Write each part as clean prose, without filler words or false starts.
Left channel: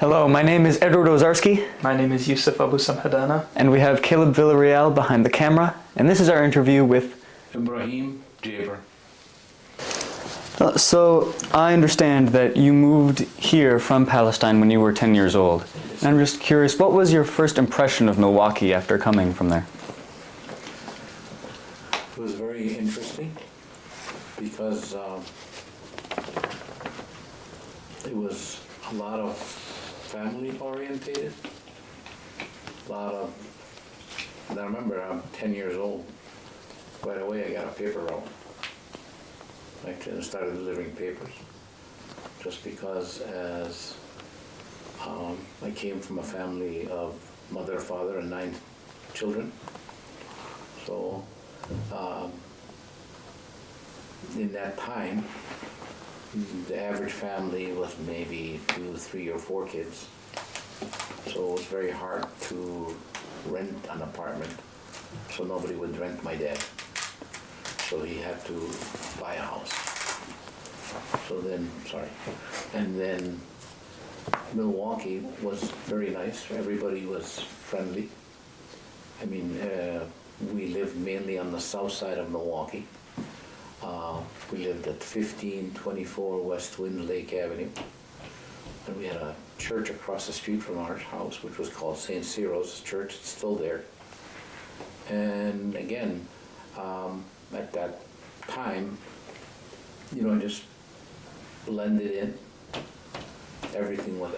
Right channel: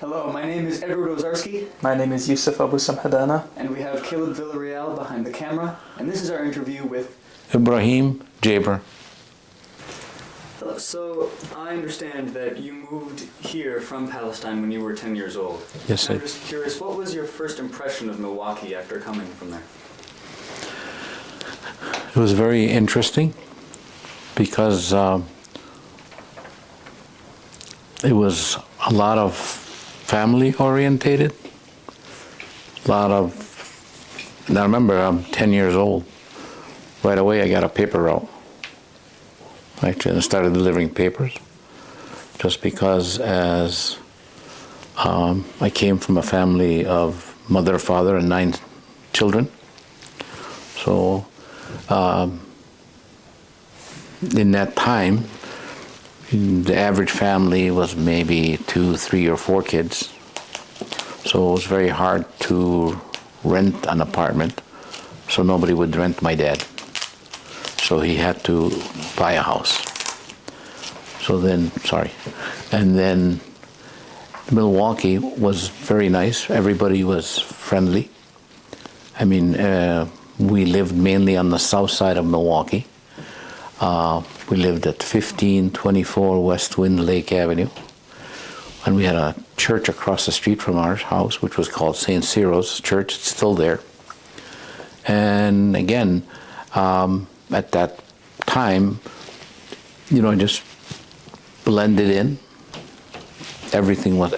Hello, my name is Edward Ozarski. My name is Yusuf Abu Samhadana. And we have Caleb Villarreal behind the camera. And this is our interview with Ebrahim Jaber. So, I understand that you moved here from Palestine when you were 10 years old. Yes, and I'm sir. just curious, what was your first impression of Milwaukee after coming from there? It was very interesting because it was a lot of family orientated. Now remember, I'm 10 years old. Right away I got a paper route. Actually, I started delivering papers just because as I came from a family of mother, father, and 9 children. So in that time, the average family was maybe 2, 3, or 4 kids. So it was very hard to rent an apartment, so nobody would rent my dad. So he had to buy a house. And then Milwaukee was very nice. Everybody was friendly. I mean, we lived mainly on the south side of Milwaukee. We lived at 1524 West Wind Lake Avenue. And we had a church across the street from our house, which was called St. Cyril's Church. It's still there. And again, at that time, just blended in. Everything was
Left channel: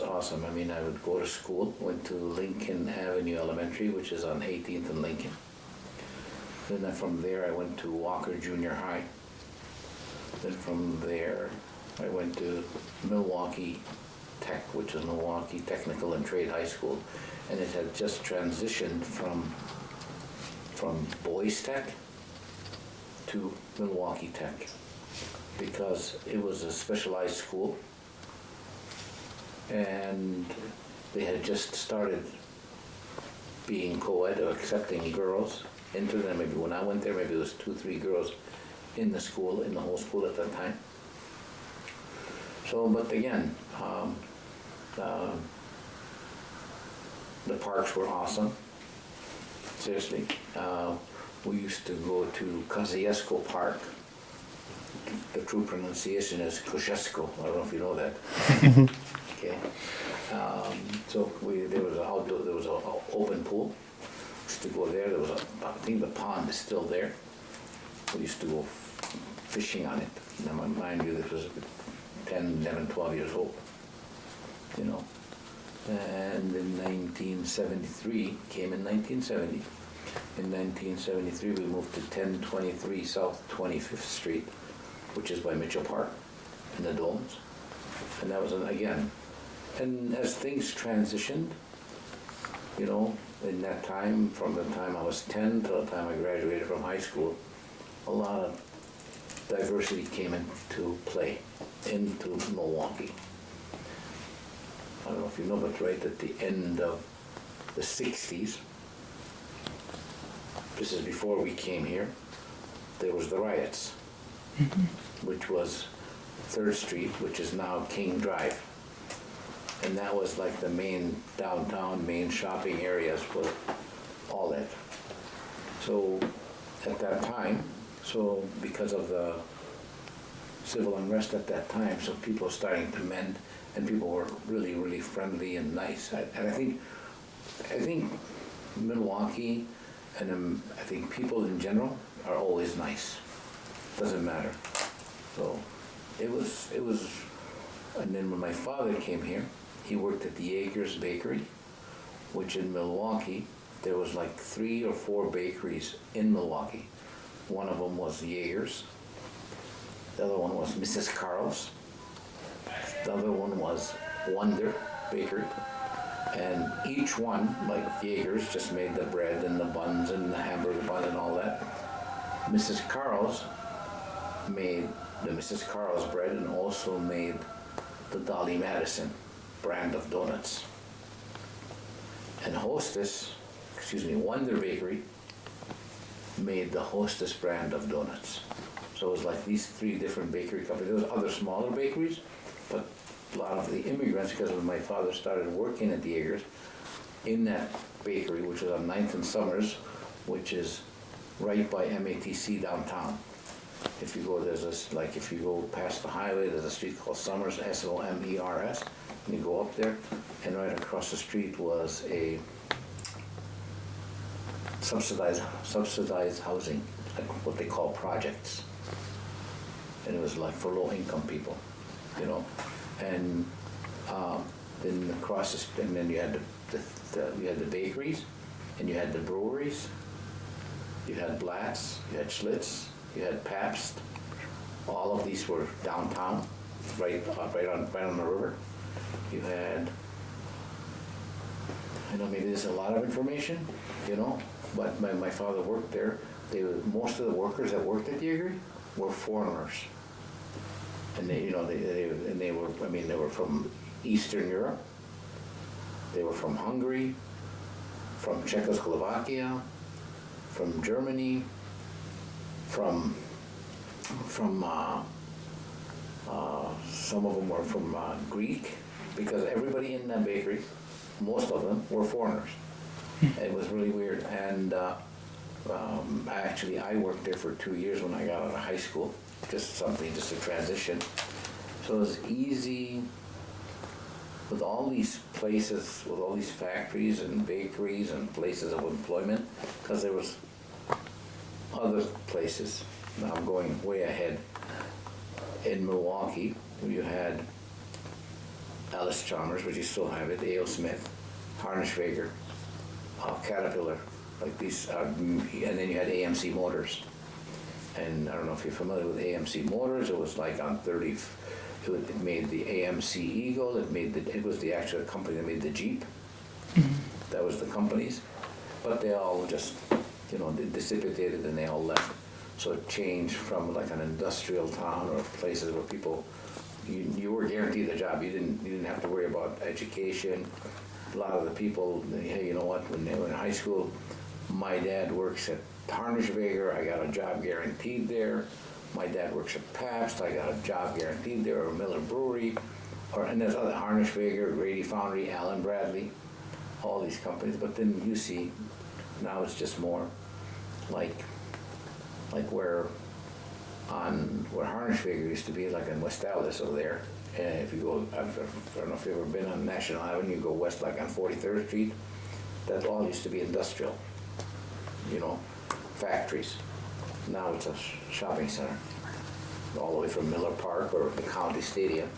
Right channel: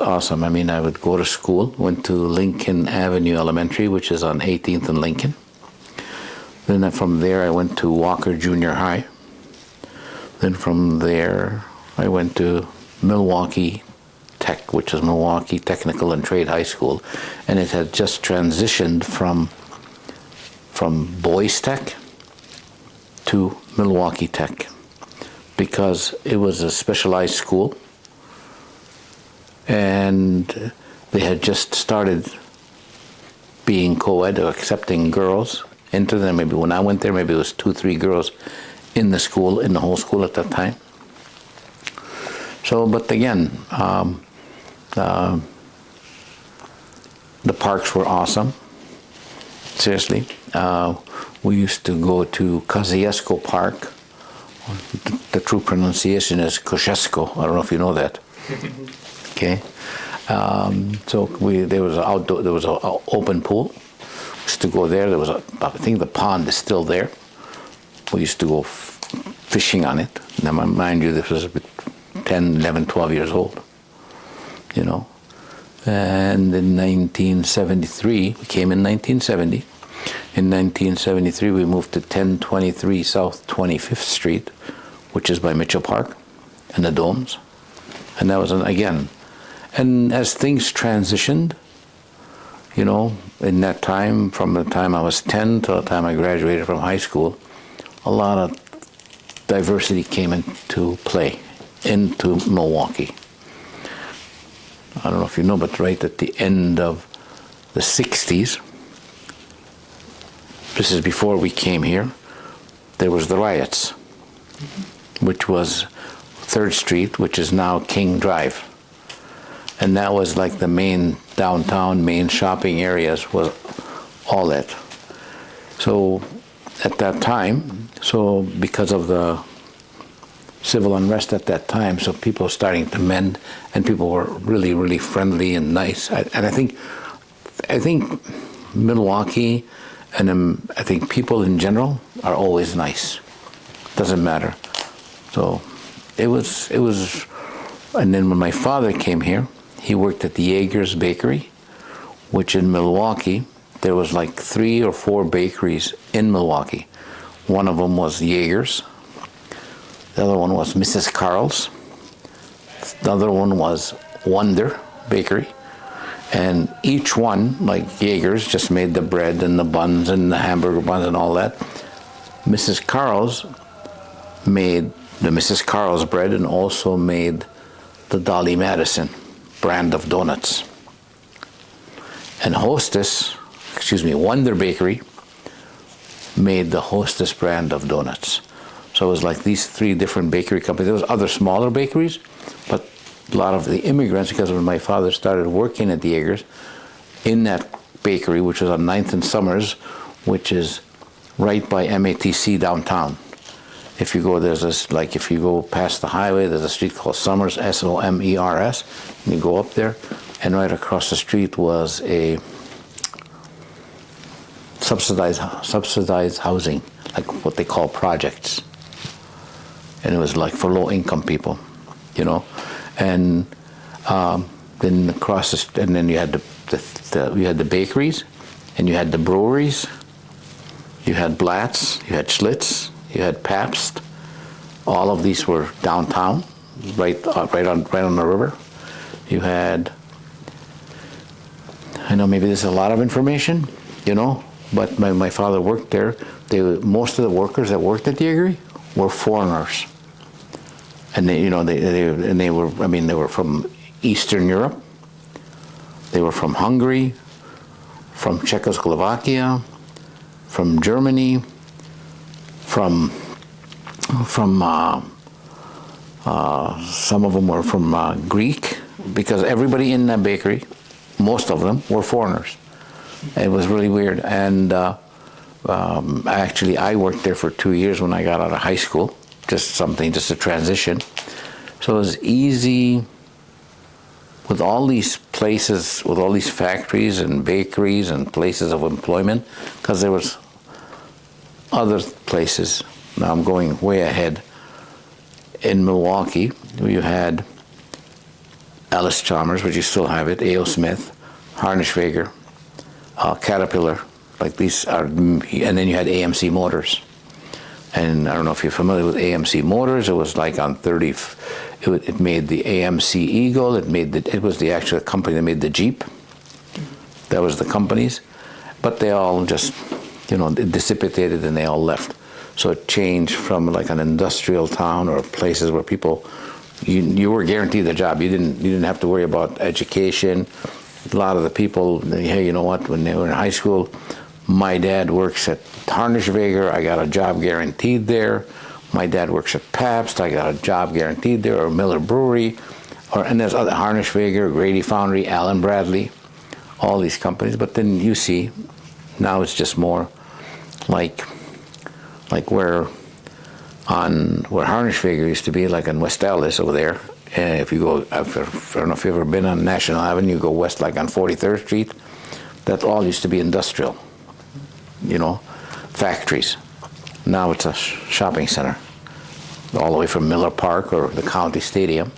awesome. I mean, I would go to school, went to Lincoln Avenue Elementary, which is on 18th and Lincoln. Then from there, I went to Walker Junior High. Then from there, I went to Milwaukee Tech, which is Milwaukee Technical and Trade High School. And it had just transitioned from Boys Tech to Milwaukee Tech because it was a specialized school and they had just started being co-ed or accepting girls into them. Maybe when I went there, maybe it was 2, 3 girls in the school, in the whole school at that time. So, but again, the parks were awesome. Seriously. We used to go to Kosciuszko Park. The true pronunciation is Kosciuszko. I don't know if you know that. Okay. So there was an open pool. We used to go there. I think the pond is still there. We used to go fishing on it. Now, mind you, this was 10, 11, 12 years old. And in 1973, we came in 1970. In 1973, we moved to 1023 South 25th Street, which is by Mitchell Park and the Domes. And that was, again, and as things transitioned, in that time, from the time I was 10 till the time I graduated from high school, a lot of diversity came into play into Milwaukee. I don't know if you know, but right at the end of the 60s, this is before we came here, there was the riots, which was 3rd Street, which is now King Drive. And that was like the main downtown, main shopping areas were all that. So at that time, because of the civil unrest at that time, so people were starting to mend, and people were really, really friendly and nice. And I think Milwaukee, and I think people in general are always nice. Doesn't matter. So it was. And then when my father came here, he worked at the Yearbook Bakery, which in Milwaukee, there was like 3 or 4 bakeries in Milwaukee. One of them was Yearbook's. The other one was Mrs. Carl's. The other one was Wonder Bakery. And each one, like Yearbook's, just made the bread and the buns and the hamburger buns and all that. Mrs. Carl's made the Mrs. Carl's bread and also made the Dolly Madison brand of donuts. And Wonder Bakery made the Hostess brand of donuts. So it was like these 3 different bakery companies. There was other smaller bakeries, but a lot of the immigrants, because when my father started working at the Jaegers, in that bakery, which was on 9th and Summers, which is right by MATC downtown. If you go, if you go past the highway, there's a street called Summers, S-O-M-E-R-S, and you go up there, and right across the street was a subsidized housing, like what they call projects. And it was like for low-income people, you know. And then across and then you had you had the bakeries, and you had the breweries, you had Blatz, you had Schlitz, you had Pabst. All of these were downtown, right on the river. You had, I know maybe this is a lot of information, you know, but my father worked there. Most of the workers that worked at the Jaeger were foreigners, and they were from Eastern Europe. They were from Hungary, from Czechoslovakia, from Germany, from some of them were from Greek, because everybody in that bakery, most of them, were foreigners. It was really weird. And actually, I worked there for 2 years when I got out of high school, just a transition. So it was easy with all these places, with all these factories and bakeries and places of employment, because there was other places. Now I'm going way ahead. In Milwaukee, you had Ellis Chalmers, which you still have it, A.O. Smith, Harnischweger, Caterpillar, like these are, and then you had AMC Motors. And I don't know if you're familiar with AMC Motors. It was like on 30. It made the AMC Eagle. It was the actual company that made the Jeep. That was the companies, but they all just, it dissipated and they all left. So it changed from like an industrial town or places where people, you were guaranteed a job. You didn't have to worry about education. A lot of the people, hey, you know what? When they were in high school, my dad works at Harnischweger. I got a job guaranteed there. My dad works at Pabst. I got a job guaranteed there, or Miller Brewery, and there's other Harnischweger, Grady Foundry, Allen Bradley, all these companies. But then you see, now it's just more like where Harnischweger used to be, like in West Dallas over there. And if you go, I don't know if you've ever been on National Avenue, you go west like on 43rd Street, that all used to be industrial, factories. Now it's a shopping center, all the way from Miller Park or the County Stadium,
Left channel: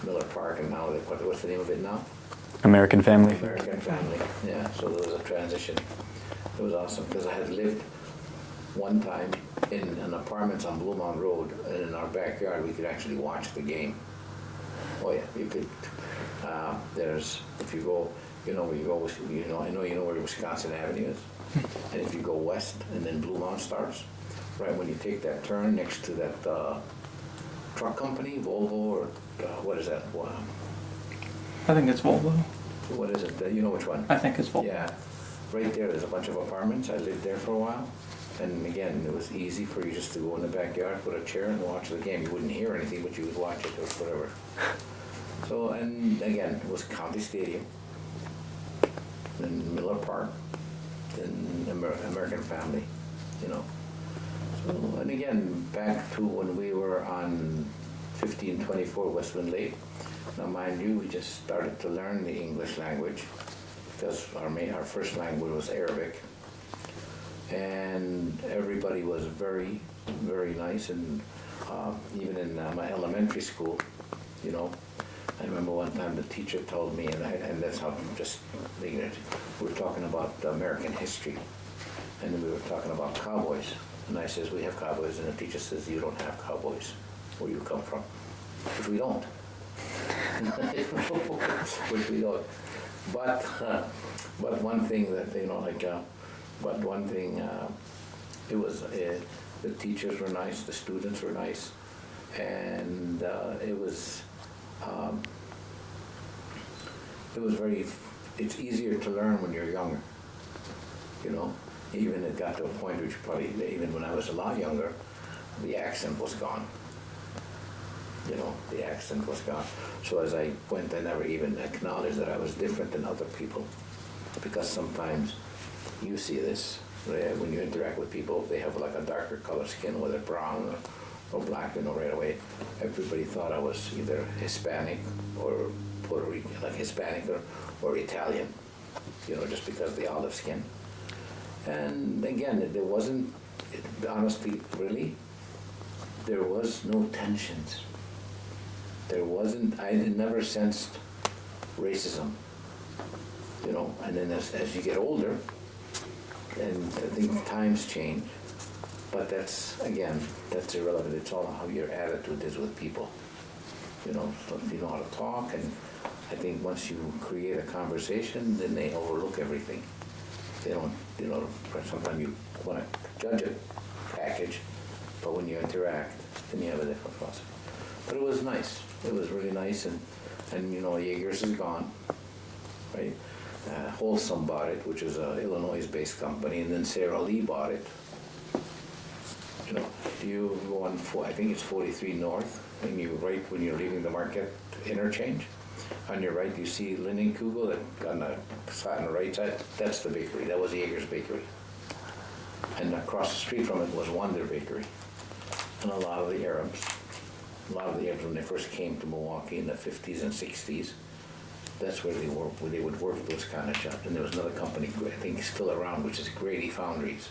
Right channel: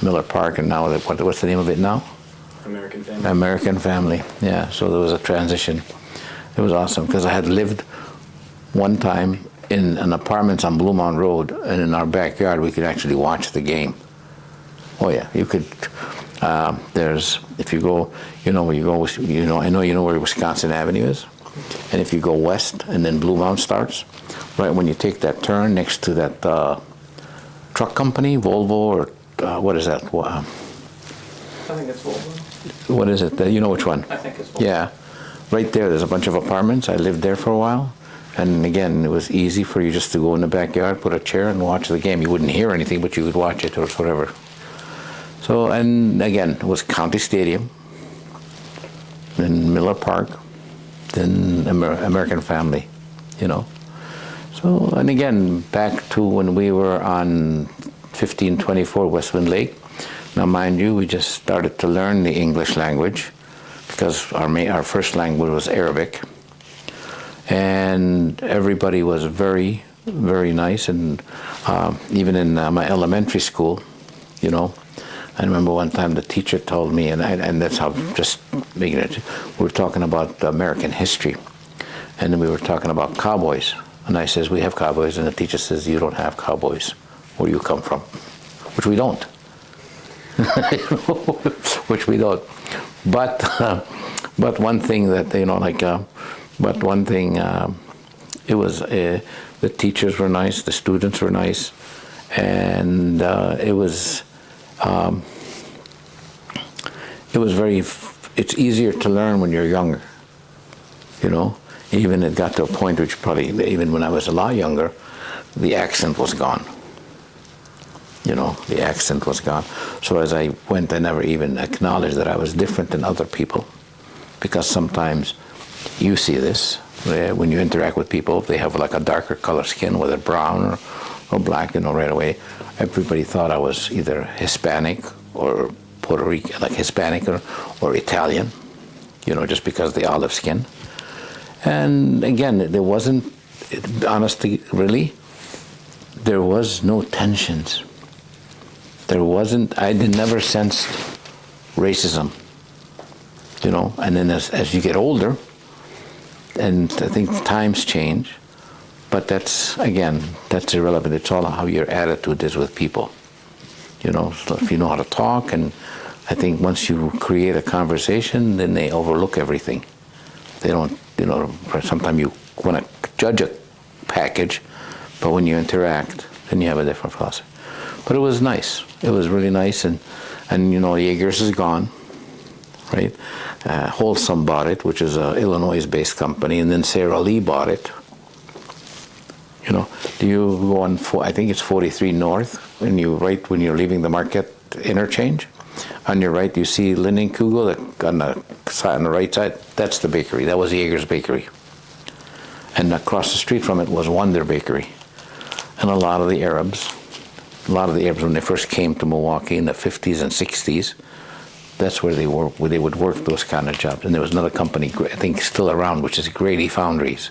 Miller Park, and now what's the name of it now? American Family. American Family, yeah. So there was a transition. It was awesome because I had lived one time in an apartment on Blue Mountain Road, and in our backyard we could actually watch the game. Oh yeah, you could. If you go, where you go, I know you know where Wisconsin Avenue is. And if you go west and then Blue Mountain starts, right when you take that turn next to that truck company, Volvo, or what is that? I think it's Volvo. What is it? You know which one? I think it's Volvo. Yeah. Right there's a bunch of apartments. I lived there for a while. And again, it was easy for you just to go in the backyard, put a chair, and watch the game. You wouldn't hear anything, but you could watch it or whatever. So, and again, it was County Stadium, then Miller Park, then American Family, So, and again, back to when we were on 1524 Westwind Lake. Now, mind you, we just started to learn the English language because our first language was Arabic. And everybody was very, very nice. And even in my elementary school, I remember one time the teacher told me, and that's how, just making it, we were talking about American history. And then we were talking about cowboys. And I says, we have cowboys. And the teacher says, you don't have cowboys where you come from, which we don't. Which we don't. But one thing that, but one thing, it was, the teachers were nice, the students were nice, and it was it's easier to learn when you're younger, Even it got to a point which probably, even when I was a lot younger, the accent was gone. The accent was gone. So as I went, I never even acknowledged that I was different than other people, because sometimes you see this when you interact with people. If they have like a darker color skin, whether brown or black, right away, everybody thought I was either Hispanic or Puerto Rican, like Hispanic or Italian, just because of the olive skin. And again, there wasn't, honestly, really, there was no tensions. I never sensed racism, and then as you get older, and I think times change, but that's irrelevant. It's all how your attitude is with people, so if you know how to talk, and I think once you create a conversation, then they overlook everything. They don't, sometimes you want to judge a package, but when you interact, then you have a different philosophy. But it was nice. It was really nice, and Yeager's is gone, right? Wholesome bought it, which is an Illinois-based company, and then Sara Lee bought it. Do you go on? I think it's 43 North, and when you're leaving the market interchange, on your right you see Linden Kugel. On the right side, that's the bakery. That was Yeager's bakery, and across the street from it was Wonder Bakery, and a lot of the Arabs when they first came to Milwaukee in the 50s and 60s, that's where they would work those kind of jobs. And there was another company, I think still around, which is Grady Foundries.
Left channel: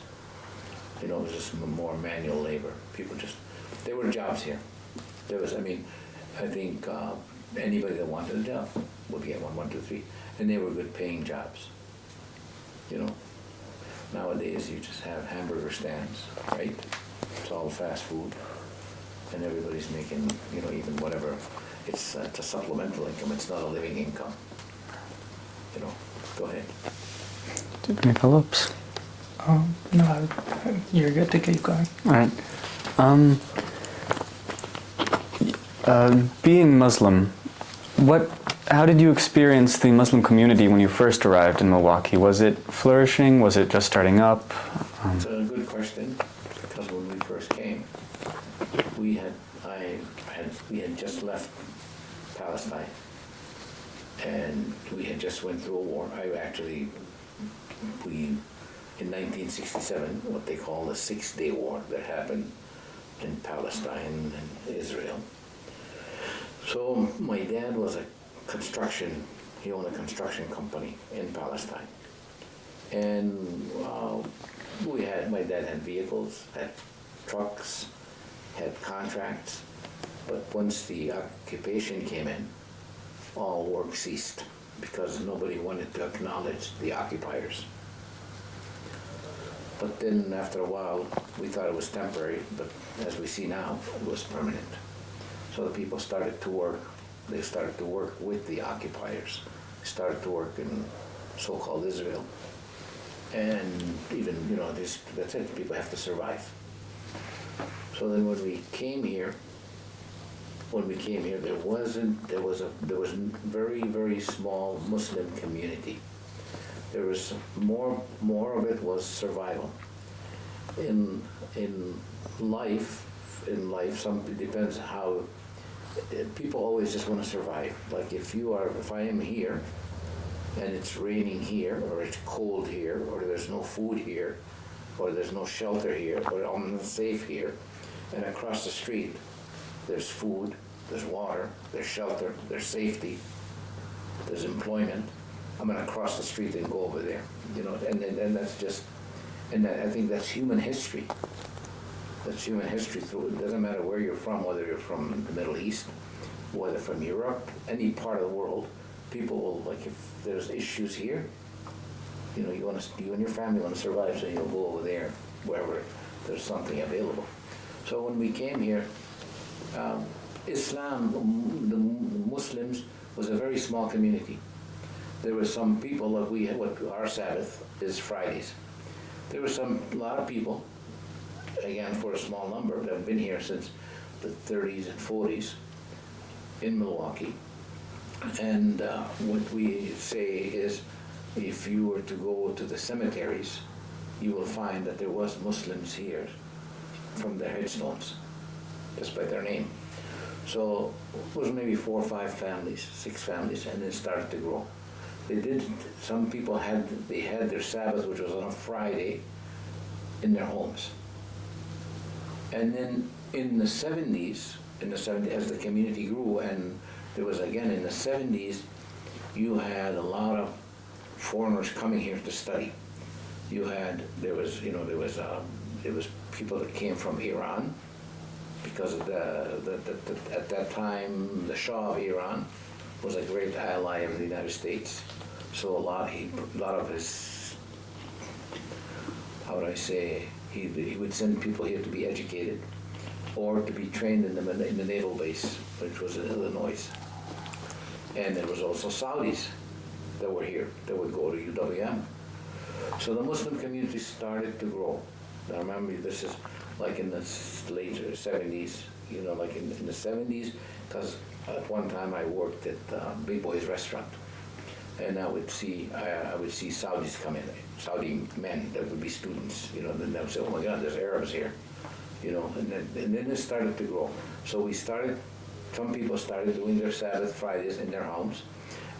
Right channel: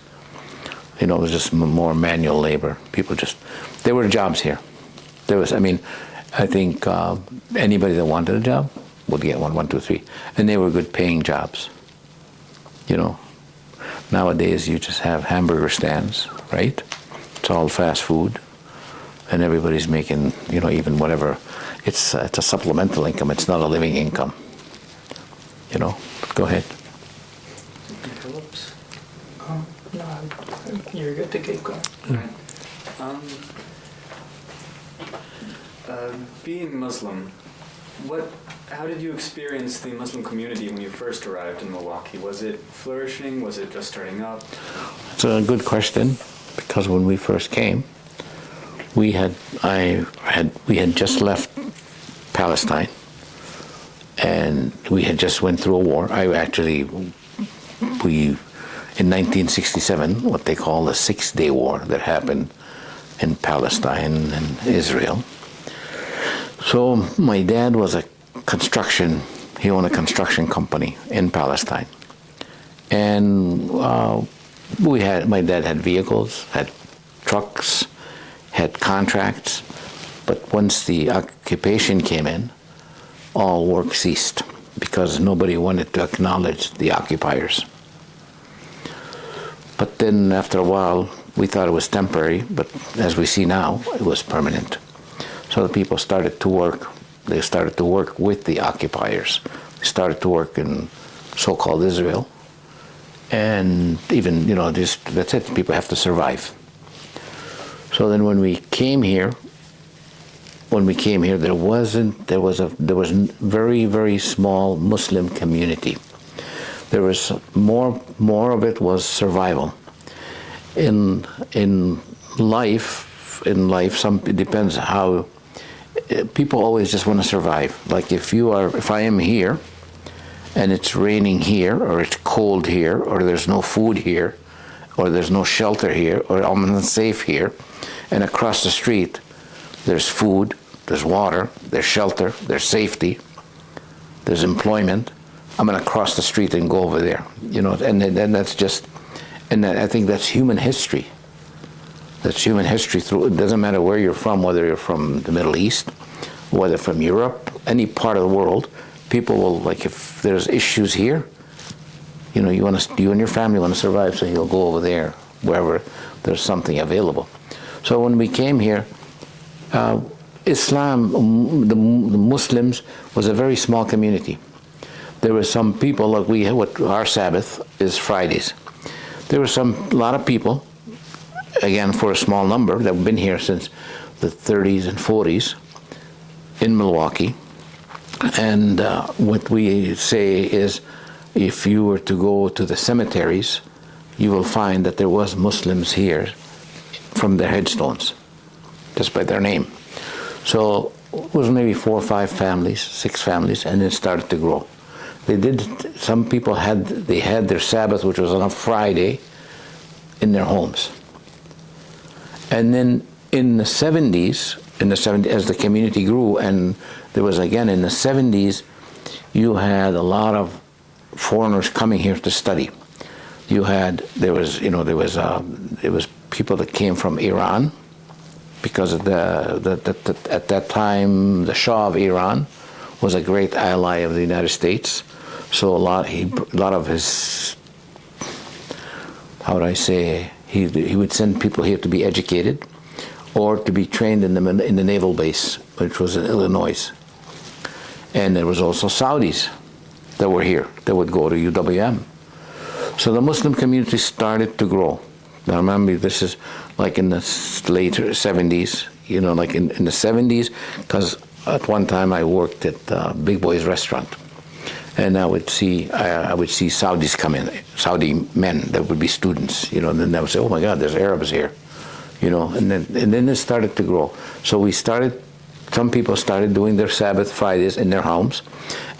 It was just more manual labor. There were jobs here. I think anybody that wanted a job would get one, two, three. And they were good paying jobs. Nowadays you just have hamburger stands, right? It's all fast food. And everybody's making, even whatever. It's a supplemental income. It's not a living income. Go ahead. Phillips? No, you're good to keep going. All right. Being Muslim, how did you experience the Muslim community when you first arrived in Milwaukee? Was it flourishing? Was it just starting up? It's a good question, because when we first came, we had just left Palestine, and we had just went through a war. In 1967, what they call the 6-Day War that happened in Palestine and Israel. So my dad was he owned a construction company in Palestine. And my dad had vehicles, had trucks, had contracts, but once the occupation came in, all work ceased because nobody wanted to acknowledge the occupiers. But then after a while, we thought it was temporary, but as we see now, it was permanent. So the people started to work. They started to work with the occupiers. They started to work in so-called Israel. And even, that's it, people have to survive. So then when we came here, there was a very, very small Muslim community. There was more of it was survival. In life, it depends how people always just want to survive. Like if I am here, and it's raining here, or it's cold here, or there's no food here, or there's no shelter here, or I'm unsafe here, and across the street, there's food, there's water, there's shelter, there's safety, there's employment. I'm going to cross the street and go over there, and that's just, and I think that's human history. That's human history it doesn't matter where you're from, whether you're from the Middle East, whether from Europe, any part of the world, people will, if there's issues here, you and your family want to survive, so you'll go over there, wherever there's something available. So when we came here, Islam, the Muslims, was a very small community. There were some people, our Sabbath is Fridays. There were a lot of people, again, for a small number, that have been here since the 30s and 40s in Milwaukee. And what we say is, if you were to go to the cemeteries, you will find that there was Muslims here from their headstones, just by their name. So it was maybe 4 or 5 families, 6 families, and it started to grow. Some people had their Sabbath, which was on a Friday, in their homes. And then in the 70s, as the community grew, and there was again in the 70s, you had a lot of foreigners coming here to study. There was people that came from Iran, because of at that time the Shah of Iran was a great ally of the United States. So a lot of his, how would I say, he would send people here to be educated, or to be trained in the naval base, which was in Illinois. And there was also Saudis that were here that would go to UWM. So the Muslim community started to grow. Now remember, this is like in the later 70s, like in the 70s, because at one time I worked at Big Boy's restaurant, and I would see Saudis come in, Saudi men that would be students, and then they would say, oh my God, there's Arabs here, and then it started to grow. So some people started doing their Sabbath Fridays in their homes,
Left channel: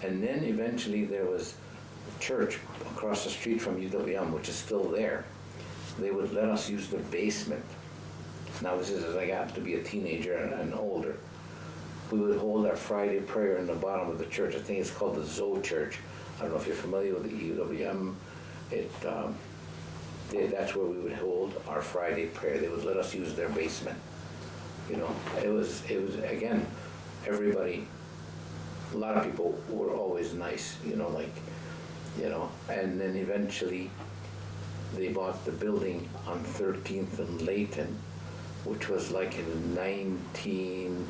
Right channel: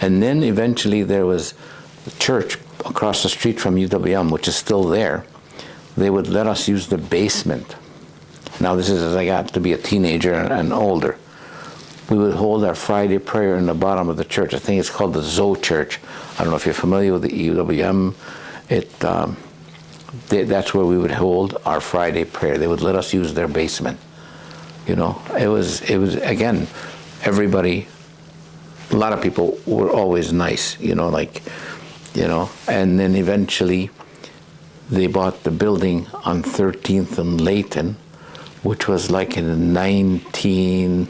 and then eventually there was a church across the street from UWM, which is still there. They would let us use the basement. Now this is as I got to be a teenager and older. We would hold our Friday prayer in the bottom of the church. I think it's called the Zoe Church. I don't know if you're familiar with the UWM. That's where we would hold our Friday prayer. They would let us use their basement. It was again, everybody, a lot of people were always nice, and then eventually they bought the building on 13th and Layton, which was like in 19,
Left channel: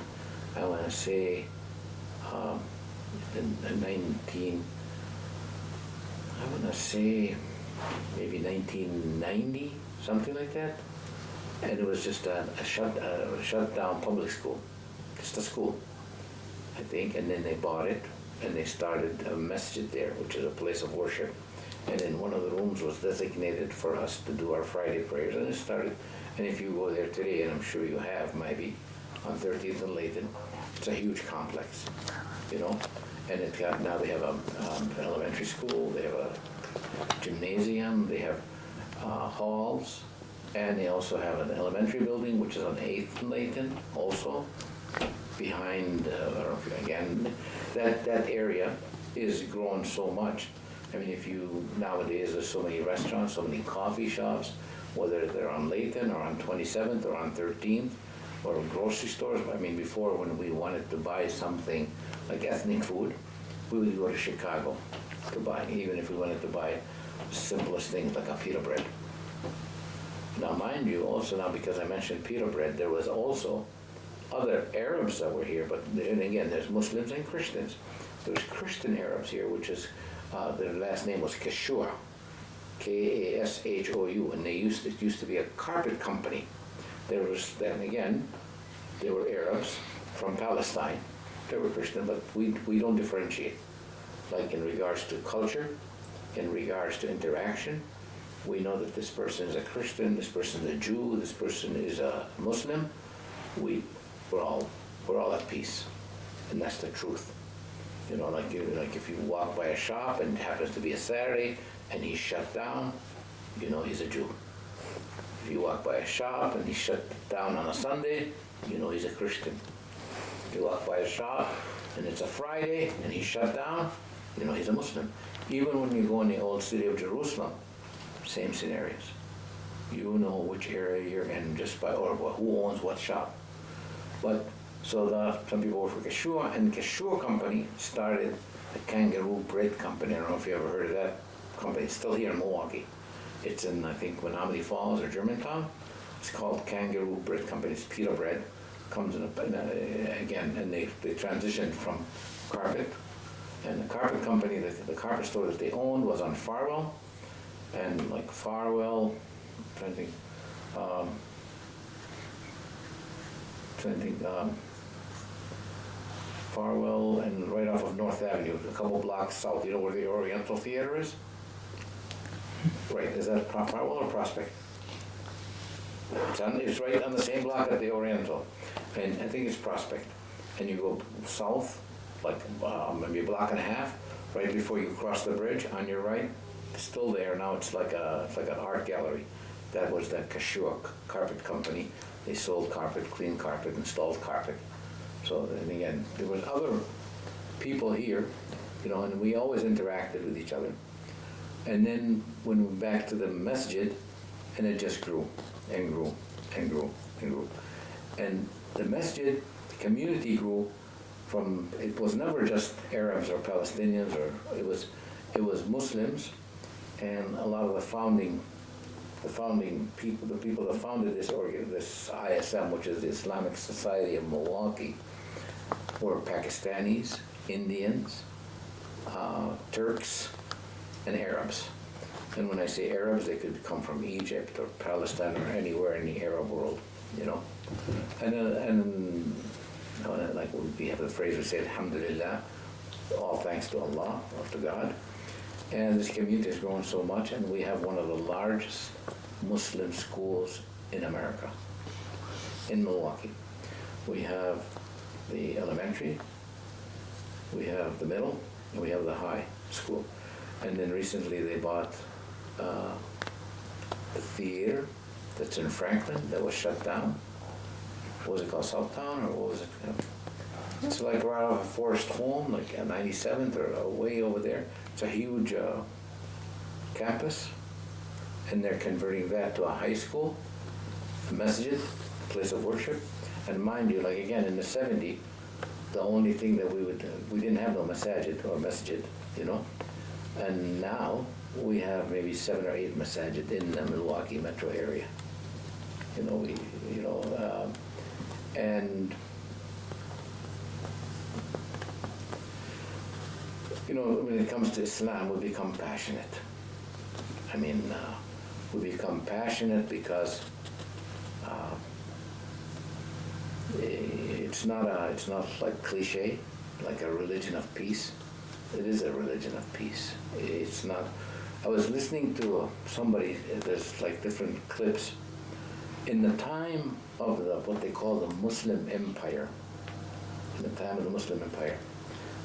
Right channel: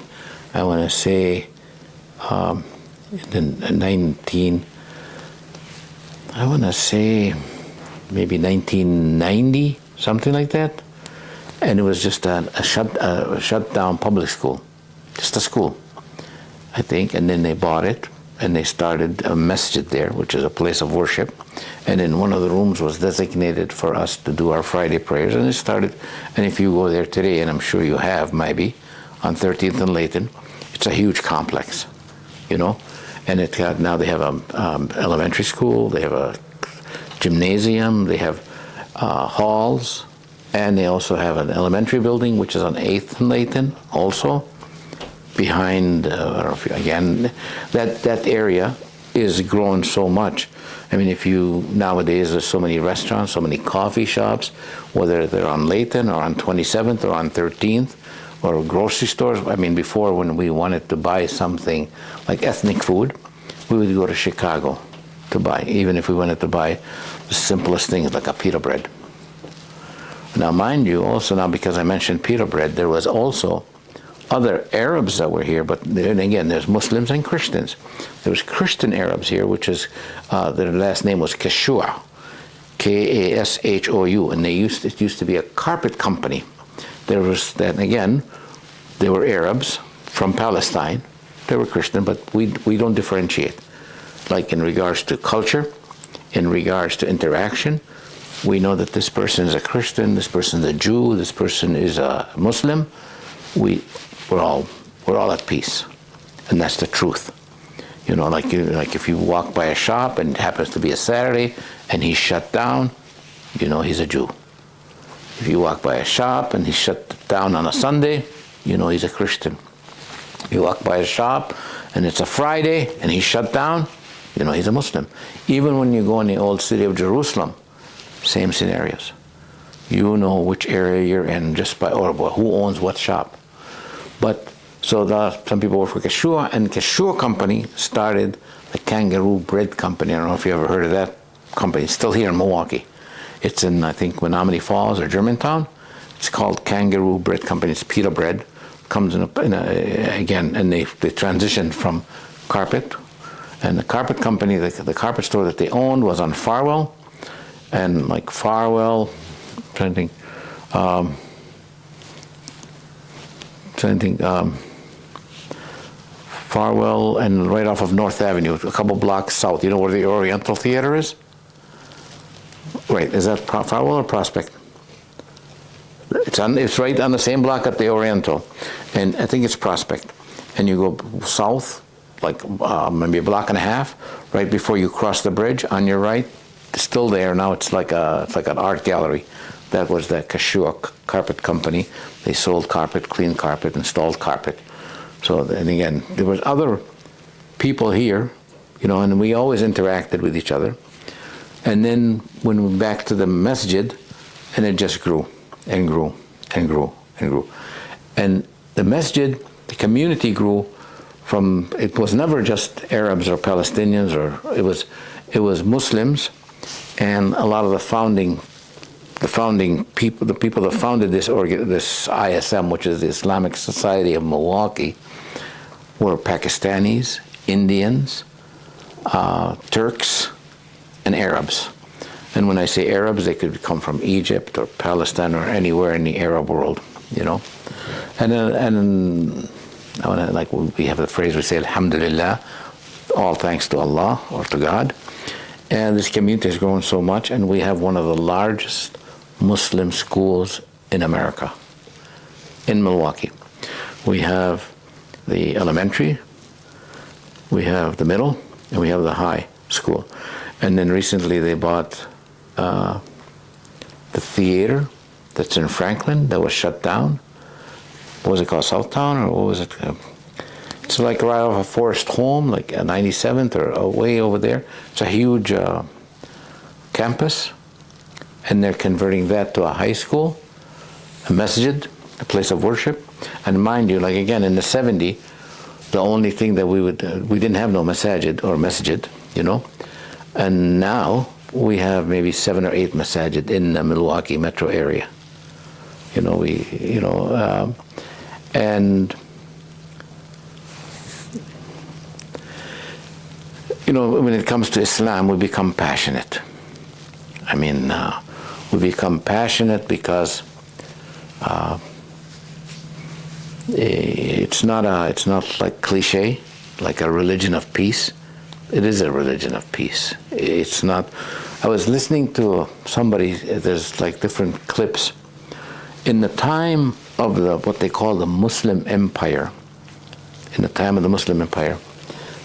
I want to say, maybe 1990, something like that. And it was just a shut down public school, just a school, I think. And then they bought it, and they started a masjid there, which is a place of worship. And then one of the rooms was designated for us to do our Friday prayers, and it started. And if you go there today, and I'm sure you have maybe, on 13th and Layton, it's a huge complex, And now they have an elementary school, they have a gymnasium, they have halls, and they also have an elementary building, which is on 8th and Layton, also behind. I don't know if again, that area is growing so much. I mean, nowadays there's so many restaurants, so many coffee shops, whether they're on Layton or on 27th or on 13th, or grocery stores. I mean, before, when we wanted to buy something like ethnic food, we would go to Chicago to buy, even if we wanted to buy the simplest things like a pita bread. Now, mind you, also now, because I mentioned pita bread, there was also other Arabs that were here, but then again, there's Muslims and Christians. There was Christian Arabs here, which is, their last name was Kashua, K-A-S-H-O-U, and it used to be a carpet company. There was, then again, they were Arabs from Palestine. They were Christian, but we don't differentiate. Like in regards to culture, in regards to interaction, we know that this person is a Christian, this person is a Jew, this person is a Muslim. We're all at peace, and that's the truth. Like if you walk by a shop and it happens to be a Saturday and he's shut down, he's a Jew. If you walk by a shop and he's shut down on a Sunday, he's a Christian. You walk by a shop and it's a Friday and he's shut down, he's a Muslim. Even when you go in the old city of Jerusalem, same scenarios. You know which area you're in just by, or who owns what shop. But so some people work for Kashua, and Kashua Company started the Kangaroo Bread Company. I don't know if you ever heard of that company. It's still here in Milwaukee. It's in, I think, Menominee Falls or Germantown. It's called Kangaroo Bread Company. It's pita bread. Comes again, and they transitioned from carpet. And the carpet company, the carpet store that they owned was on Farwell. And like Farwell, Farwell and right off of North Avenue, a couple blocks south. You know where the Oriental Theater is? Right, is that Farwell or Prospect? It's right on the same block at the Oriental, and I think it's Prospect. and you go south, like maybe a block and a half, right before you cross the bridge on your right, it's still there. Now it's like an art gallery. That was the Kashua Carpet Company. They sold carpet, cleaned carpet, installed carpet. So, and again, there was other people here, you know, and we always interacted with each other. And then when we went back to the masjid, and it just grew and grew and grew and grew. And the masjid, the community grew from, it was never just Arabs or Palestinians, or it was Muslims, and a lot of the founding people, the people that founded this ISM, which is the Islamic Society of Milwaukee, were Pakistanis, Indians, Turks, and Arabs. And when I say Arabs, they could come from Egypt or Palestine or anywhere in the Arab world, you know. And like we have the phrase, we say, Alhamdulillah, all thanks to Allah or to God. And this community has grown so much, and we have one of the largest Muslim schools in America, in Milwaukee. We have the elementary, we have the middle, and we have the high school. And then recently they bought the theater that's in Franklin that was shut down. What was it called, Southtown, or what was it? It's like right off of Forest Home, like a 97th or way over there. It's a huge campus, and they're converting that to a high school, a masjid, a place of worship. And mind you, like again, in the 70s, the only thing that we didn't have no masjid, you know. And now we have maybe 7 or 8 masajid in the Milwaukee metro area. You know, and you know, when it comes to Islam, we become passionate. I mean, we become passionate because it's not like cliche, like a religion of peace. It is a religion of peace. It's not. I was listening to somebody. There's like different clips. In the time of what they call the Muslim Empire, in the time of the Muslim Empire,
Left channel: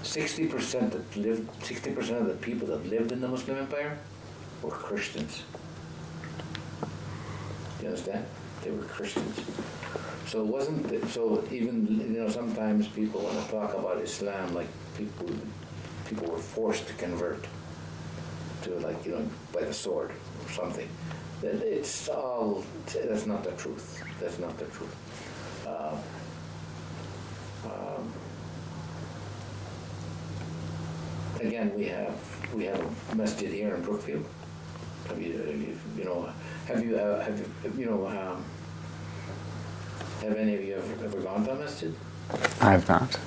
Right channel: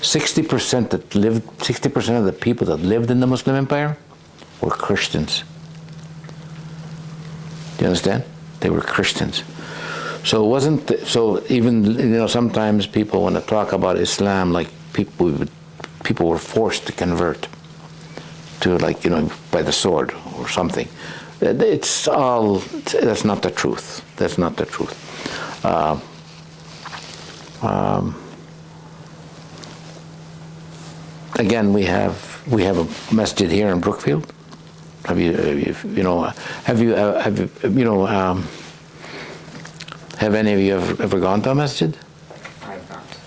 60% of the people that lived in the Muslim Empire were Christians. Do you understand? They were Christians. So it wasn't. So even, you know, sometimes people want to talk about Islam like people were forced to convert to, like, you know, by the sword or something. It's all. That's not the truth. That's not the truth. Again, we have a masjid here in Brookfield. Have any of you ever gone to a masjid? I have not.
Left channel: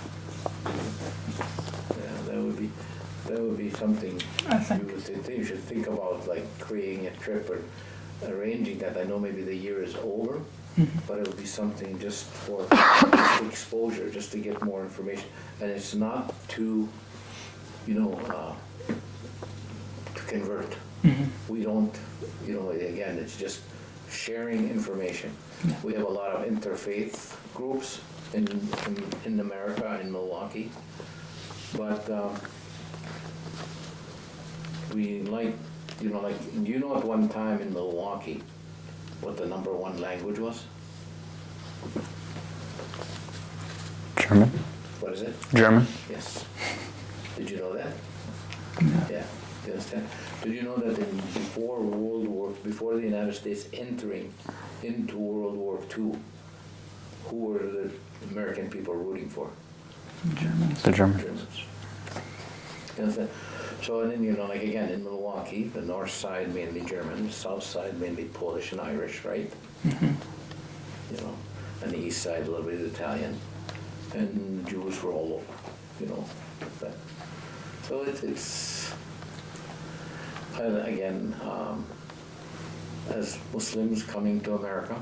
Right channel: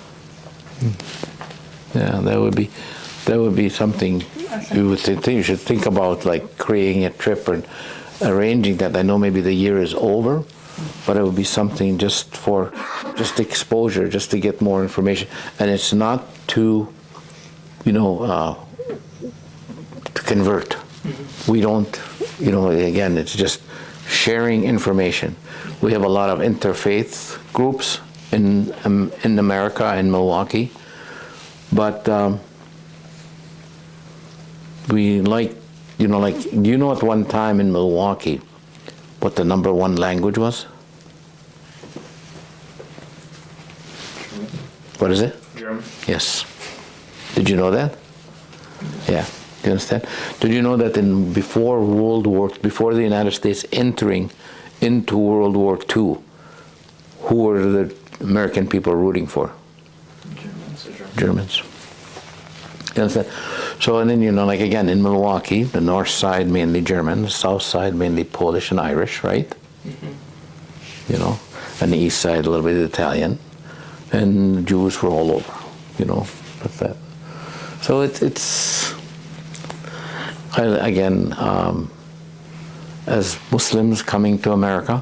Yeah, that would be something you would think you should think about, like creating a trip and arranging that. I know maybe the year is over, but it would be something just exposure, just to get more information. And it's not to, you know, to convert. We don't, you know, again, it's just sharing information. We have a lot of interfaith groups in America, in Milwaukee, but we like, you know, like, do you know at one time in Milwaukee what the #1 language was? German. What is it? German. Yes. Did you know that? Yeah. Do you understand? Did you know that before the United States entering into World War II, who were the American people rooting for? The Germans. You understand? So, and then, you know, like again, in Milwaukee, the north side mainly German, the south side mainly Polish and Irish, right? You know, and the east side a little bit Italian, and Jews were all over, you know, like that. So it's again, as Muslims coming to America,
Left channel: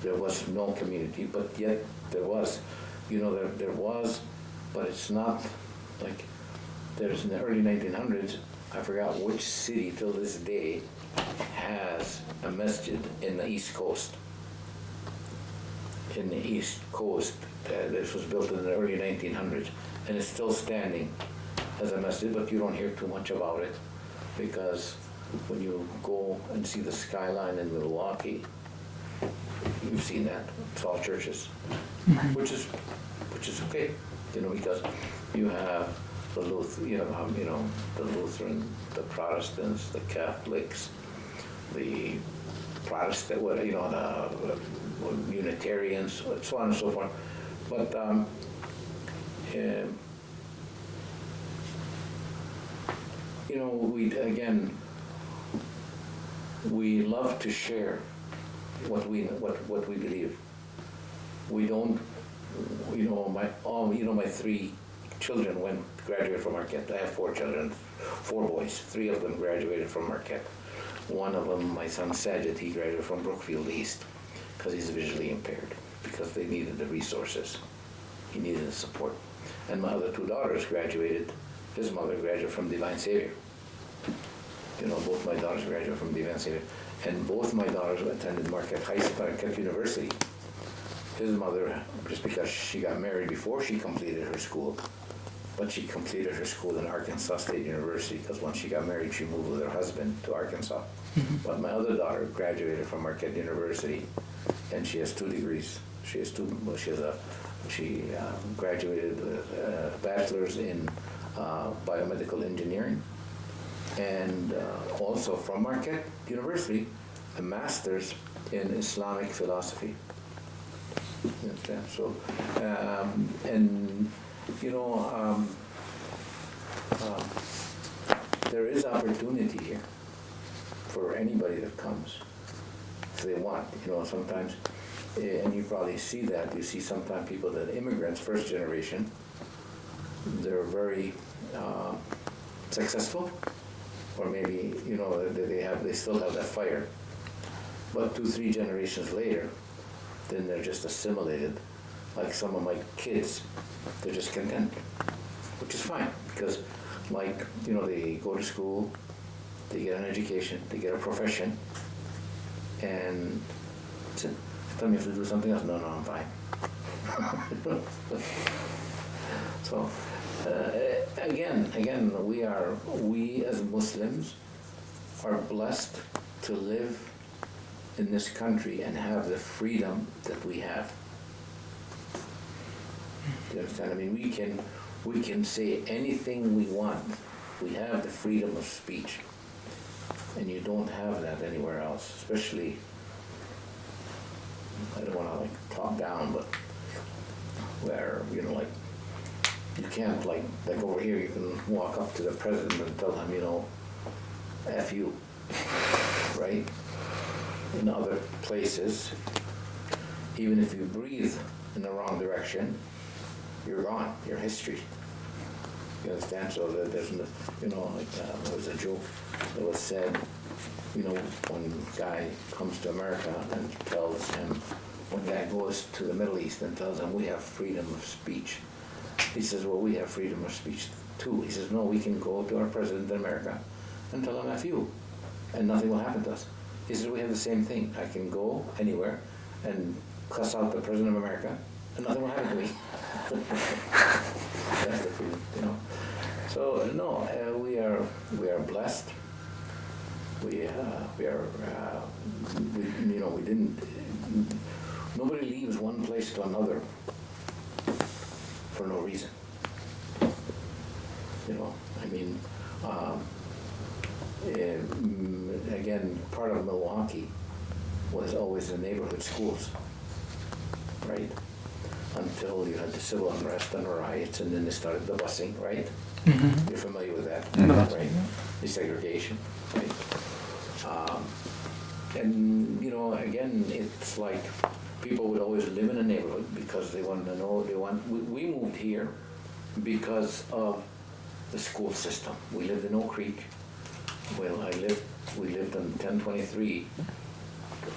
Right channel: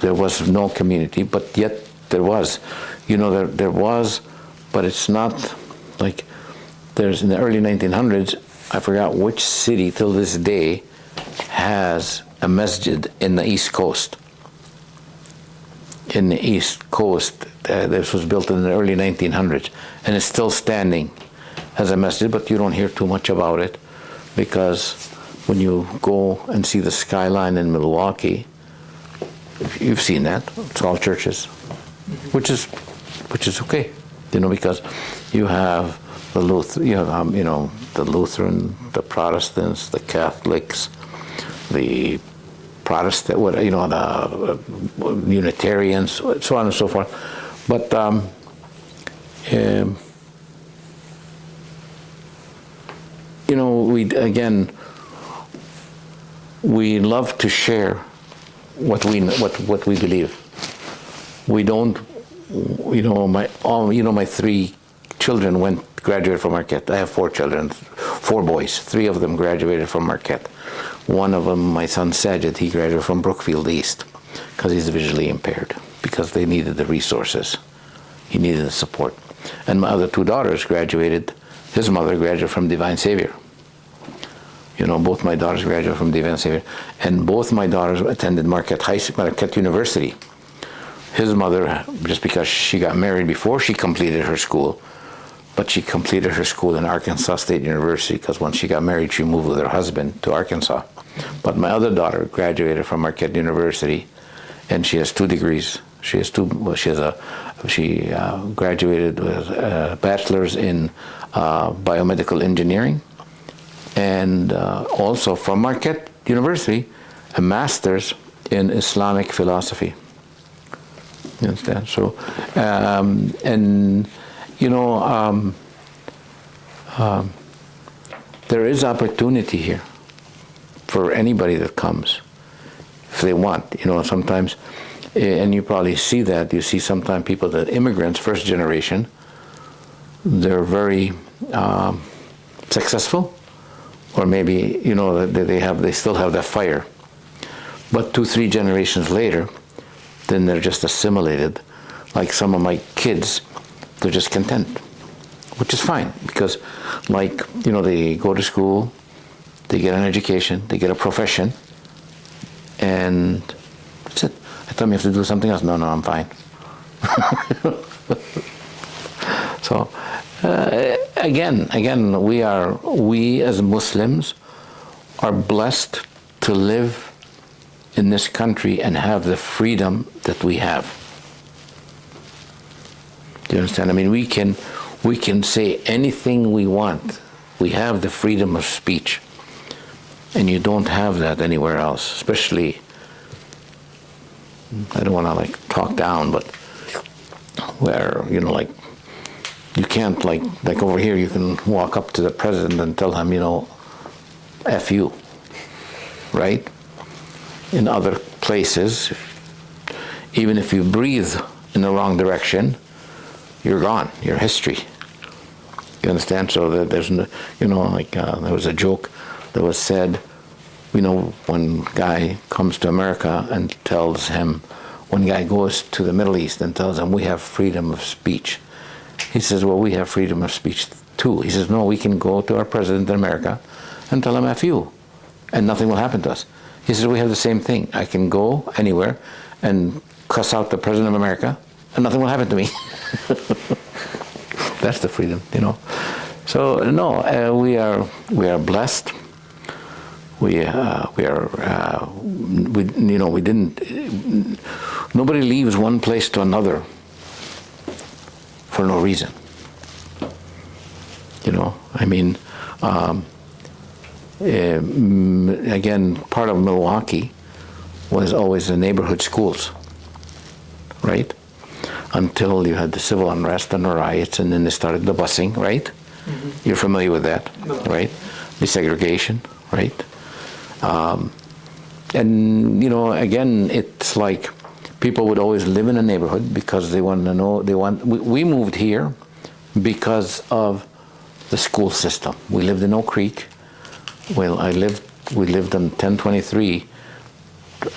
there was no community, but yet there was, you know, there was, but it's not like there's in the early 1900s. I forgot which city till this day has a masjid in the East Coast. in the East Coast. This was built in the early 1900s, and it's still standing as a masjid, but you don't hear too much about it, because when you go and see the skyline in Milwaukee, you've seen that. It's all churches, which is okay, because you have the the Lutheran, the Protestants, the Catholics, the Protestant, the Unitarians, so on and so forth. But we love to share what we believe. We don't, my 3 children graduated from Marquette. I have 4 children, 4 boys. 3 of them graduated from Marquette. One of them, my son Sajid, he graduated from Brookfield East because he's visually impaired, because they needed the resources. He needed the support. And my other 2 daughters graduated. His mother graduated from Divine Savior. Both my daughters graduated from Divine Savior. And both my daughters attended Marquette University. His mother, just because she got married before she completed her school, but she completed her school in Arkansas State University, because once she got married, she moved with her husband to Arkansas. But my other daughter graduated from Marquette University, and she has 2 degrees. She graduated with a bachelor's in biomedical engineering, and also from Marquette University, a master's in Islamic philosophy. You understand? So, there is opportunity here for anybody that comes, if they want. Sometimes, and you probably see that. You see sometimes people that immigrants, first generation, they're very successful, or maybe they still have that fire. But 2-3 generations later, then they're just assimilated. Like some of my kids, they're just content, which is fine, because they go to school, they get an education, they get a profession, and that's it. I tell them you have to do something else. No, I'm fine. So again, we as Muslims are blessed to live in this country and have the freedom that we have. Do you understand? I mean, we can say anything we want. We have the freedom of speech, and you don't have that anywhere else. Especially, I don't want to talk down, but where you can't like over here. You can walk up to the president and tell him, F you, right? In other places, even if you breathe in the wrong direction, you're gone. You're history. You understand? So that there's, there was a joke that was said, when guy comes to America and tells him, when guy goes to the Middle East and tells him we have freedom of speech, he says, well, we have freedom of speech too. He says, no, we can go to our president in America and tell him F you, and nothing will happen to us. He says, we have the same thing. I can go anywhere and cuss out the president of America, and nothing will happen to me. That's the freedom, So no, we are blessed. We didn't. Nobody leaves one place to another for no reason. I mean. Again, part of Milwaukee was always the neighborhood schools, right? Until you had the civil unrest and the riots, and then they started the busing, right? Mm-hmm. You're familiar with that, mm-hmm. Right? Desegregation, right? And again, it's like people would always live in a neighborhood because they want to know. We moved here because of the school system. We lived in Oak Creek. Well, we lived on 1023.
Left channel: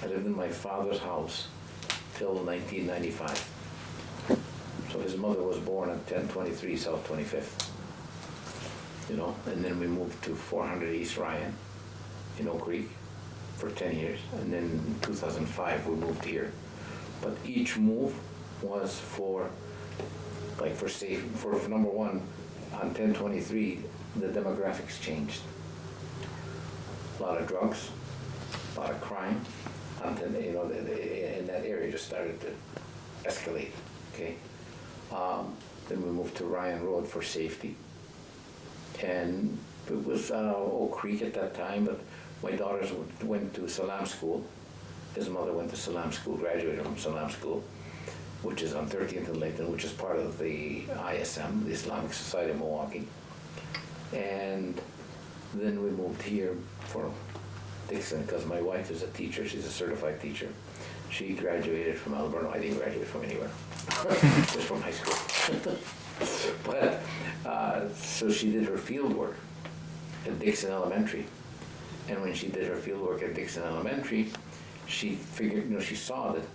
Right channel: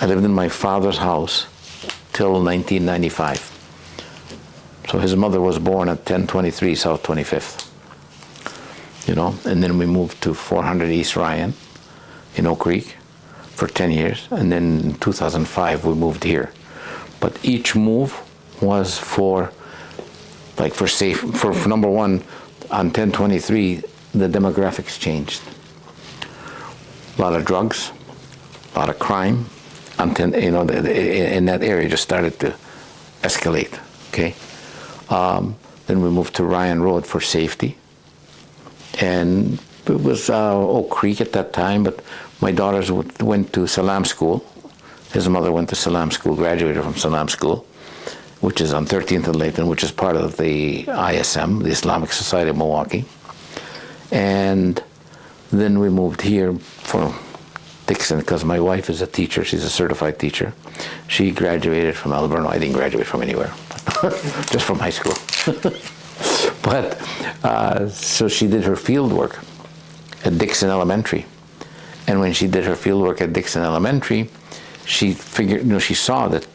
I lived in my father's house till 1995. So his mother was born at 1023 South 25th. And then we moved to 400 East Ryan in Oak Creek for 10 years. And then in 2005, we moved here. But each move was for number one, on 1023, the demographics changed. A lot of drugs, a lot of crime, in that area just started to escalate, okay? Then we moved to Ryan Road for safety. And it was Oak Creek at that time, but my daughters went to Salam School. His mother went to Salam School, graduated from Salam School, which is on 13th and Layton, which is part of the ISM, the Islamic Society of Milwaukee. And then we moved here for Dixon, because my wife is a teacher. She's a certified teacher. She graduated from Alberno. I didn't graduate from anywhere, just from high school. But, so she did her field work at Dixon Elementary. And when she did her field work at Dixon Elementary, she figured, she saw that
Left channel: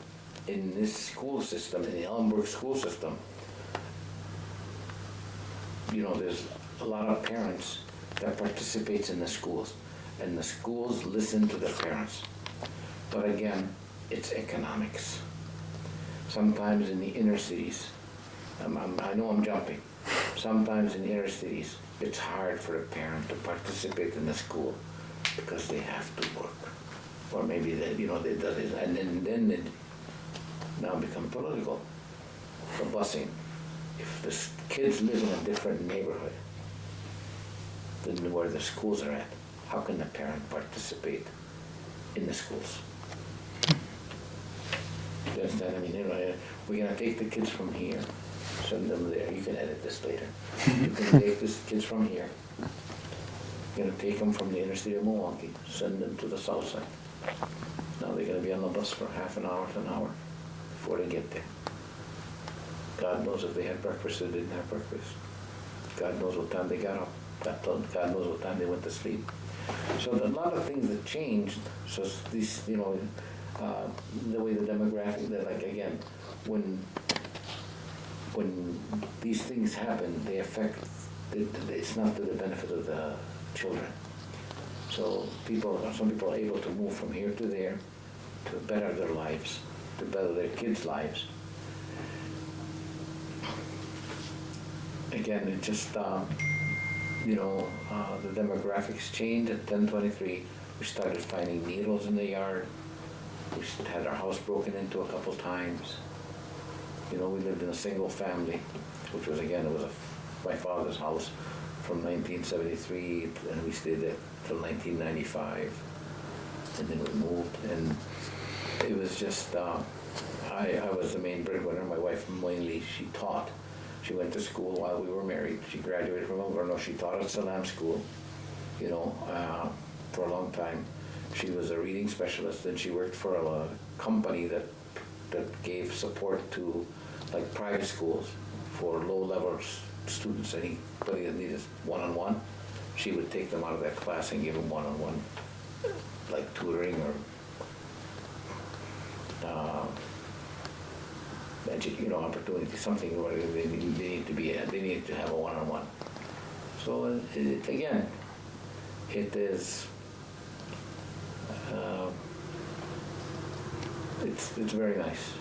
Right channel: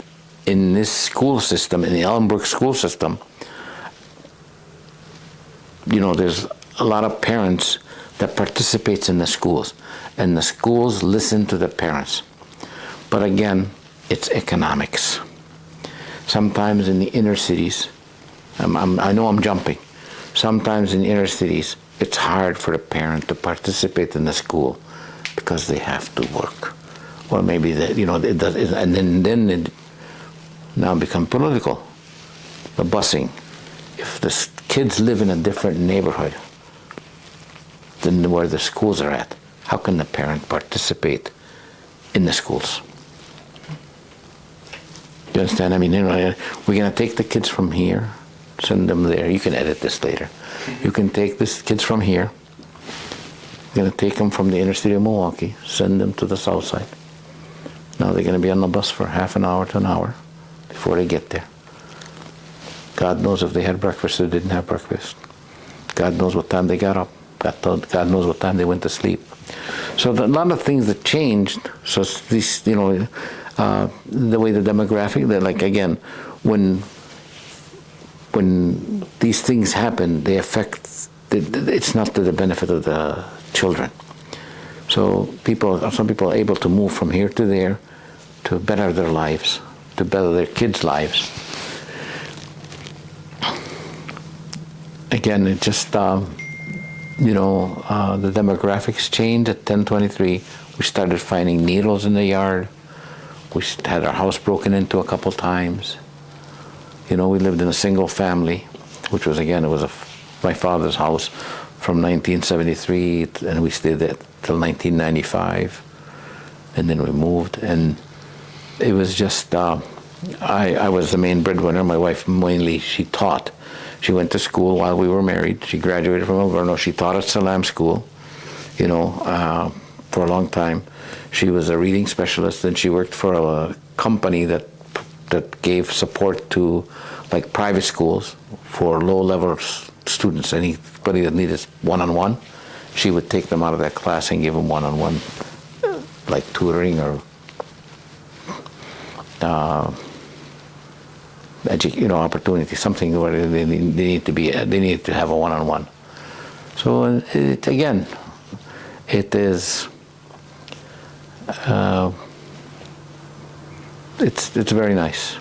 in this school system, in the Ellenbrook school system, there's a lot of parents that participates in the schools, and the schools listen to the parents. But again, it's economics. Sometimes in the inner cities, I know I'm jumping, sometimes in the inner cities, it's hard for the parent to participate in the school because they have to work. Or maybe it does, and then it now become political. The busing. If the kids live in a different neighborhood than where the schools are at, how can the parent participate in the schools? You understand? I mean, we're going to take the kids from here, send them there. You can edit this later. You can take these kids from here. You're going to take them from the inner city of Milwaukee, send them to the south side. Now they're going to be on the bus for half an hour to an hour before they get there. God knows if they had breakfast or didn't have breakfast. God knows what time they got up. God knows what time they went to sleep. So a lot of things that changed. So these, the way the demographic, like again, when these things happen, they affect. It's not to the benefit of the children. So some people are able to move from here to there to better their lives, to better their kids' lives. Again, it just, the demographics changed at 1023. We started finding needles in the yard. We had our house broken into a couple times. We lived in a single family, which was, again, my father's house from 1973, and we stayed there till 1995, and then we moved, and it was just, I was the main breadwinner. My wife mainly, she taught. She went to school while we were married. She graduated from Alberno. She taught at Salam School, for a long time. She was a reading specialist, and she worked for a company that gave support to like private schools for low-level students. Anybody that needed one-on-one, she would take them out of that class and give them one-on-one, like tutoring or opportunity, something where they need to have a one-on-one. So it is. It's very nice,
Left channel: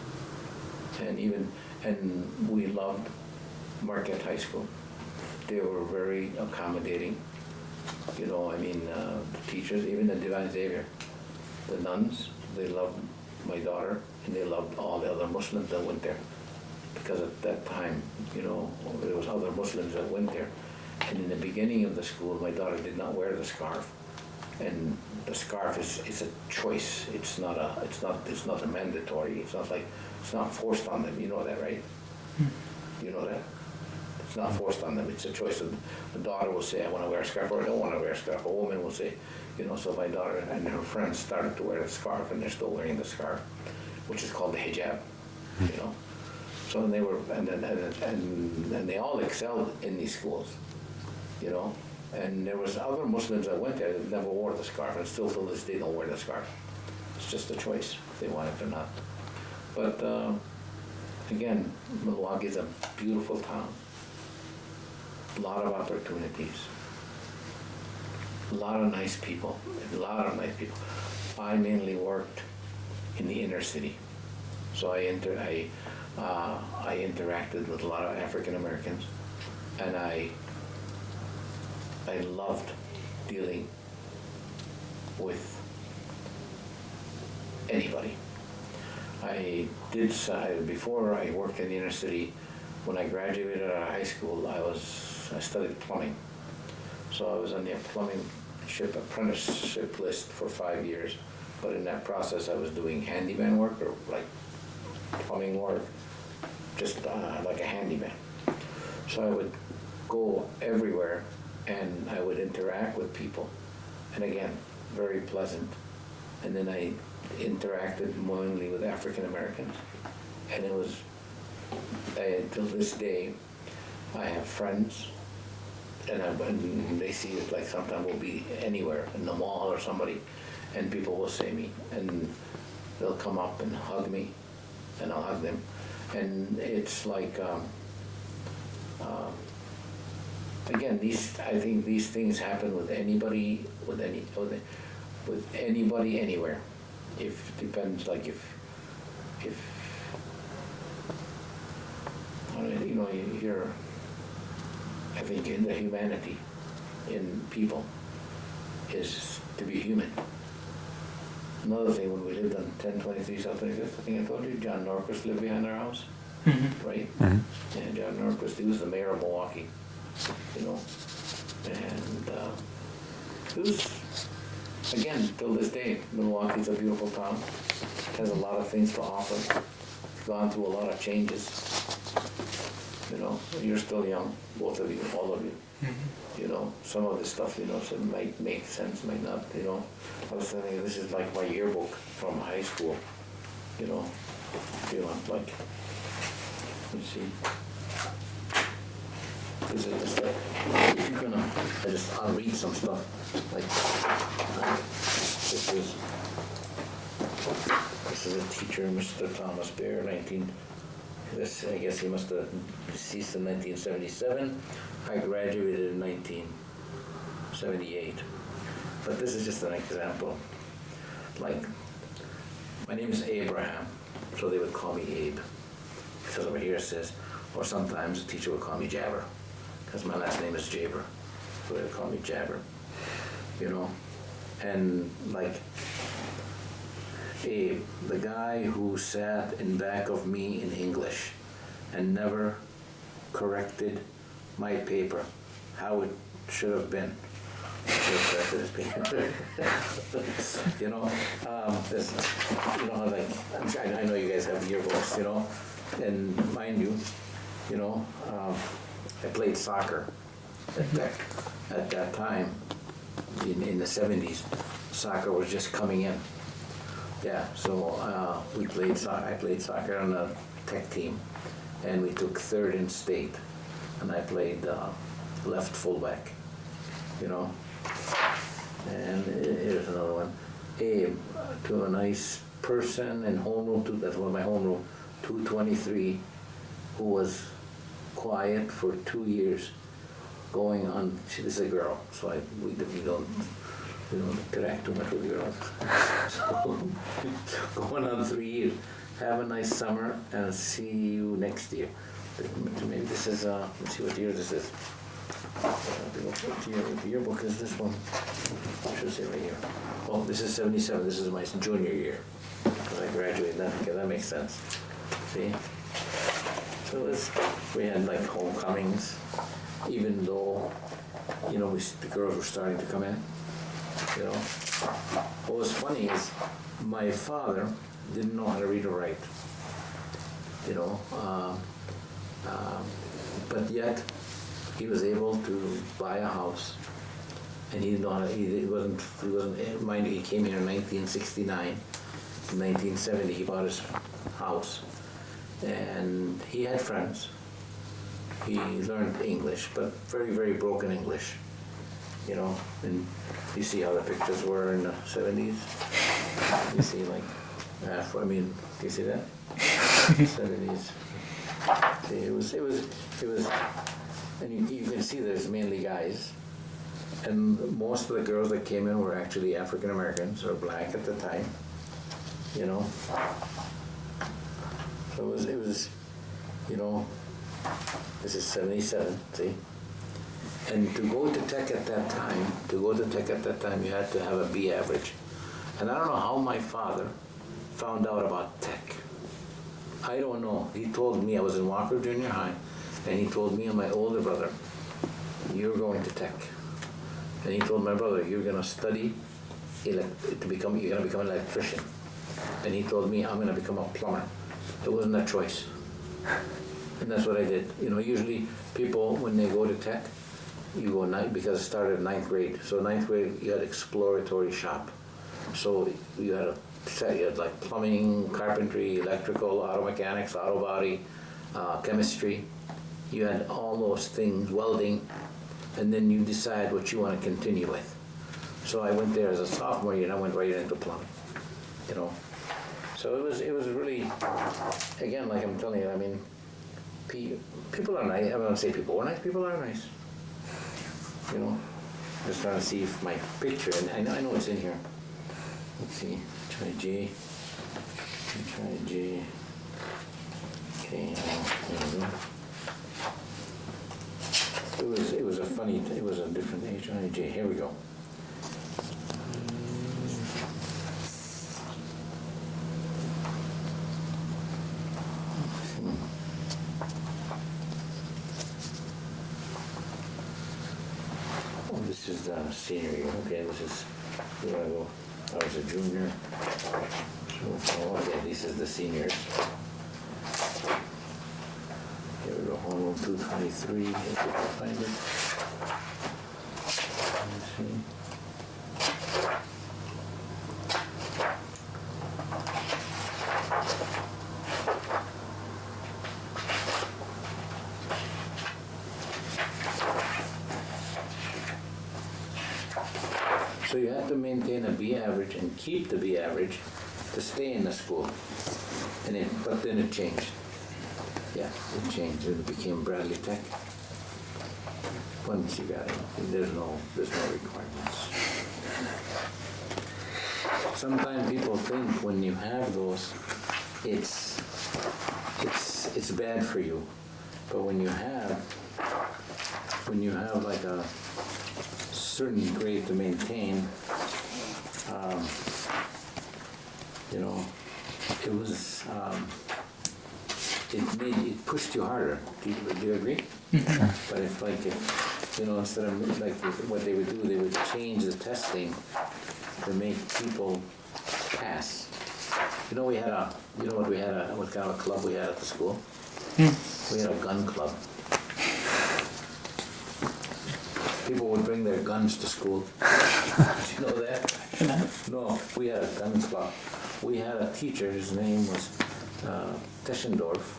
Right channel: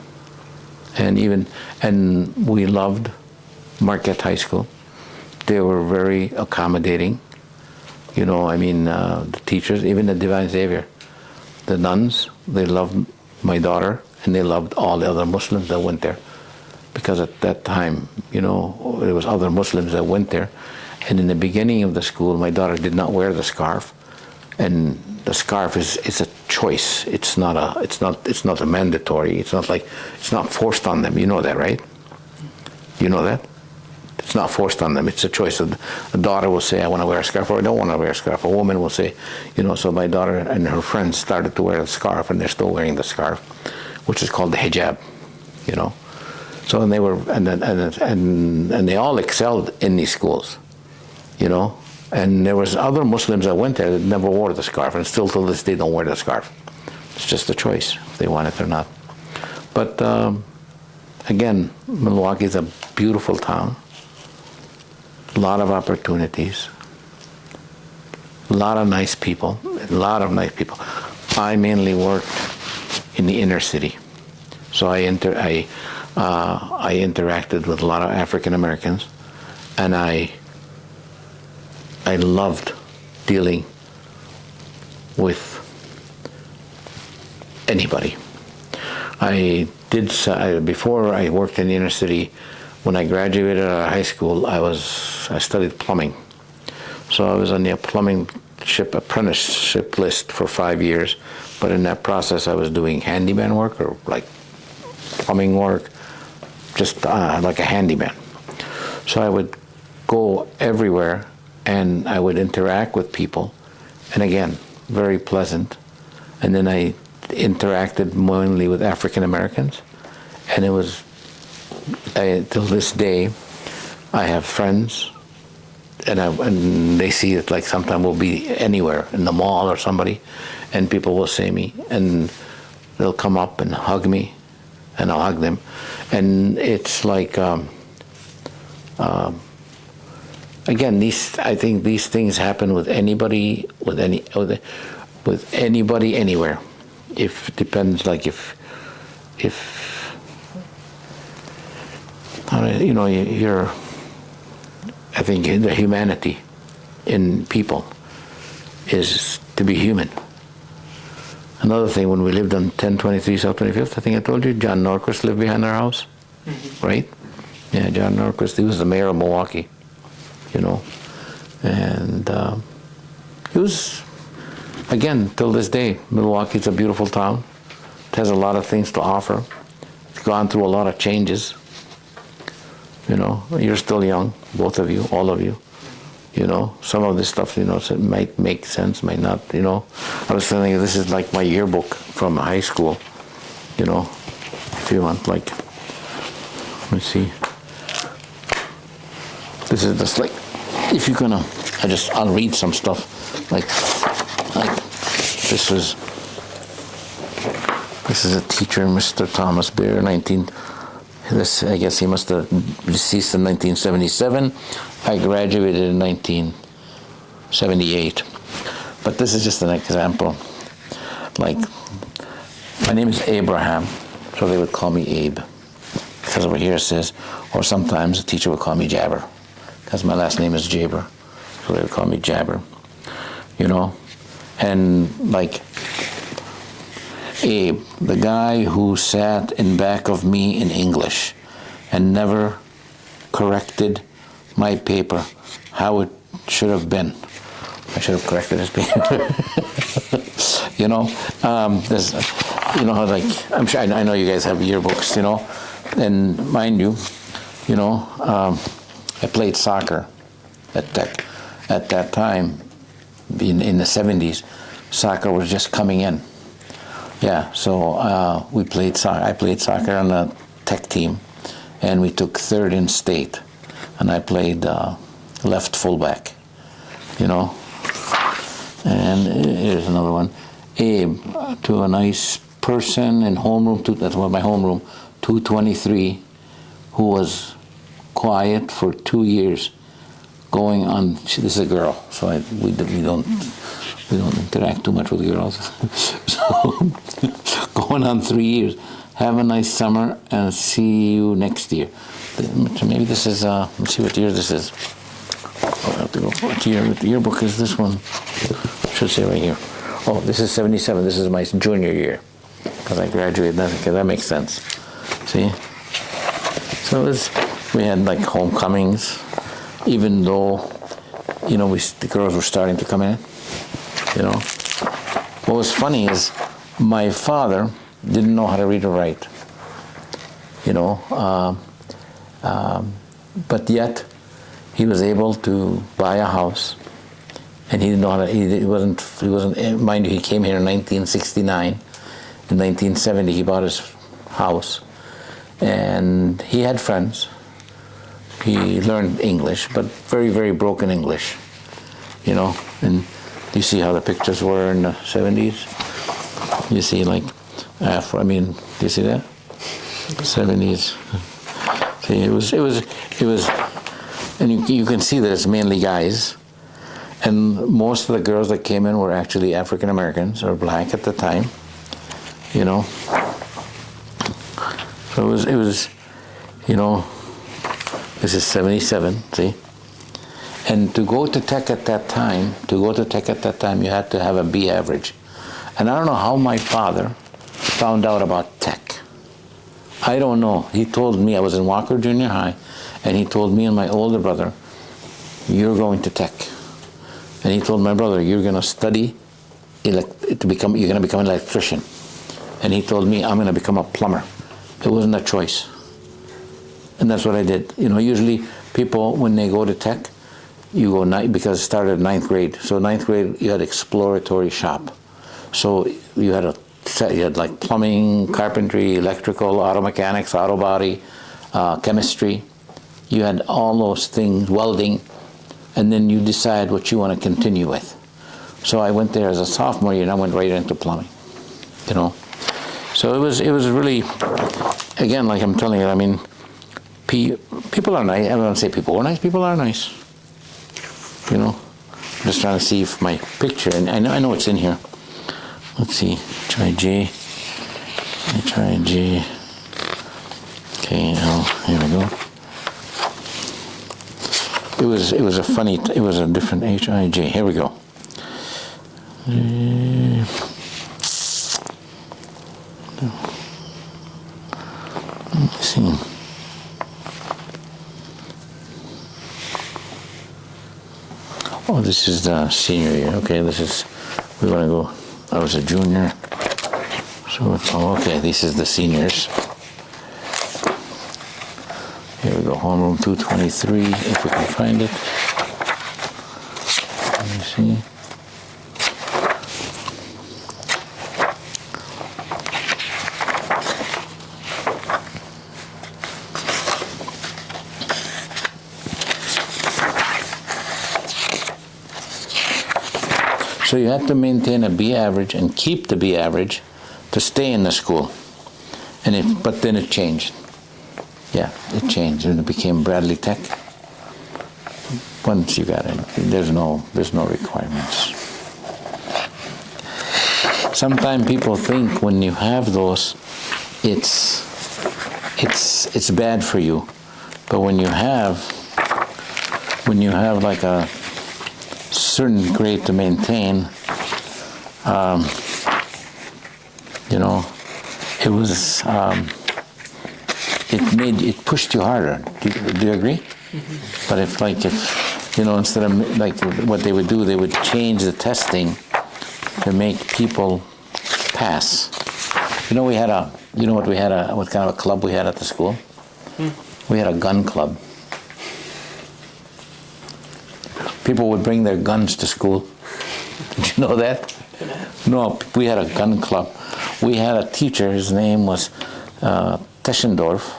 and we loved Marquette High School. They were very accommodating. The teachers, even the Divine Savior, the nuns, they loved my daughter, and they loved all the other Muslims that went there, because at that time, there was other Muslims that went there, and in the beginning of the school, my daughter did not wear the scarf, and the scarf is a choice. It's not a mandatory. It's not forced on them. You know that, right? You know that? It's not forced on them. It's a choice. A daughter will say, I want to wear a scarf, or I don't want to wear a scarf. A woman will say, so my daughter and her friends started to wear a scarf, and they're still wearing the scarf, which is called the hijab, So and they were, and they all excelled in these schools, And there was other Muslims that went there that never wore the scarf, and still till this day don't wear the scarf. It's just a choice if they want it or not. But again, Milwaukee is a beautiful town. A lot of opportunities. A lot of nice people. I mainly worked in the inner city. So I interacted with a lot of African Americans, and I loved dealing with anybody. Before I worked in the inner city. When I graduated out of high school, I studied plumbing. So I was on the plumbing apprenticeship list for 5 years. But in that process, I was doing handyman work, or like plumbing work, just like a handyman. So I would go everywhere, and I would interact with people, and again, very pleasant. And then I interacted mainly with African Americans, and it was, till this day, I have friends, and they see it, like sometimes we'll be anywhere, in the mall or somebody, and people will say me, and they'll come up and hug me, and I'll hug them. And it's like, again, I think these things happen with anybody, with anybody, anywhere. If it depends, like if you're, I think the humanity in people is to be human. Another thing, when we lived on 1023 South 25th, I think I told you, John Norquist lived behind our house, right? Mm-hmm. Yeah, John Norquist, he was the mayor of Milwaukee, and it was, again, till this day, Milwaukee's a beautiful town. It has a lot of things to offer. It's gone through a lot of changes. You're still young, both of you, all of you. Some of this stuff, it might make sense, might not, I was thinking this is like my yearbook from high school, if you want, like, let me see. This is just like, if you're gonna, I'll read some stuff, like this is a teacher, Mr. Thomas Bear, I guess he must have deceased in 1977. I graduated in 1978. But this is just an example. Like, my name is Ebrahim, so they would call me Abe. Because over here it says, or sometimes the teacher would call me Jaber, because my last name is Jaber, so they would call me Jaber. And like, Abe, the guy who sat in back of me in English and never corrected my paper how it should have been. I should have corrected his paper. Like, I'm sure, I know you guys have yearbooks, and mind you, I played soccer at that time, in the 70s. Soccer was just coming in. Yeah, so I played soccer on the tech team, and we took third in state, and I played left fullback, And here's another one. Abe, to a nice person in homeroom, that's my homeroom, 223, who was quiet for 2 years, going on. This is a girl, so we don't interact too much with girls. So going on 3 years. Have a nice summer and see you next year. Maybe this is, let's see what year this is. I'll have to go. What yearbook is this one? Should say right here. Oh, this is 77. This is my junior year, because I graduated. That makes sense. See? So we had like homecomings, even though, the girls were starting to come in. What was funny is my father didn't know how to read or write. But yet he was able to buy a house, and he didn't know how to. He wasn't. Mind you, he came here in 1969. In 1970, he bought his house, and he had friends. He learned English, but very, very broken English. And you see how the pictures were in the 70s. You see, like, do you see that? 70s. See, it was, and you can see that it's mainly guys, and most of the girls that came in were actually African Americans or black at the time, So it was, you know, this is 77, see? And to go to tech at that time, you had to have a B average. And I don't know how my father found out about tech. I don't know. He told me, I was in Walker Junior High, and he told me and my older brother, you're going to tech. And he told my brother, you're going to study, you're going to become an electrician. And he told me, I'm going to become a plumber. It wasn't a choice. And that's what I did. You know, usually people, when they go to tech, you go because it started at 9th grade. So 9th grade, you had exploratory shop. So you had like plumbing, carpentry, electrical, auto mechanics, auto body, chemistry. You had all those things, welding, and then you decide what you want to continue with. So I went there as a sophomore year, and I went right into plumbing, you know. So it was really, again, like I'm telling you, I mean, people are nice. I don't want to say people are nice. People are nice. You know, I'm just trying to see if my picture, and I know it's in here. Let's see, try J. Okay, now here we go. It was a different H-I-J. Here we go. Let's see. Oh, this is the senior year. Okay, we want to go. I was a junior. So, okay, this is the seniors. Here we go, homeroom 223, if we can find it. Let me see. So you have to maintain a B average and keep the B average to stay in the school. But then it changed. Yeah, it changed and it became Bradley Tech. Once you got it, there's no requirements. Sometimes people think when you have those, it's bad for you. But when you have like a certain grade to maintain, you know, it was it pushed you harder. Do you agree? Mm-hmm. But if you know, instead of like what they would do, they would change the testing to make people pass. You know, what kind of a club we had at the school? We had a gun club. People would bring their guns to school. Did you know that? No, we had a gun club. We had a teacher, his name was Teschendorf.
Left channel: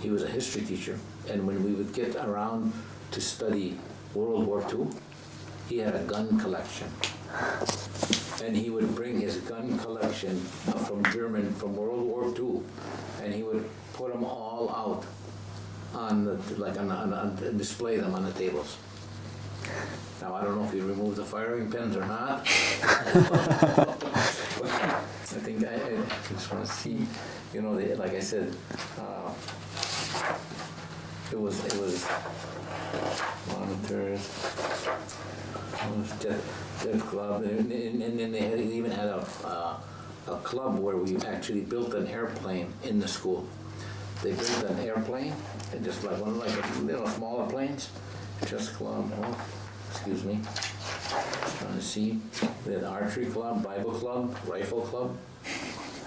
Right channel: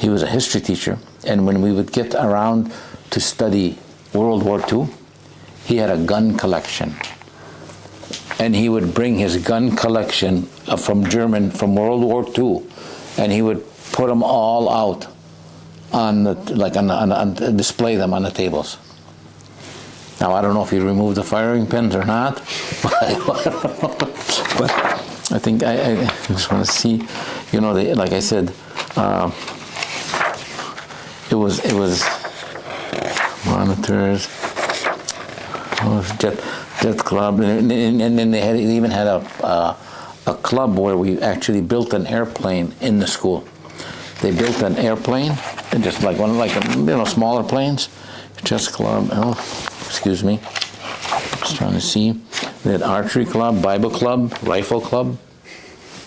He was a history teacher. And when we would get around to study World War II, he had a gun collection. And he would bring his gun collection from World War II, and he would put them all out on display them on the tables. Now, I don't know if he removed the firing pins or not, but I think I just want to see, you know, like I said, it was monitors, jet club, and then they even had a club where we actually built an airplane in the school. They built an airplane, and just like smaller planes, chess club. Excuse me. Just trying to see. They had archery club, Bible club, rifle club.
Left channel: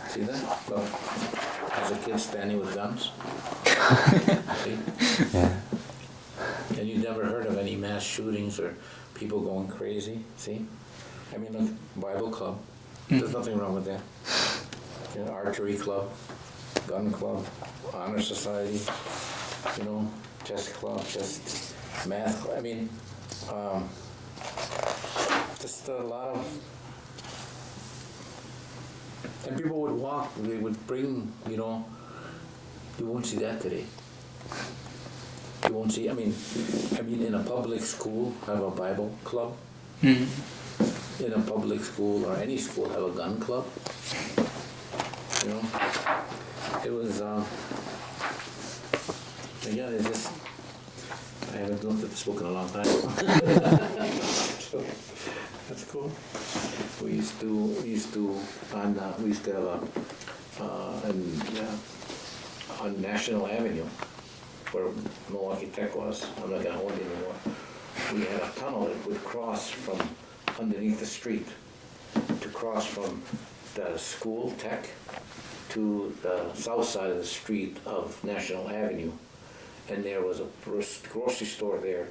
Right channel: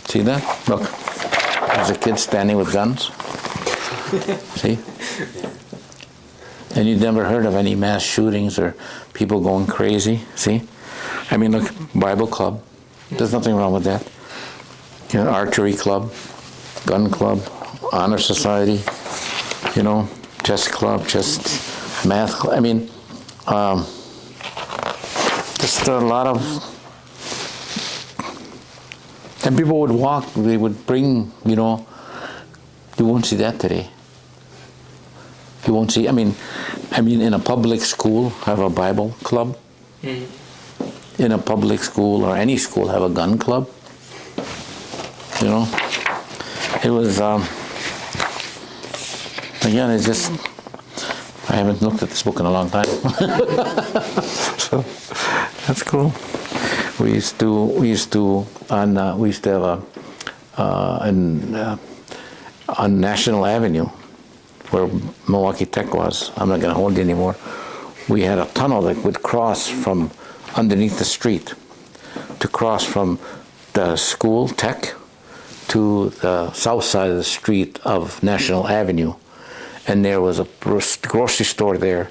See that? Look, there's a kid standing with guns. See? Yeah. And you'd never heard of any mass shootings or people going crazy. See? I mean, look, Bible club. There's nothing wrong with that. You know, archery club, gun club, honor society. You know, chess club, math club. I mean. Just a lot of, and people would walk, they would bring, you know, you won't see that today. You won't see, I mean, in a public school, have a Bible club. Mm-hmm. In a public school or any school, have a gun club. You know, It was, again, it's just, I haven't looked at this book in a long time. So, that's cool. We used to have on National Avenue, where Milwaukee Tech was, I'm not gonna hold you anymore, we had a tunnel that would cross from underneath the street to cross from the school, Tech, to the south side of the street of National Avenue. And there was a grocery store there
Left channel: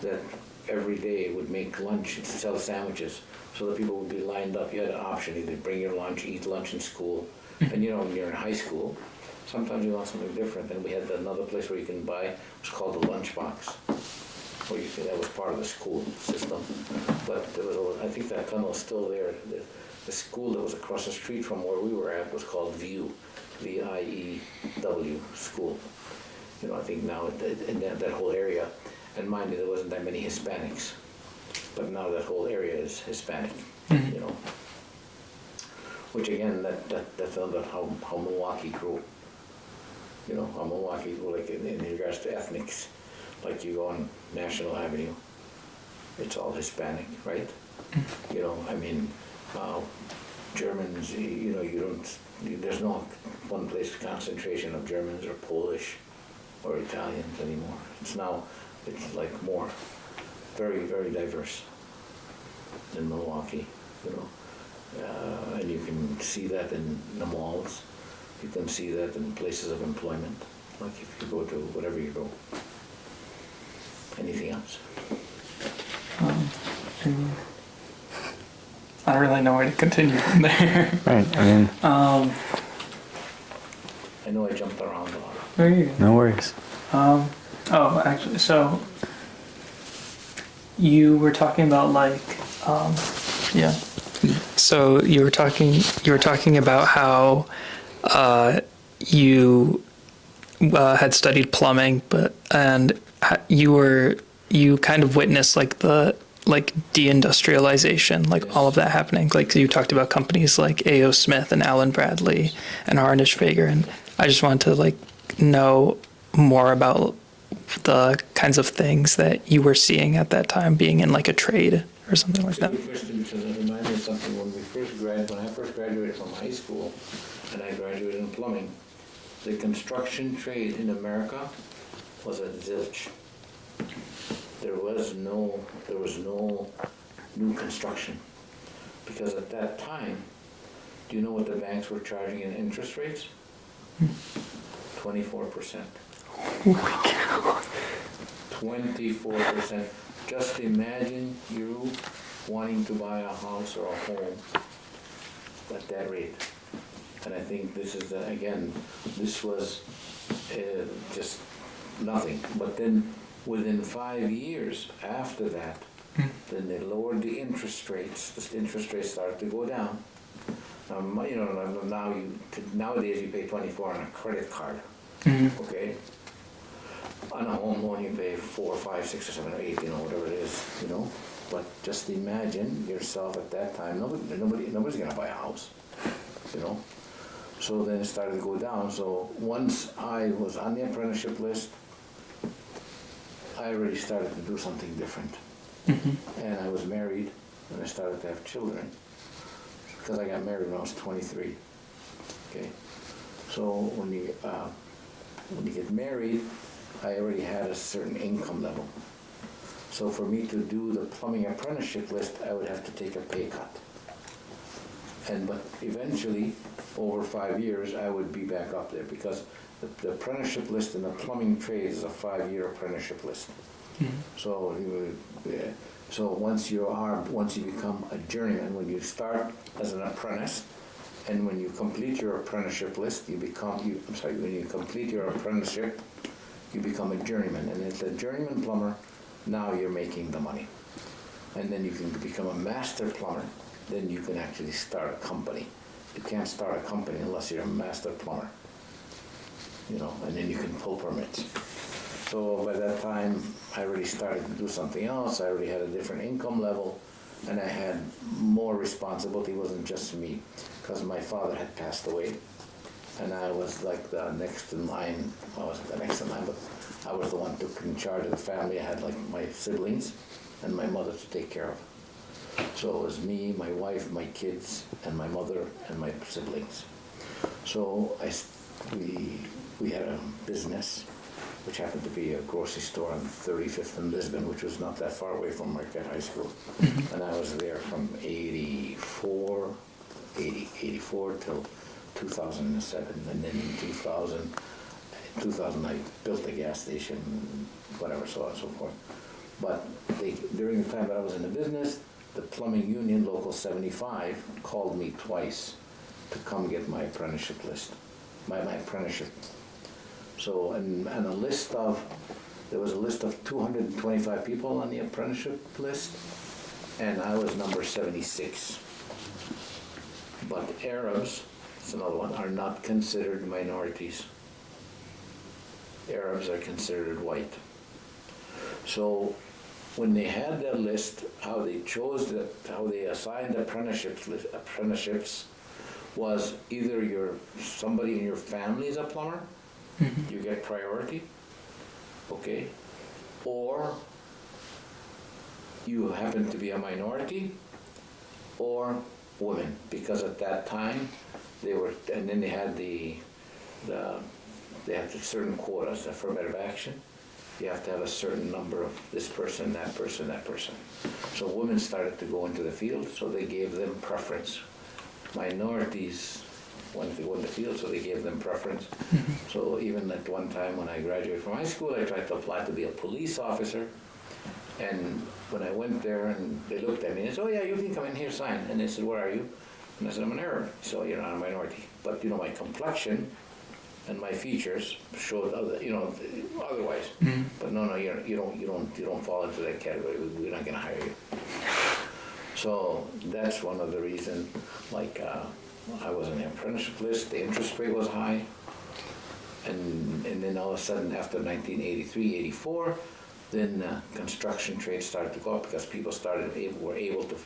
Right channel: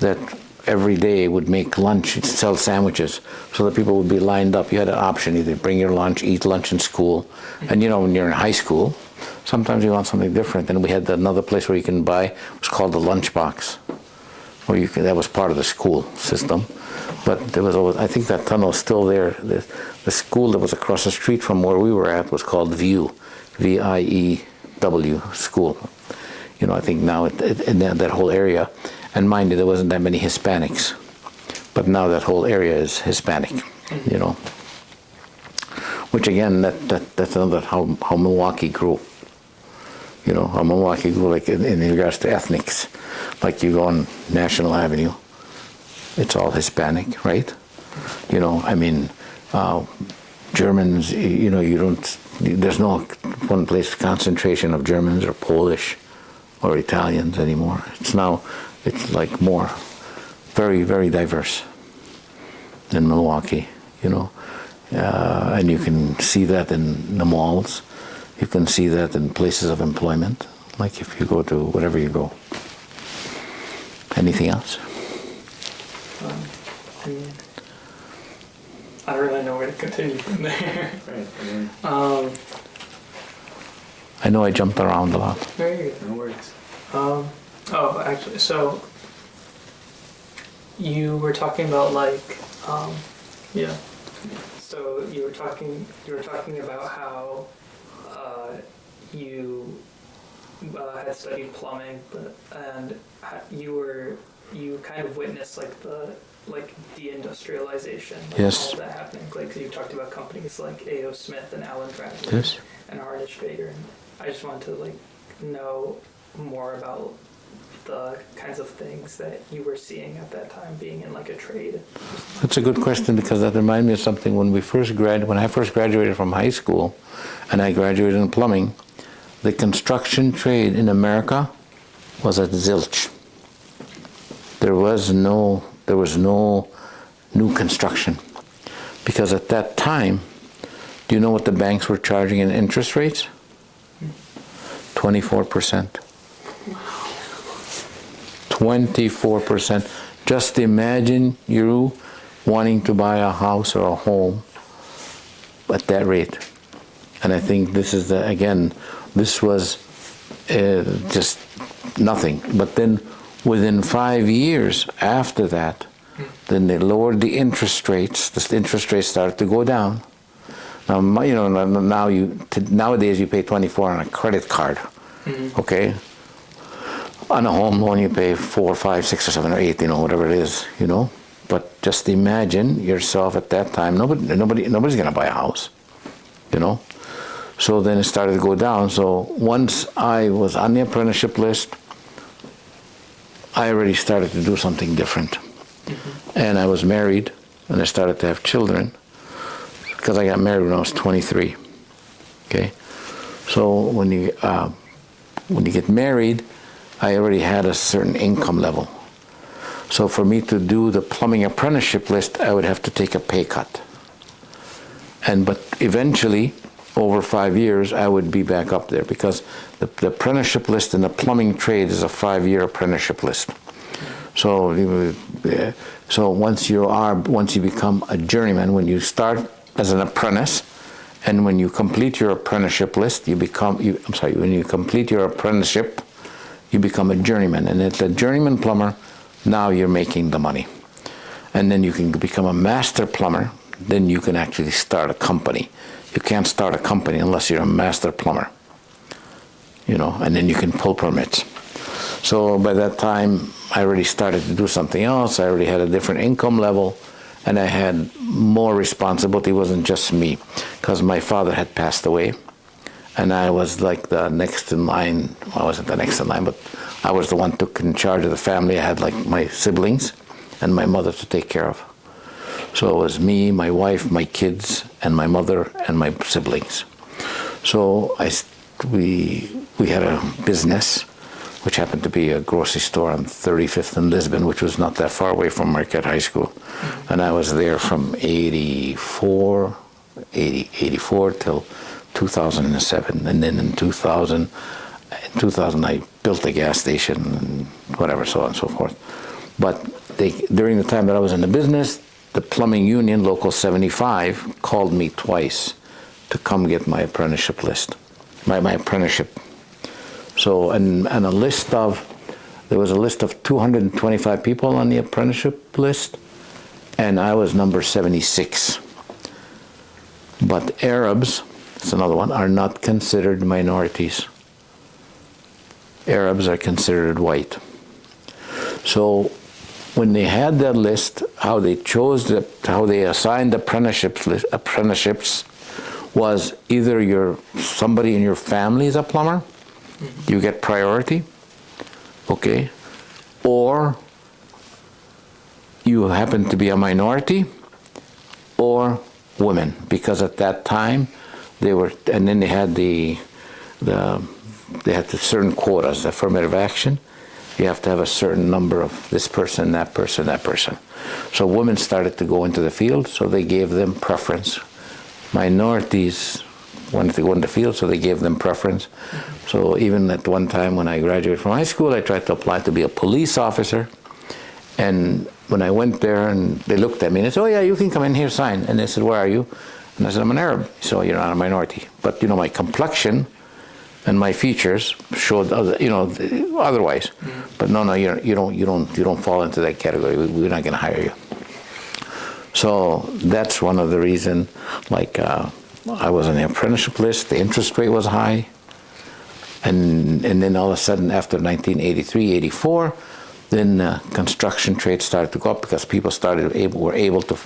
that every day would make lunch and sell sandwiches, so that people would be lined up. You had an option, either bring your lunch, eat lunch in school, and when you're in high school, sometimes you want something different. And we had another place where you can buy, it was called the lunch box, where that was part of the school system. But there was always, I think that tunnel is still there. The school that was across the street from where we were at was called View, V-I-E-W, school. I think now in that whole area, and mind you, there wasn't that many Hispanics, but now that whole area is Hispanic, Which again, that's another how Milwaukee grew. How Milwaukee grew, like in regards to ethnics. Like you go on National Avenue, it's all Hispanic, right? Germans, there's no one place concentration of Germans or Polish or Italians anymore. It's like more, very, very diverse in Milwaukee, and you can see that in the malls. You can see that in places of employment, like if you go to whatever you go. Anything else? I don't really know where to continue from there. Right. I know I jumped around a lot. There you go. No worries. Actually, so you were talking about yeah. So you were talking about how you had studied plumbing, and you kind of witnessed the de-industrialization, Yes. all of that happening. You talked about companies like A.O. Smith and Allen Bradley Yes. and Harnish Fager, and I just wanted to know more about the kinds of things that you were seeing at that time, being in a trade or something. That's a good question, because that reminded me of something when I first graduated from high school, and I graduated in plumbing. The construction trade in America was at zilch. There was no new construction, because at that time, do you know what the banks were charging in interest rates? 24%. 24%. Just imagine you wanting to buy a house or a home at that rate. And I think this is this was just nothing. But then within 5 years after that, then they lowered the interest rates. The interest rates started to go down. Now, nowadays you pay 24 on a credit card, okay? On a home loan you pay 4, 5, 6, or 7, or 8, whatever it is, But just imagine yourself at that time. Nobody's gonna buy a house, So then it started to go down. So once I was on the apprenticeship list, I already started to do something different. And I was married, and I started to have children, because I got married when I was 23. Okay, so when you get married, I already had a certain income level. So for me to do the plumbing apprenticeship list, I would have to take a pay cut. But eventually, over 5 years, I would be back up there, because the apprenticeship list in the plumbing trade is a 5-year apprenticeship list. So once you become a journeyman, when you start as an apprentice, and when you complete your apprenticeship list, when you complete your apprenticeship, you become a journeyman. And at the journeyman plumber, now you're making the money. And then you can become a master plumber, then you can actually start a company. You can't start a company unless you're a master plumber, and then you can pull permits. So by that time, I already started to do something else. I already had a different income level, and I had more responsibility. It wasn't just me, because my father had passed away, And I was like the next in line. Well, I wasn't the next in line, but I was the one took in charge of the family. I had like my siblings and my mother to take care of. So it was me, my wife, my kids, and my mother and my siblings. So we had a business, which happened to be a grocery store on 35th and Lisbon, which was not that far away from Marquette High School. And I was there from 84 till 2007. And then in 2000 I built a gas station and whatever, so on and so forth. But during the time that I was in the business, the plumbing union, Local 75, called me twice to come get my apprenticeship list, my apprenticeship. So, and there was a list of 225 people on the apprenticeship list, and I was number 76. But Arabs, that's another one, are not considered minorities. Arabs are considered white. So when they had that list, how they assigned apprenticeships was either somebody in your family is a plumber, you get priority, okay, or you happen to be a minority, or women, because at that time they were, and then they had they had the certain quotas, affirmative action. You have to have a certain number of this person, that person, that person. So women started to go into the field, so they gave them preference. Minorities wanted to go into the field, so they gave them preference. So even at one time when I graduated from high school, I tried to apply to be a police officer. And when I went there, and they looked at me and they said, "Oh yeah, you can come in here, sign." And they said, "Where are you?" And I said, "I'm an Arab." So you're not a minority. But my complexion and my features showed, otherwise. But no, you don't fall into that category. We're not going to hire you. So that's one of the reasons. I was on the apprenticeship list. The interest rate was high, and then all of a sudden, after 1983, 84, then construction trade started to go up because people were able to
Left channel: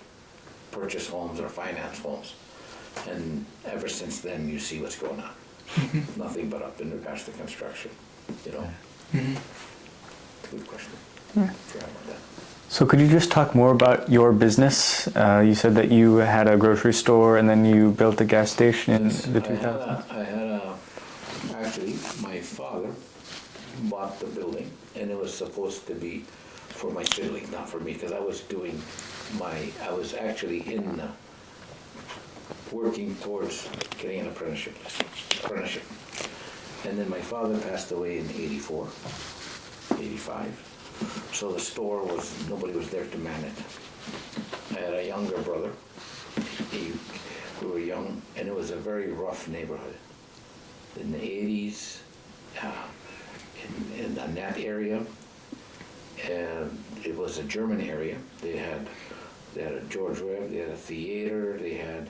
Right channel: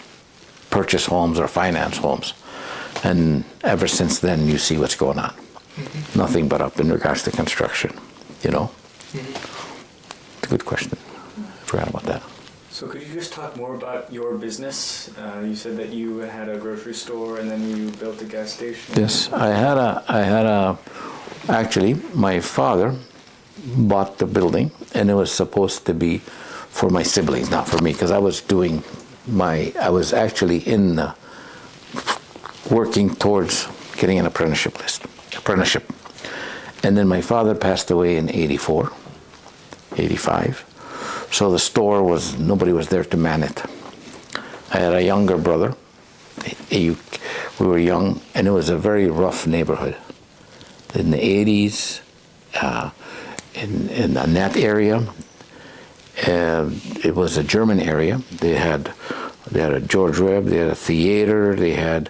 purchase homes or finance homes, and ever since then, you see what's going on. Nothing but up in regards to construction, It's a good question. Forgot about that. So could you just talk more about your business? You said that you had a grocery store and then you built a gas station. Yes, actually, my father bought the building, and it was supposed to be for my siblings, not for me, because I was actually working towards getting an apprenticeship. And then my father passed away in 84, 85. So the store nobody was there to man it. I had a younger brother. We were young, and it was a very rough neighborhood. In the 80s, in that area, it was a German area. They had a George Webb, they had a theater, they had,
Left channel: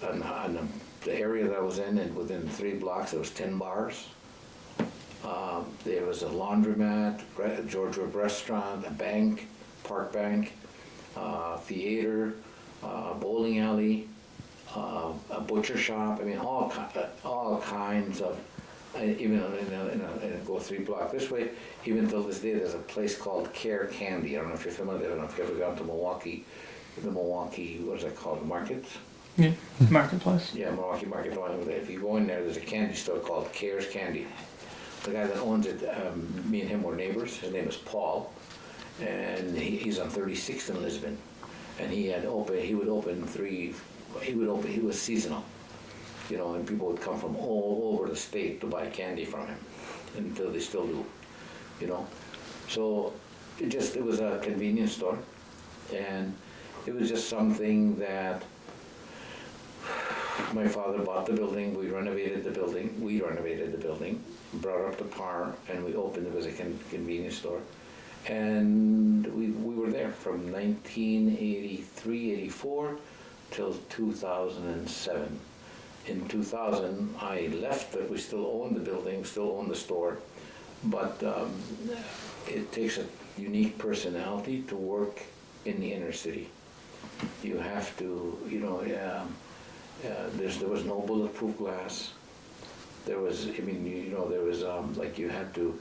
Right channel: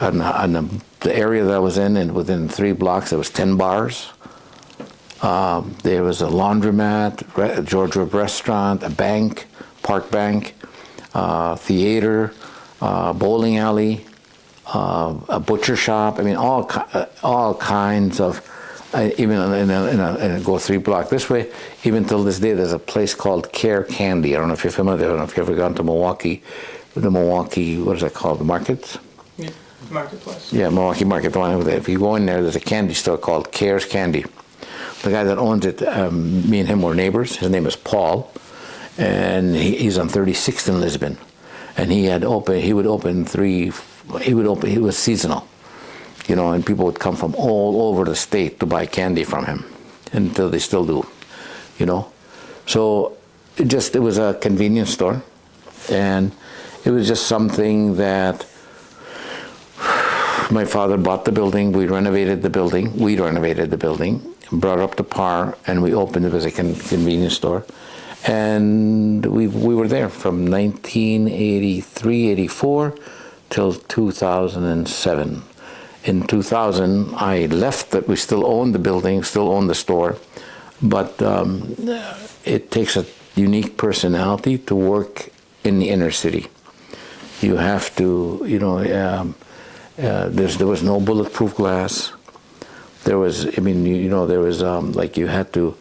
the area that I was in, and within 3 blocks, there was 10 bars. There was a laundromat, George Webb restaurant, a bank, Park Bank, theater, bowling alley, a butcher shop. I mean, all kinds of. Go 3 blocks this way. Even till this day, there's a place called Care Candy. I don't know if you're familiar. I don't know if you've ever gone to Milwaukee. The Milwaukee, what is that called? The markets. Yeah, marketplace. Yeah, Milwaukee Market. The one over there. If you go in there, there's a candy store called Care's Candy. The guy that owns it, me and him were neighbors. His name is Paul, and he's on 36th in Lisbon. And he was seasonal, and people would come from all over the state to buy candy from him, until they still do, So it was a convenience store, and it was just something that my father bought the building, we renovated the building, brought it up to par, and we opened it as a convenience store. And we were there from 1983, 84 till 2007. In 2000, I left, that we still owned the building, still owned the store, but it takes a unique personality to work in the inner city. You have to, there was no bulletproof glass. there was, I mean, there was like you have to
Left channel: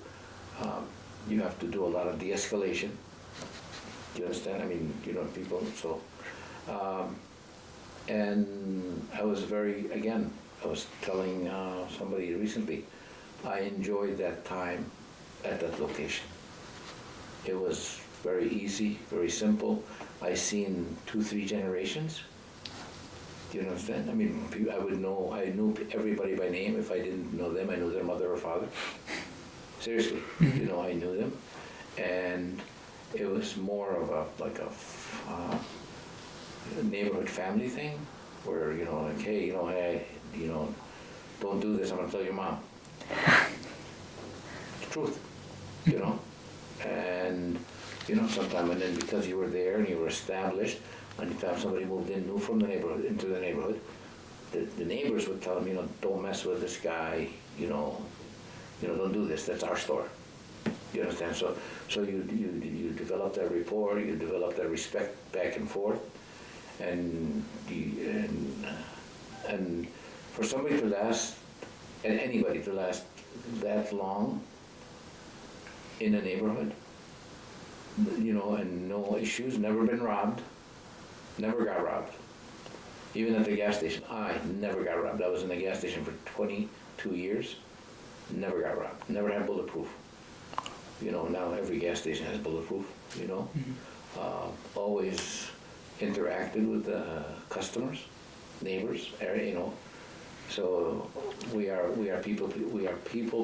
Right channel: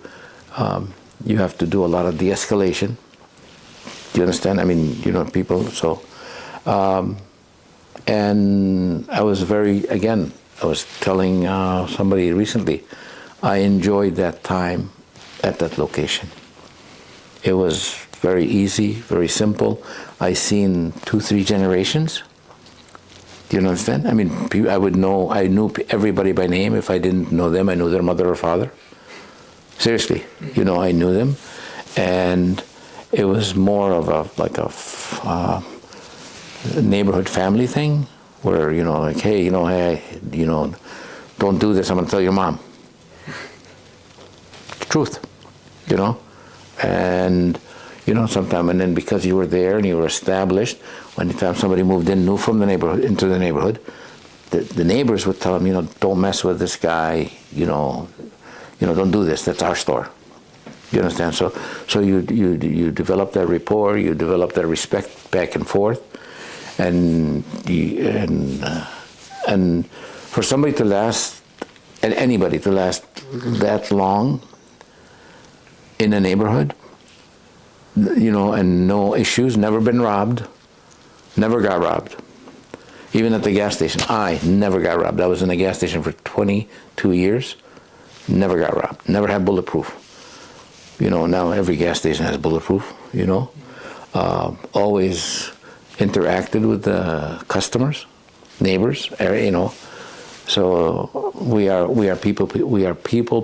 do a lot of de-escalation. Do you understand? I mean, people. So, and I was I was telling somebody recently, I enjoyed that time at that location. It was very easy, very simple. I seen 2-3 generations. Do you understand? I mean, I knew everybody by name. If I didn't know them, I knew their mother or father. Seriously, I knew them. And it was more of a neighborhood family thing where, like, hey, don't do this, I'm gonna tell your mom. It's truth, and sometime, and then because you were there and you were established, anytime somebody moved in new from the neighborhood into the neighborhood, the neighbors would tell them, don't mess with this guy, don't do this, that's our store. You understand? So you develop that rapport, you develop that respect back and forth, and for somebody to last, and anybody to last that long in a neighborhood, and no issues, never been robbed, never got robbed. Even at the gas station, I never got robbed. I was in a gas station for 22 years, never got robbed, never had bulletproof. Now every gas station has bulletproof, always interacted with the customers, neighbors, so we are people, we are people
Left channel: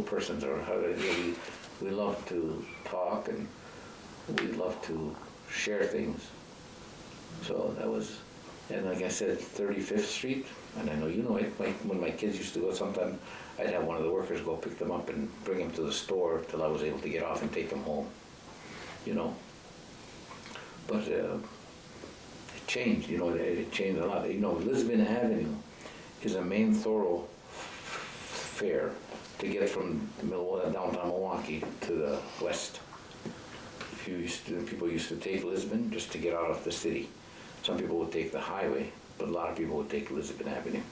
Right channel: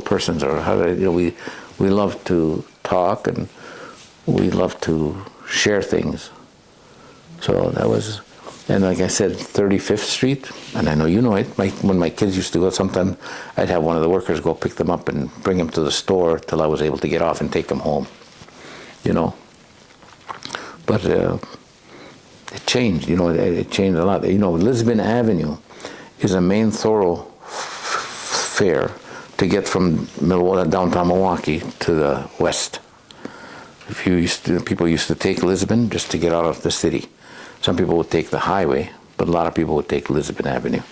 persons, or how do we love to talk and we love to share things. So that was, and like I said, 35th Street, and I know you know it, when my kids used to go, sometimes I'd have one of the workers go pick them up and bring them to the store till I was able to get off and take them home, But it changed, it changed a lot. Lisbon Avenue is a main thoroughfare to get from downtown Milwaukee to the west. People used to take Lisbon just to get out of the city. Some people would take the highway, but a lot of people would take Lisbon Avenue.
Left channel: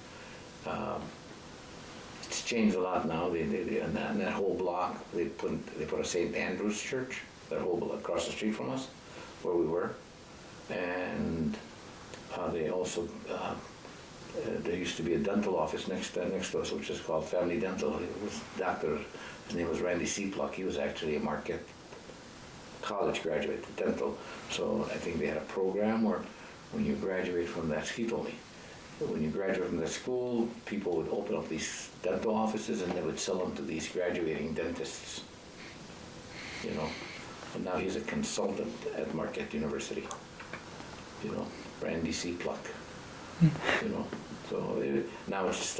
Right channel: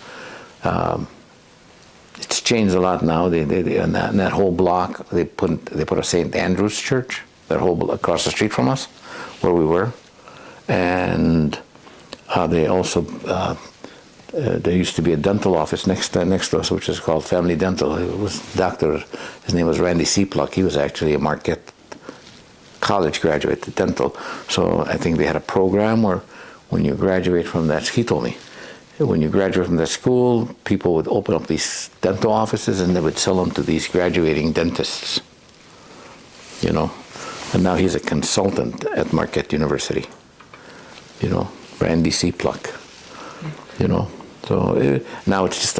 It's changed a lot now. They in that whole block, they put a St. Andrew's Church, that whole across the street from us, where we were, and they also there used to be a dental office next to us, which is called Family Dental. It was his name was Randy Seapluck. He was actually a Marquette College graduate, dental. So I think they had a program where when you graduate from that, he told me, when you graduate from that school, people would open up these dental offices and they would sell them to these graduating dentists, And now he's a consultant at Marquette University, Randy Seapluck, So now it's just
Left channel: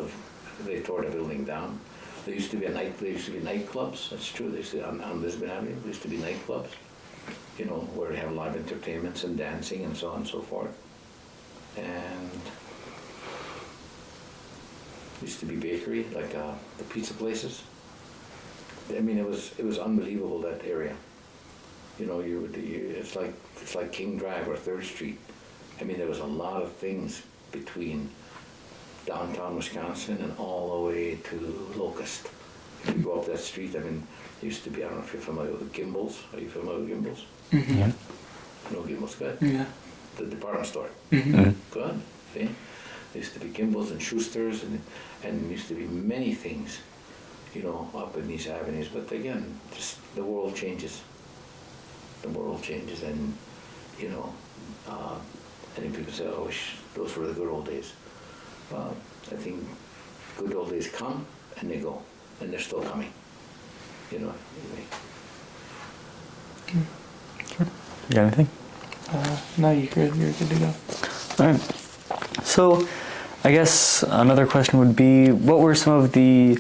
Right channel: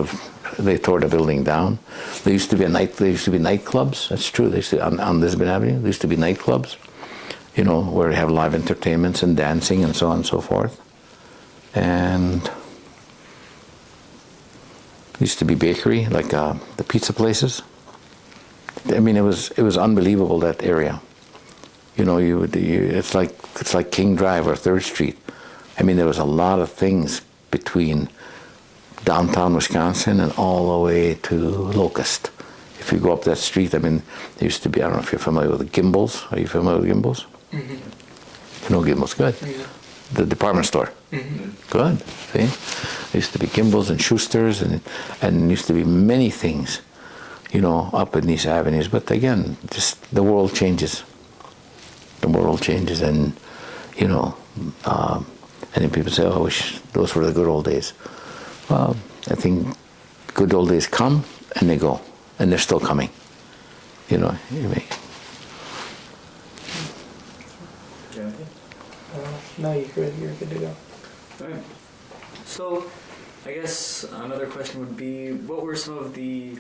they tore the building down. There used to be nightclubs. That's true. They used to, on Lisbon Avenue, there used to be nightclubs, where you have live entertainments and dancing and so on and so forth. And used to be bakery, like the pizza places. I mean, it was unbelievable, that area. It's like King Drive or 3rd Street. I mean, there was a lot of things between downtown Wisconsin and all the way to Locust. If you go up that street, I mean, there used to be, I don't know if you're familiar with Gimbel's. Are you familiar with Gimbel's? Mm-hmm. Yeah. You know Gimbel's, good. Yeah. The department store. Mm-hmm. Good. See? There used to be Gimbel's and Schuster's, and used to be many things, up in these avenues. But again, just the world changes. The world changes, and, and then people say, oh, I wish those were the good old days. Well, I think good old days come and they go, and they're still coming. Sure. You got anything? No, you're good to go. All right. So, I guess another question would be, what were some of the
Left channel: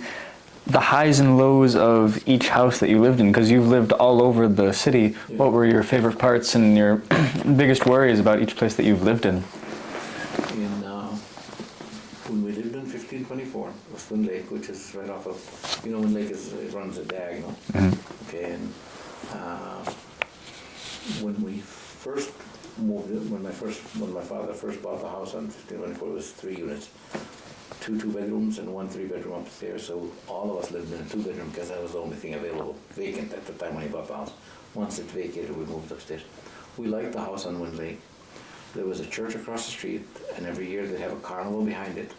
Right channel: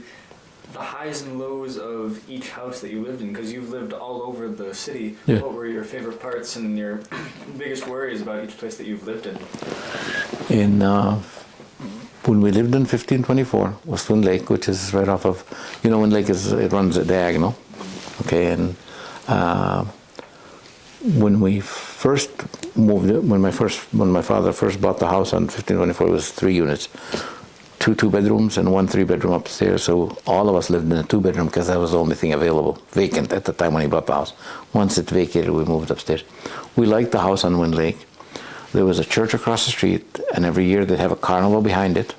highs and lows of each house that you lived in? Because you've lived all over the city. Yeah. What were your favorite parts and your biggest worries about each place that you've lived in? When we lived in 1524, was Twin Lake, which is right off of, Twin Lake it runs a diagonal. Mm-hmm. Okay, and when we first moved, when my father first bought the house on 1524, it was 3 units. two bedrooms and one 3-bedroom upstairs. So all of us lived in a 2-bedroom because that was the only thing available, vacant at the time when he bought the house. Once it vacated, we moved upstairs. We liked the house on Wind Lake. There was a church across the street, and every year they'd have a carnival behind it.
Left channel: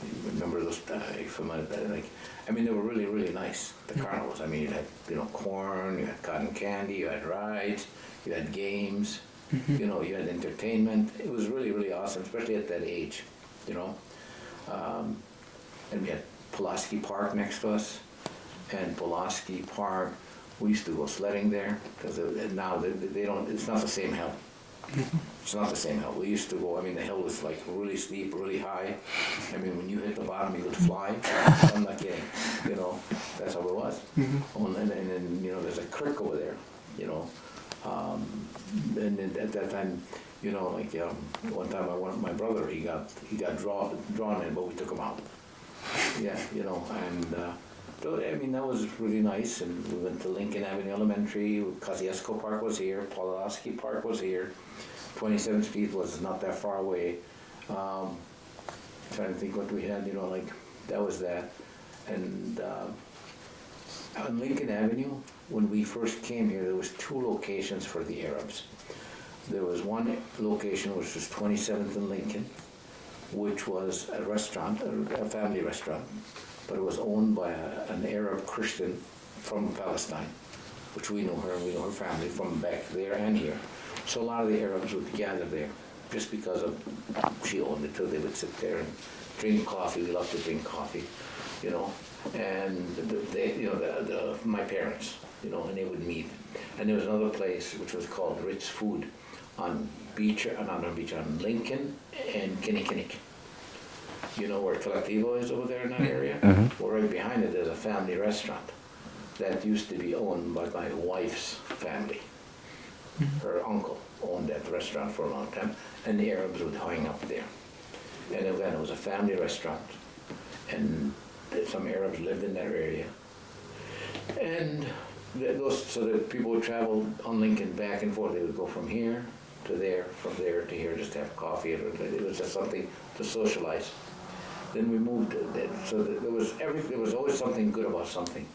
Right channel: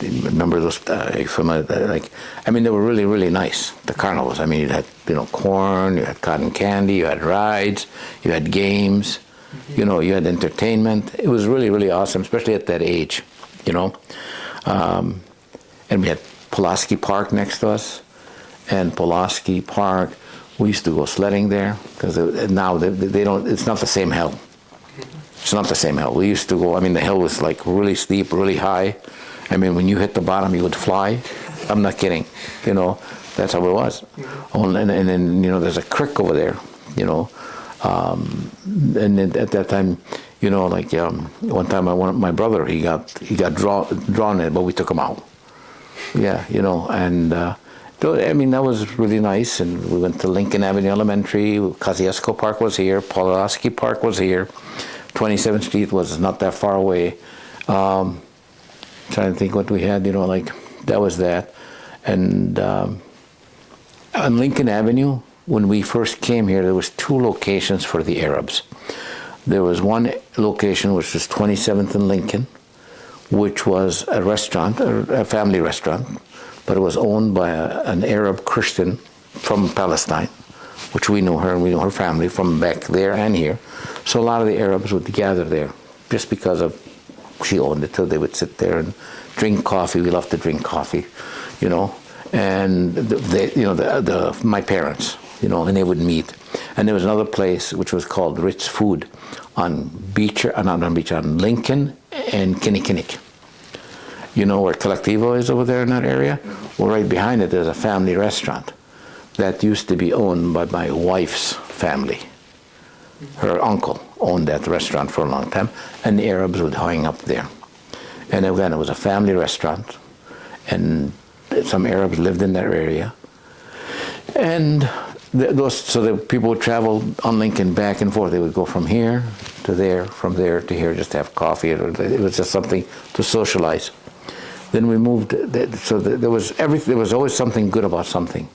Remember those? They were really, really nice. The carnivals. I mean, you had, corn, you had cotton candy, you had rides, you had games, you had entertainment. It was really, really awesome, especially at that age, And we had Pulaski Park next to us, and Pulaski Park, we used to go sledding there because now they don't. It's not the same hill. It's not the same hill. We used to go, the hill was like really steep, really high. When you hit the bottom, you would fly. I'm not kidding. That's how it was. And then, there's a creek over there, and then at that time, one time my brother, he got drawn in it, but we took him out. Yeah, that was really nice. And we went to Lincoln Avenue Elementary. Kosciuszko Park was here. Pulaski Park was here. 27th Street was not that far away. Trying to think what we had, that was that. And on Lincoln Avenue, when we first came here, there was 2 locations for the Arabs. There was one location, which was 27th and Lincoln, which was a restaurant, a family restaurant, but it was owned by an Arab Christian from Palestine, which we knew her, and we knew her family from back there and here. So a lot of the Arabs would gather there just because of she owned it. So they would sit there and drink coffee. We loved to drink coffee, and my parents, and they would meet. And there was another place which was called Ritz Food on Lincoln and Kinnikinnick. Where Collectivo is over there in that area? Mm-hmm. Well, right behind it, there's a family restaurant that used to be owned by my wife's family. Her uncle owned that restaurant for a long time, and the Arabs would hang up there. And again, it was a family restaurant, and some Arabs lived in that area. And the people would travel on Lincoln back and forth. They would go from here to there, from there to here, just to have coffee. It was just something to socialize. Then we moved. There was always something good about something,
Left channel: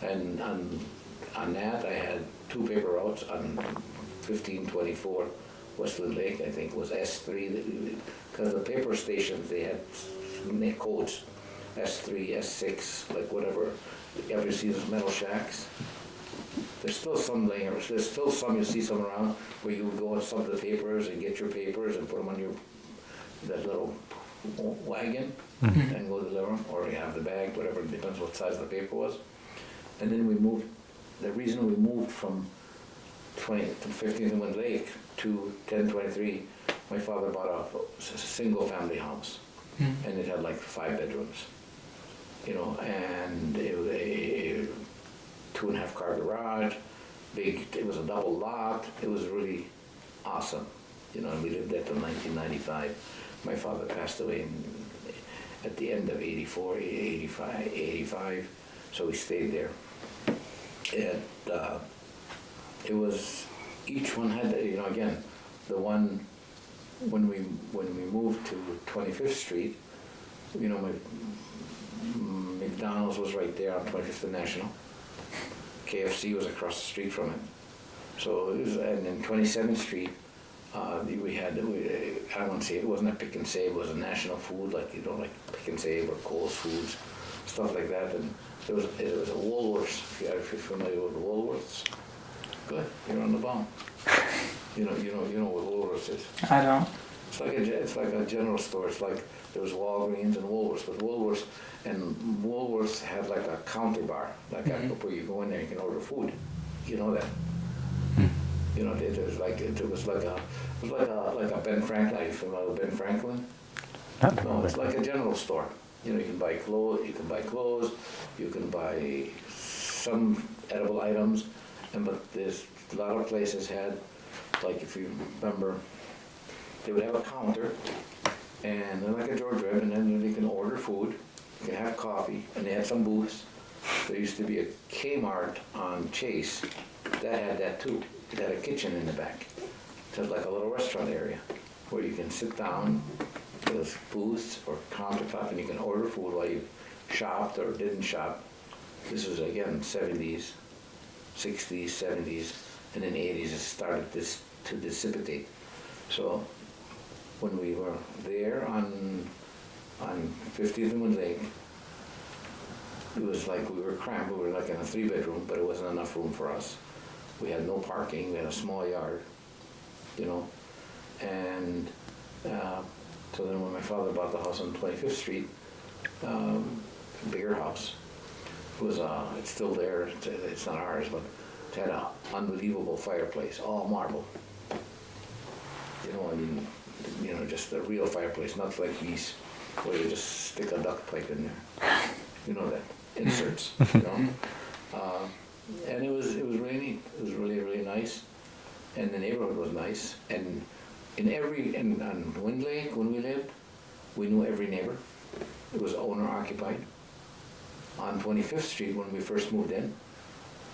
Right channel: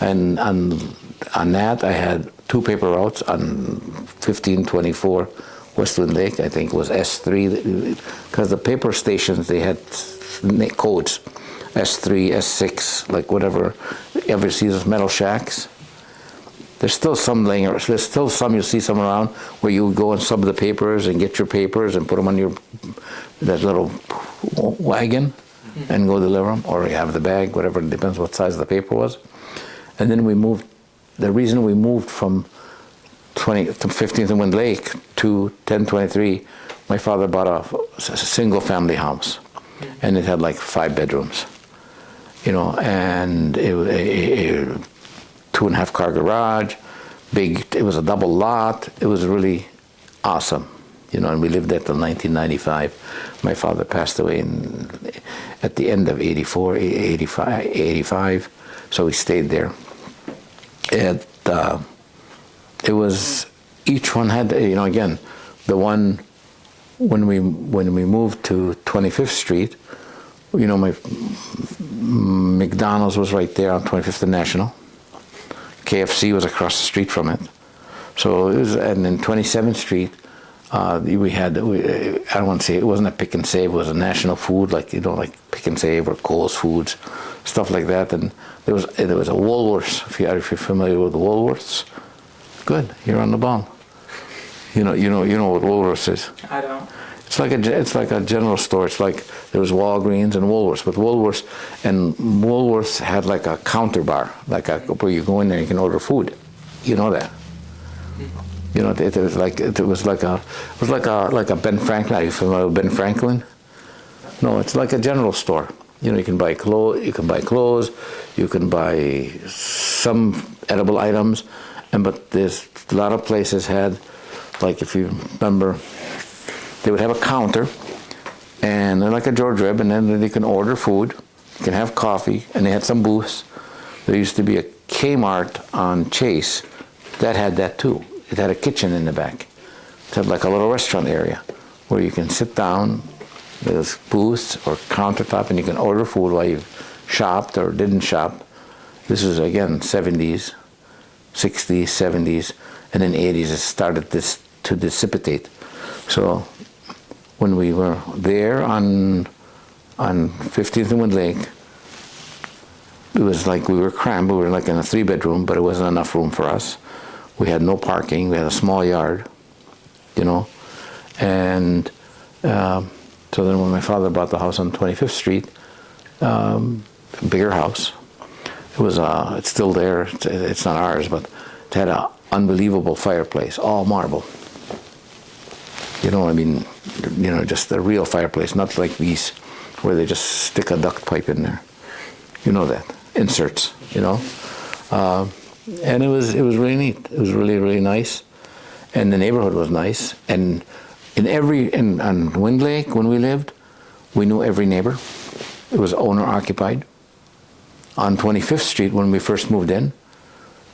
and on that I had 2 paper routes on 1524 Westwood Lake. I think it was S3, because the paper stations, they had codes, S3, S6, like whatever. You ever see those metal shacks? There's still some laying around. There's still some, you'll see some around where you go and sub the papers and get your papers and put them on that little wagon and go deliver them, or you have the bag, whatever, it depends what size the paper was. And then we moved. The reason we moved from 15th and Wind Lake to 1023, my father bought a single family house, and it had like 5 bedrooms, and a 2.5 car garage, big. It was a double lot. It was really awesome, and we lived there till 1995. My father passed away at the end of 85, so we stayed there. It was, each one had, again, the one when we moved to 25th Street, my McDonald's was right there on 25th and National. KFC was across the street from it. So it was, and then 27th Street, we had, I don't want to say, it wasn't a Pick and Save, it was a national food, like Pick and Save or Kohl's Foods, stuff like that. And there was a Woolworths, if you're familiar with the Woolworths. Good, you're on the ball. You know what Woolworths is. I don't. It's like a general store. It's like there was Walgreens and Woolworths, but Woolworths had like a counter bar, where you go in there and you can order food. You know that. It was like a Ben Franklin. Are you familiar with Ben Franklin? No, it's like a general store. You can buy clothes. You can buy some edible items, but there's a lot of places had, like if you remember, they would have a counter, and like a George Webb, and then you can order food, you can have coffee, and they had some booths. There used to be a Kmart on Chase that had that too. It had a kitchen in the back. It had like a little restaurant area where you can sit down, There was booths or countertop, and you can order food while you shopped or didn't shop. This was, again, 70s, 60s, 70s, and in 80s it started to dissipate. So when we were there on 15th and Wind Lake, it was like we were crammed. We were like in a 3-bedroom, but it wasn't enough room for us. We had no parking. We had a small yard, you know. And so then when my father bought the house on 25th Street, a bigger house, it was it's still there. It's not ours, but it had an unbelievable fireplace, all marble. You know, I mean, you know, just a real fireplace, not like these where they just stick a duct pipe in there. You know that, inserts, you know. And it was really neat. It was really, really nice. And the neighborhood was nice. And on Wind Lake, when we lived, we knew every neighbor. It was owner occupied. On 25th Street, when we first moved in,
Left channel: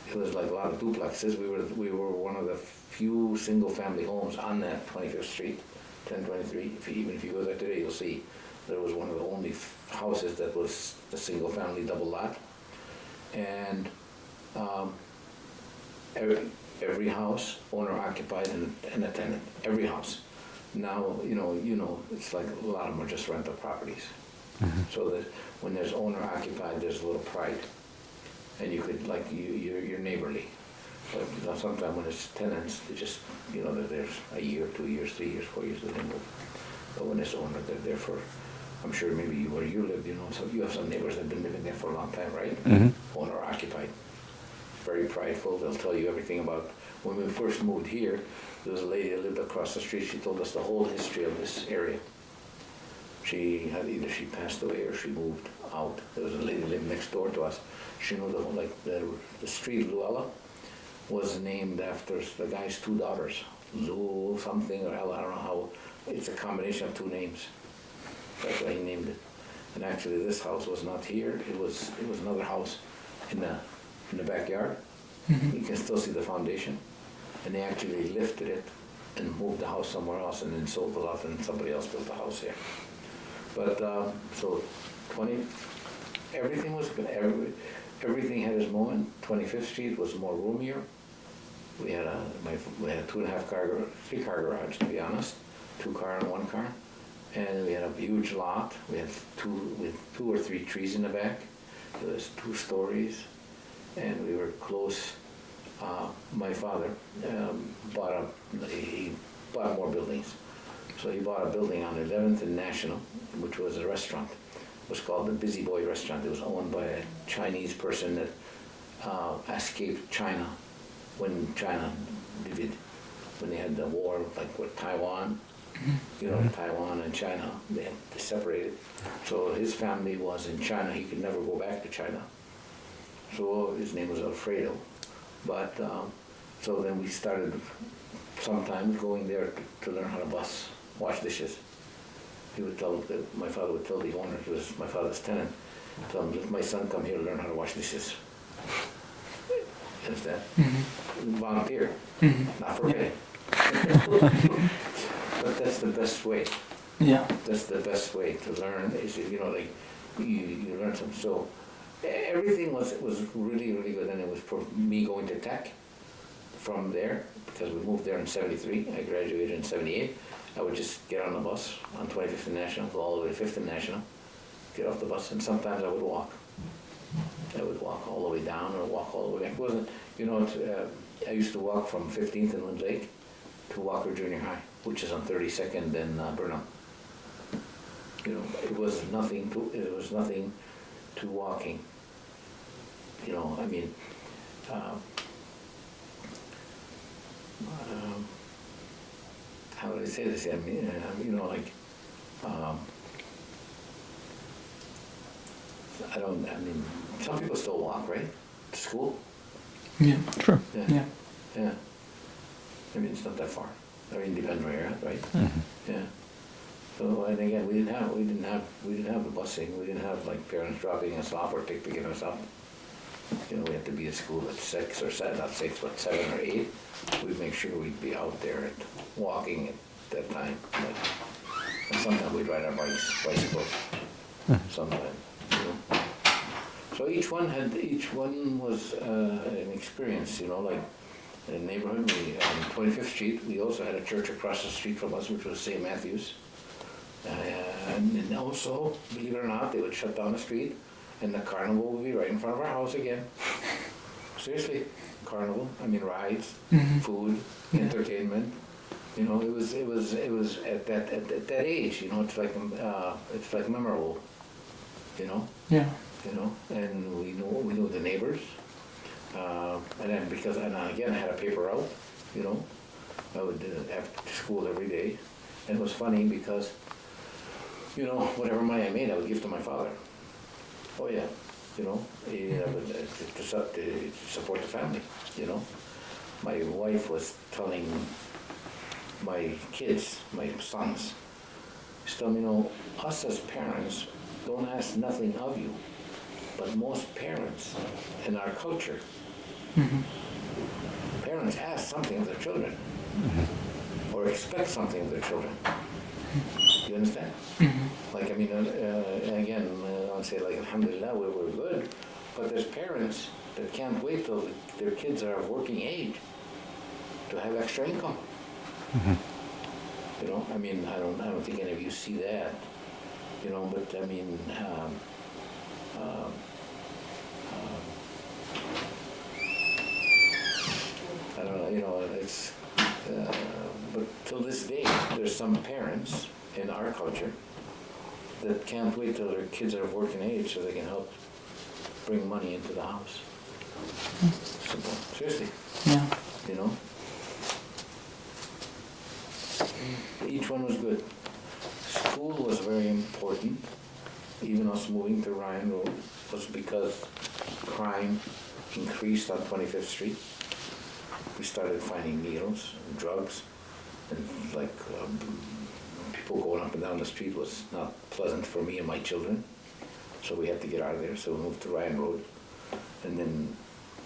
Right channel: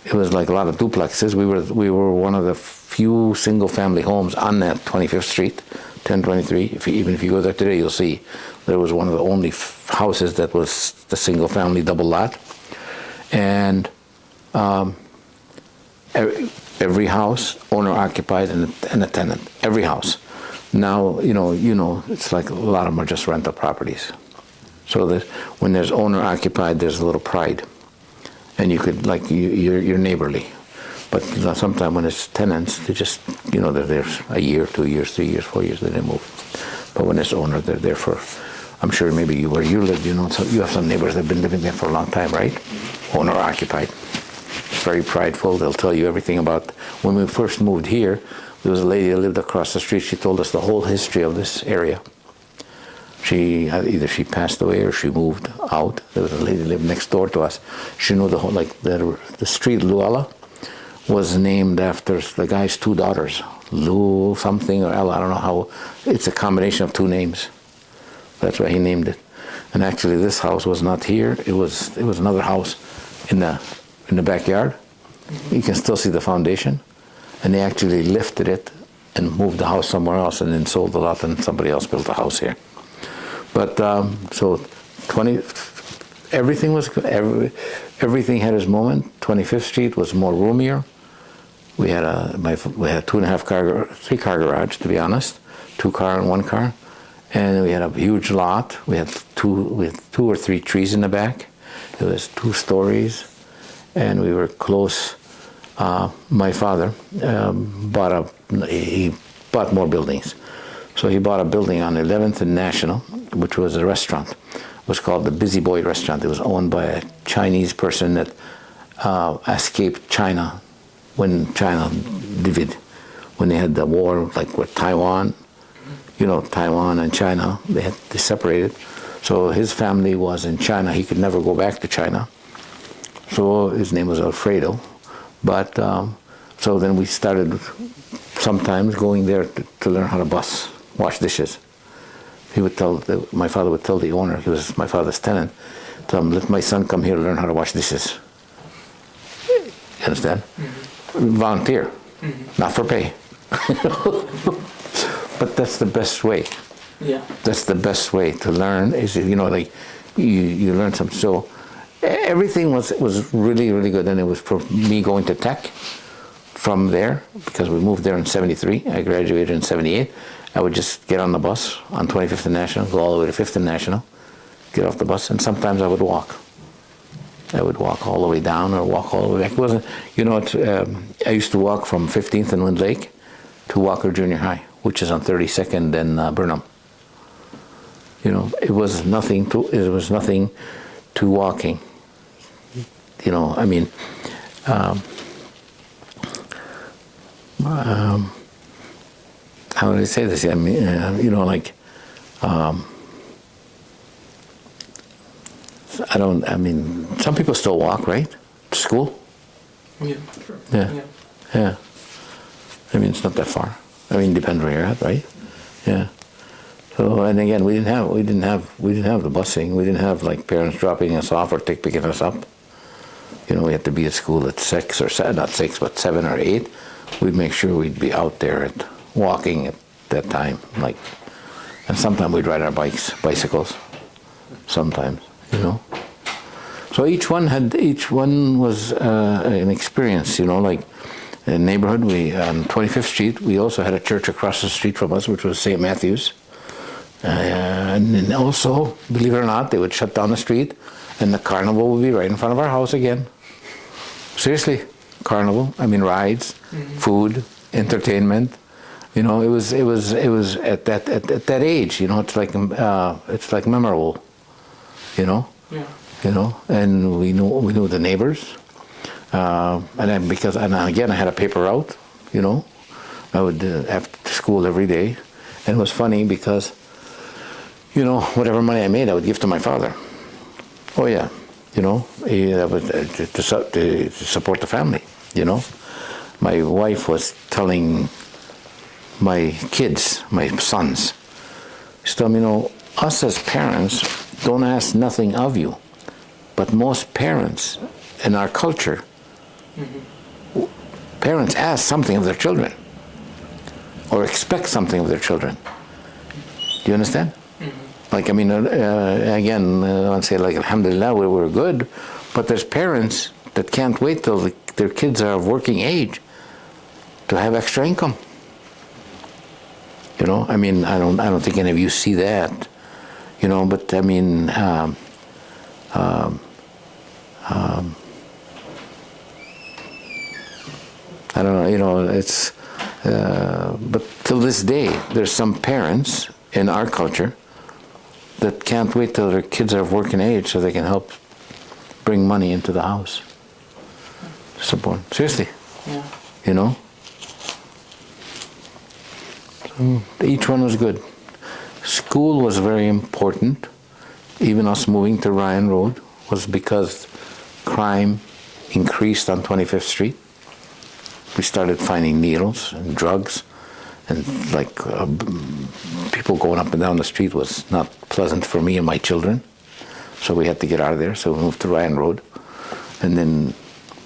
it was like a lot of duplexes. We were one of the few single-family homes on that 25th Street, 1023. Even if you go there today, you'll see there was one of the only houses that was the single-family double lot. And every house, owner-occupied and a tenant. Every house. Now, you know, it's like a lot of them are just rental properties. Mm-hmm. So that when there's owner-occupied, there's a little pride. And you could, like, you're neighborly. But sometimes when it's tenants, they just, you know, they're there a year, 2 years, 3 years, 4 years, then they move. But when it's owner, they're there for, I'm sure maybe where you live, you know, so you have some neighbors that have been living there for a long time, right? Mm-hmm. Owner occupied. Very prideful. They'll tell you everything about, when we first moved here, there was a lady that lived across the street. She told us the whole history of this area. Either she passed away or she moved out. There was a lady that lived next door to us. She knew the whole, like the street Luella was named after the guy's 2 daughters, Lou something or Ella. I don't know how. It's a combination of 2 names. That's why he named it. And actually, this house was not here. It was another house in the backyard. Mm-hmm. You can still see the foundation. And they actually lifted it and moved the house somewhere else and then sold the lot, and somebody else built a house here. But so everything was good. Everything had its moment. 25th Street was more roomier. We had a 3-car garage, to be honest, 2 car and 1 car, and we had a huge lot. We had 2 or 3 trees in the back. It was 2 stories, and we were close. My father bought more buildings. So he bought a building on 11th and National, which was a restaurant. It was called the Busy Boy Restaurant. It was owned by a Chinese person that escaped China when China divided, when they had the war, like with Taiwan, you know, Taiwan and China, they separated. So his family was in China. He could never go back to China. So his name was Alfredo. But so then we started sometimes going there to learn how to wash dishes. He would my father would tell the owner, he was my father's tenant, tell him, let my son come here to learn how to wash dishes. You understand? Mm-hmm. Volunteer, not for pay. But that's the best way. Yeah. That's the best way to learn is, you know, like you learn something. So everything was really, really good. And it was for me going to tech from there, because we moved there in 73. I graduated in 78. I would just get on the bus on 25th and National, go all the way to 5th and National, get off the bus, and sometimes I would walk. I would walk all the way down or walk all the way back. It wasn't, you know, I used to walk from 15th and Wind Lake to Walker Junior High, which is on 32nd and Burnham. You know, it was nothing to walking. You know, I mean, how would I say this? I mean, you know, like, I mean, some people still walk, right? To school? Yeah, sure. Yeah. I mean, it's not that far. I mean, depends where you're at, right? Mm-hmm. Yeah. So, and again, we didn't have the busing. We didn't have like parents dropping us off or picking us up. You know, we had to be at school at 6 or not 6, but 7 or 8. We'd make sure we'd be out there walking at that time, like And sometimes we'd ride our bicycles, sometimes, you know. So each one was an experience, you know, like in the neighborhood, on 25th Street, we also had a church across the street from us, which was St. Matthew's. And then also, believe it or not, they would shut down the street, and the carnival would be right in front of our house again. Seriously, carnival, I mean rides, food, entertainment. You know, it was at that age, you know, it's like memorable, you know. Yeah. You know, and we knew the neighbors, and then and again I had a paper route, you know, I would after school every day, and it was funny because, you know, whatever money I made I would give to my father. Oh yeah, you know, that was to support the family, you know. My wife was telling my kids, my sons, she told me, you know, us as parents don't ask nothing of you. But most parents in our culture, parents ask something of their children or expect something of their children. Do you understand? Like, I mean, again, I want to say, like, alhamdulillah, we're good, but there's parents that can't wait till their kids are of working age to have extra income. You know, I mean, I don't think any of you see that, you know, but I mean, I don't know, you know, it's, but till this day, there's some parents in our culture that can't wait till their kids are of working age so they can help bring money into the house. Support. Seriously. Yeah. You know? Each one was good. School was very important. Even us moving to Ryan Road was because crime increased on 25th Street. We started finding needles and drugs, and like people going up and down the street was not pleasant for me and my children. So we had to get out of there. So we moved to Ryan Road, and then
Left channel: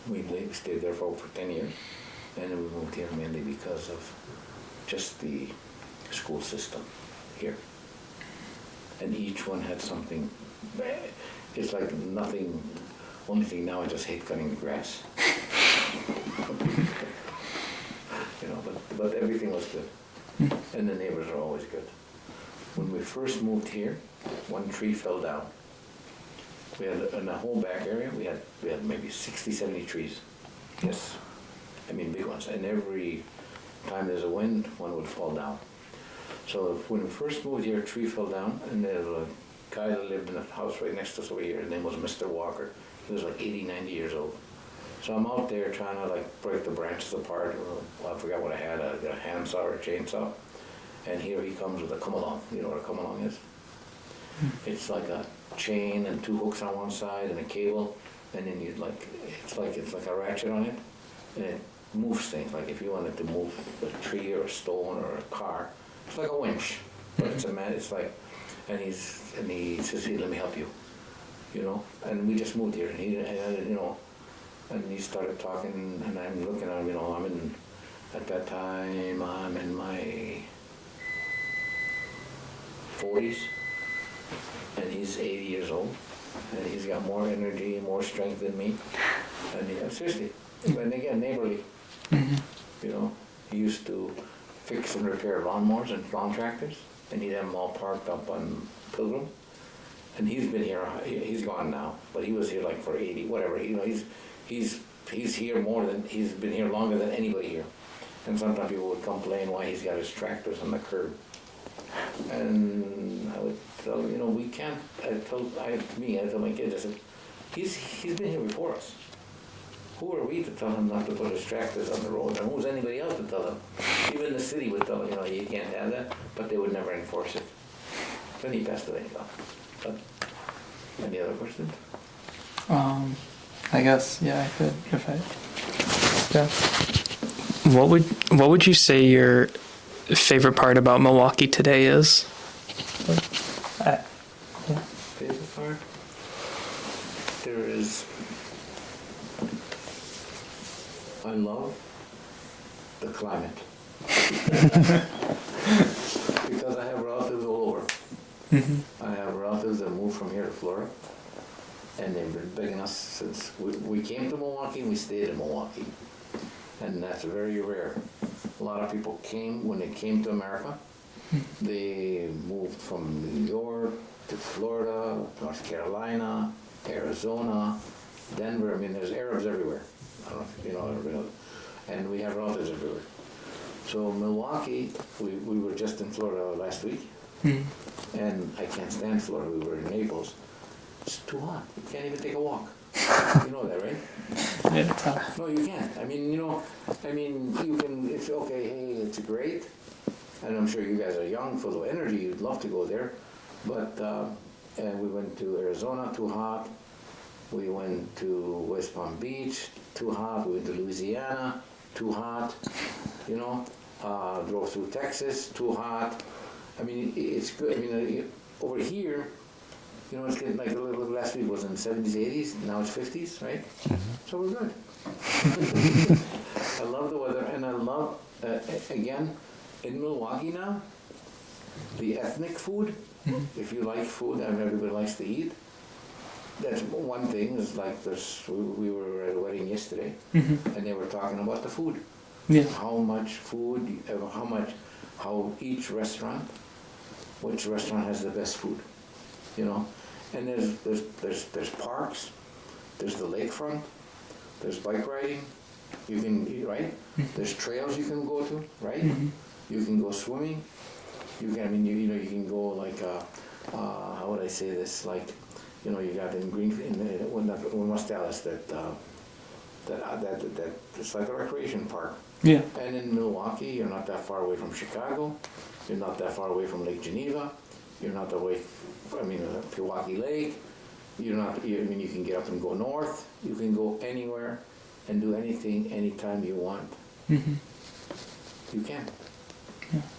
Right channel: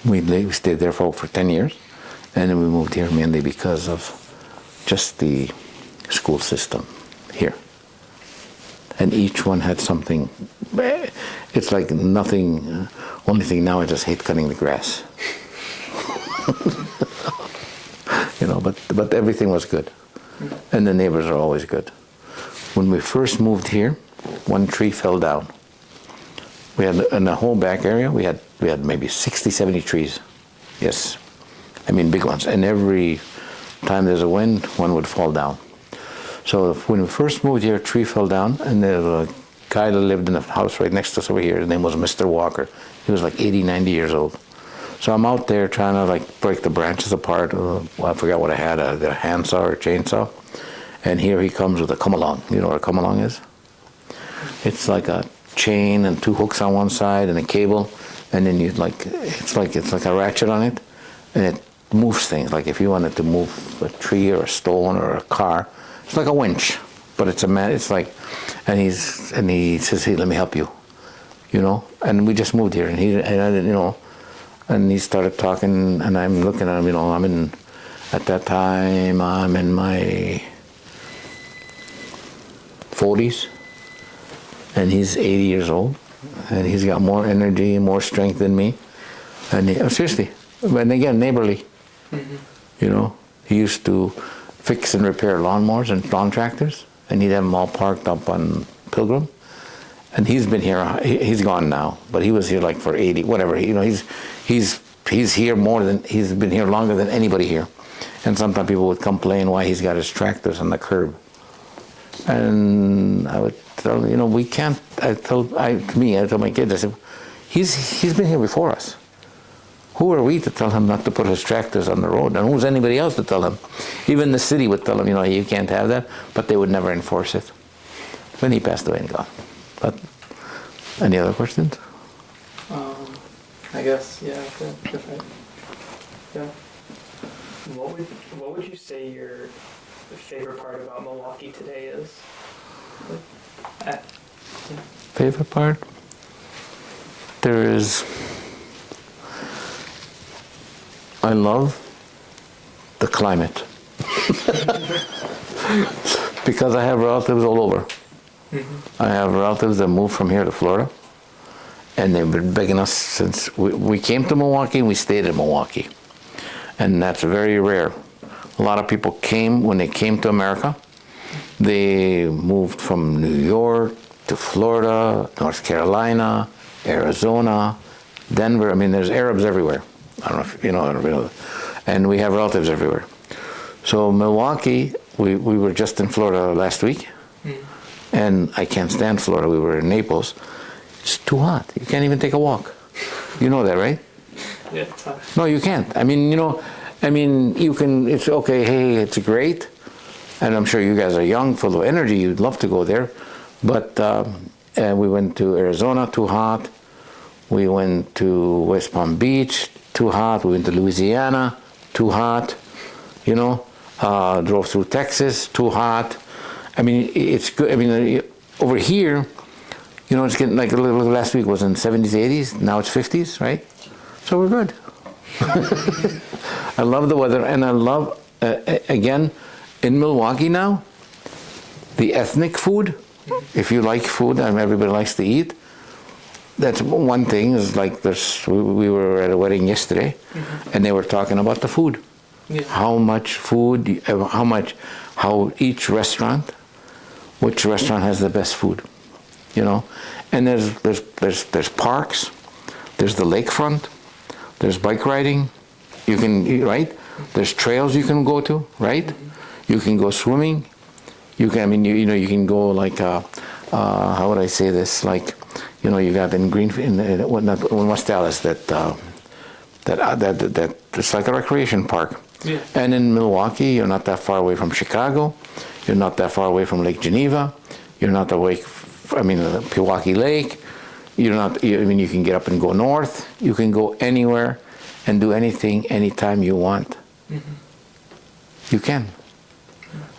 we stayed there for 10 years, and then we moved here mainly because of just the school system here. And each one had something. It's like nothing. Only thing now, I just hate cutting the grass. You know, but everything was good, and the neighbors are always good. When we first moved here, one tree fell down. We had in the whole back area. We had maybe 60, 70 trees. Yes, I mean big ones. And every time there's a wind, one would fall down. So when we first moved here, a tree fell down, and there was a guy that lived in the house right next to us over here. His name was Mr. Walker. He was like 80, 90 years old. So I'm out there trying to like break the branches apart. I forgot what I had, a handsaw or a chainsaw. And here he comes with a come-along. You know what a come-along is? It's like a chain and two hooks on one side and a cable, and then you it's like a ratchet on it, and it moves things. Like if you wanted to move a tree or a stone or a car, it's like a winch, but it's a man. It's like, and he says, "Hey, let me help you," you know. And we just moved here, and I didn't, you know, and he started talking, and I'm looking at him, you know. At that time, I'm in my 40s, and he's 80 years old, and he's got more energy and more strength than me. And seriously, and again, neighborly. You know, he used to fix and repair lawnmowers and lawn tractors, and he'd have them all parked up on Pilgrim. And he's been here. He's gone now, but he was here like for 80, whatever. You know, he's here he's been here longer than anybody here. And sometimes people would complain why he's got his tractors on the curb. And I would tell, you know, we can't. I tell my kids, I said, he's been here before us. Who are we to tell him not to put his tractors on the road? And who's anybody else to tell him? Even the city would tell him, you know, you can't have that, but they would never enforce it. When he passed away and gone. But any other questions? I guess, yeah, I could, if I, yeah. What would you say your favorite part about Milwaukee today is? Favorite part? I love the climate. because I have relatives all over. I have relatives that moved from here to Florida, and they've been begging us since we came to Milwaukee and we stayed in Milwaukee. And that's very rare. A lot of people came, when they came to America, they moved from New York to Florida, North Carolina, Arizona, Denver. I mean, there's Arabs everywhere. I don't know if you know, and we have relatives everywhere. So Milwaukee, we were just in Florida last week, and I can't stand Florida. We were in Naples. It's too hot. You can't even take a walk. You know that, right? Yeah. No, you can't. I mean, you can, it's okay, hey, it's great. And I'm sure you guys are young, full of energy. You'd love to go there. But we went to Arizona, too hot. We went to West Palm Beach, too hot. We went to Louisiana, too hot. Drove through Texas, too hot. I mean, it's good. I mean, over here, it's getting like last week was in 70s, 80s. Now it's 50s, right? So we're good. I love the weather, and I love, again, in Milwaukee now, the ethnic food. If you like food, and everybody likes to eat, that's one thing. Is like we were at a wedding yesterday, and they were talking about the food. Yeah. How much food, how each restaurant, which restaurant has the best food, And there's parks, there's the lakefront, there's bike riding, right? There's trails you can go to, right? You can go swimming. You can, you can go like, how would I say this? Like, you got in West Dallas that it's like a recreation park. Yeah. And in Milwaukee, you're not that far away from Chicago. You're not that far away from Lake Geneva. You're not away, Pewaukee Lake. You're not, you can get up and go north. You can go anywhere and do anything, anytime you want. You can.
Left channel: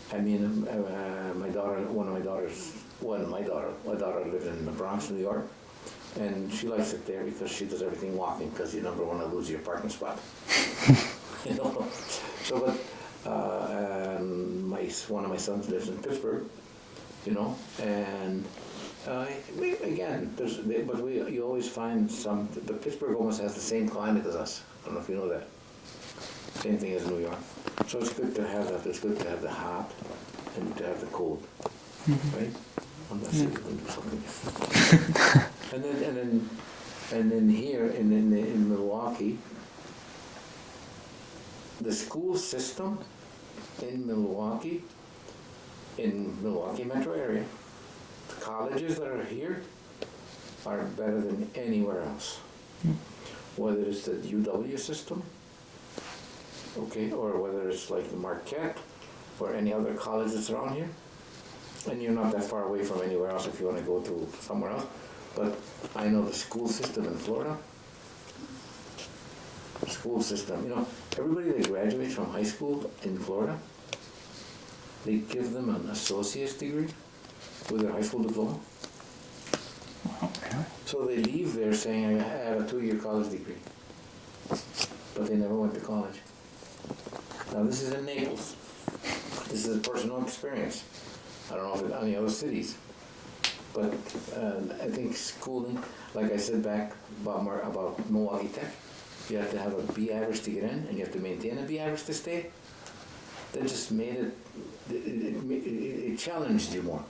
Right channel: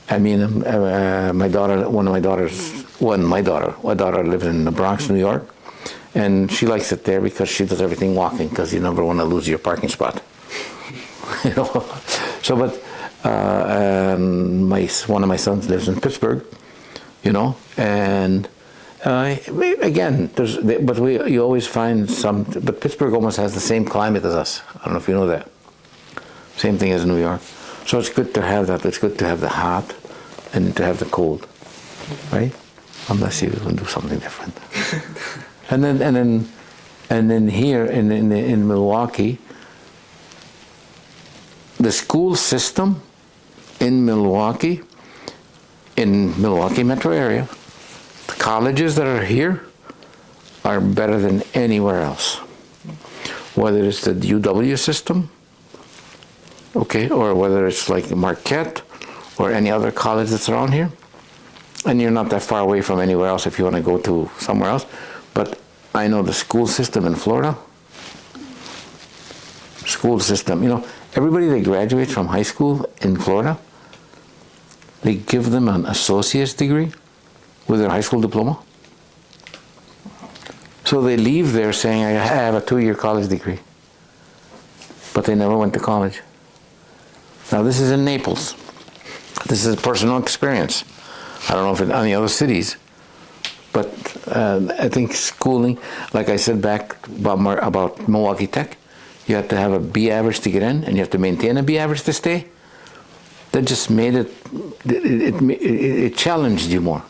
I mean, my daughter lives in the Bronx, New York, and she likes it there because she does everything walking, because you never want to lose your parking spot. So, but one of my sons lives in Pittsburgh, and again, you always find but Pittsburgh almost has the same climate as us. I don't know if you know that. Same thing as New York. So it's good to have that. It's good to have the hot and to have the cold, right? Unless you can do something different. and then here in Milwaukee, the school system in Milwaukee metro area, the colleges that are here are better than anywhere else. Whether it's the UW system, okay, or whether it's like Marquette or any other college that's around here, and you're not that far away from anywhere else if you want to go to somewhere else. But I know the school system in Florida, everybody that graduates from high school in Florida, they give them an associate's degree with their high school diploma. So they leave there saying, I have a 2-year college degree, but they never went to college. Now this is in Naples. This is a personal experience. I don't know if in any other cities, but I think schooling, like I said back about Milwaukee Tech, you have to have a B average to get in, and you have to maintain a B average to stay. That just made it challenged you more.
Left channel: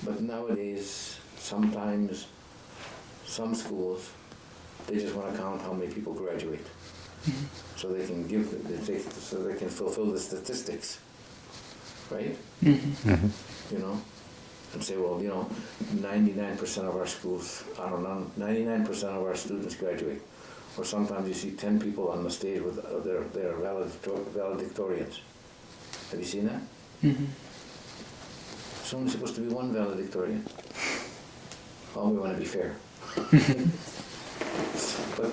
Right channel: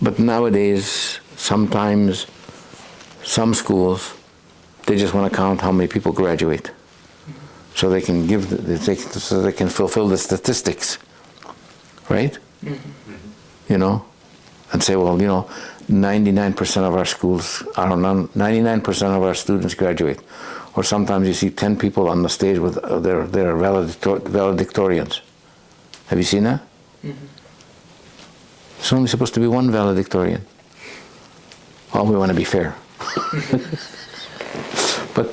But nowadays, sometimes some schools, they just want to count how many people graduate, so they can so they can fulfill the statistics, right? And say, well, 99% of our schools, 99% of our students graduate. Or sometimes you see 10 people on the stage with their valedictorians. Have you seen that? It's only supposed to be one valedictorian. Oh, we want to be fair. But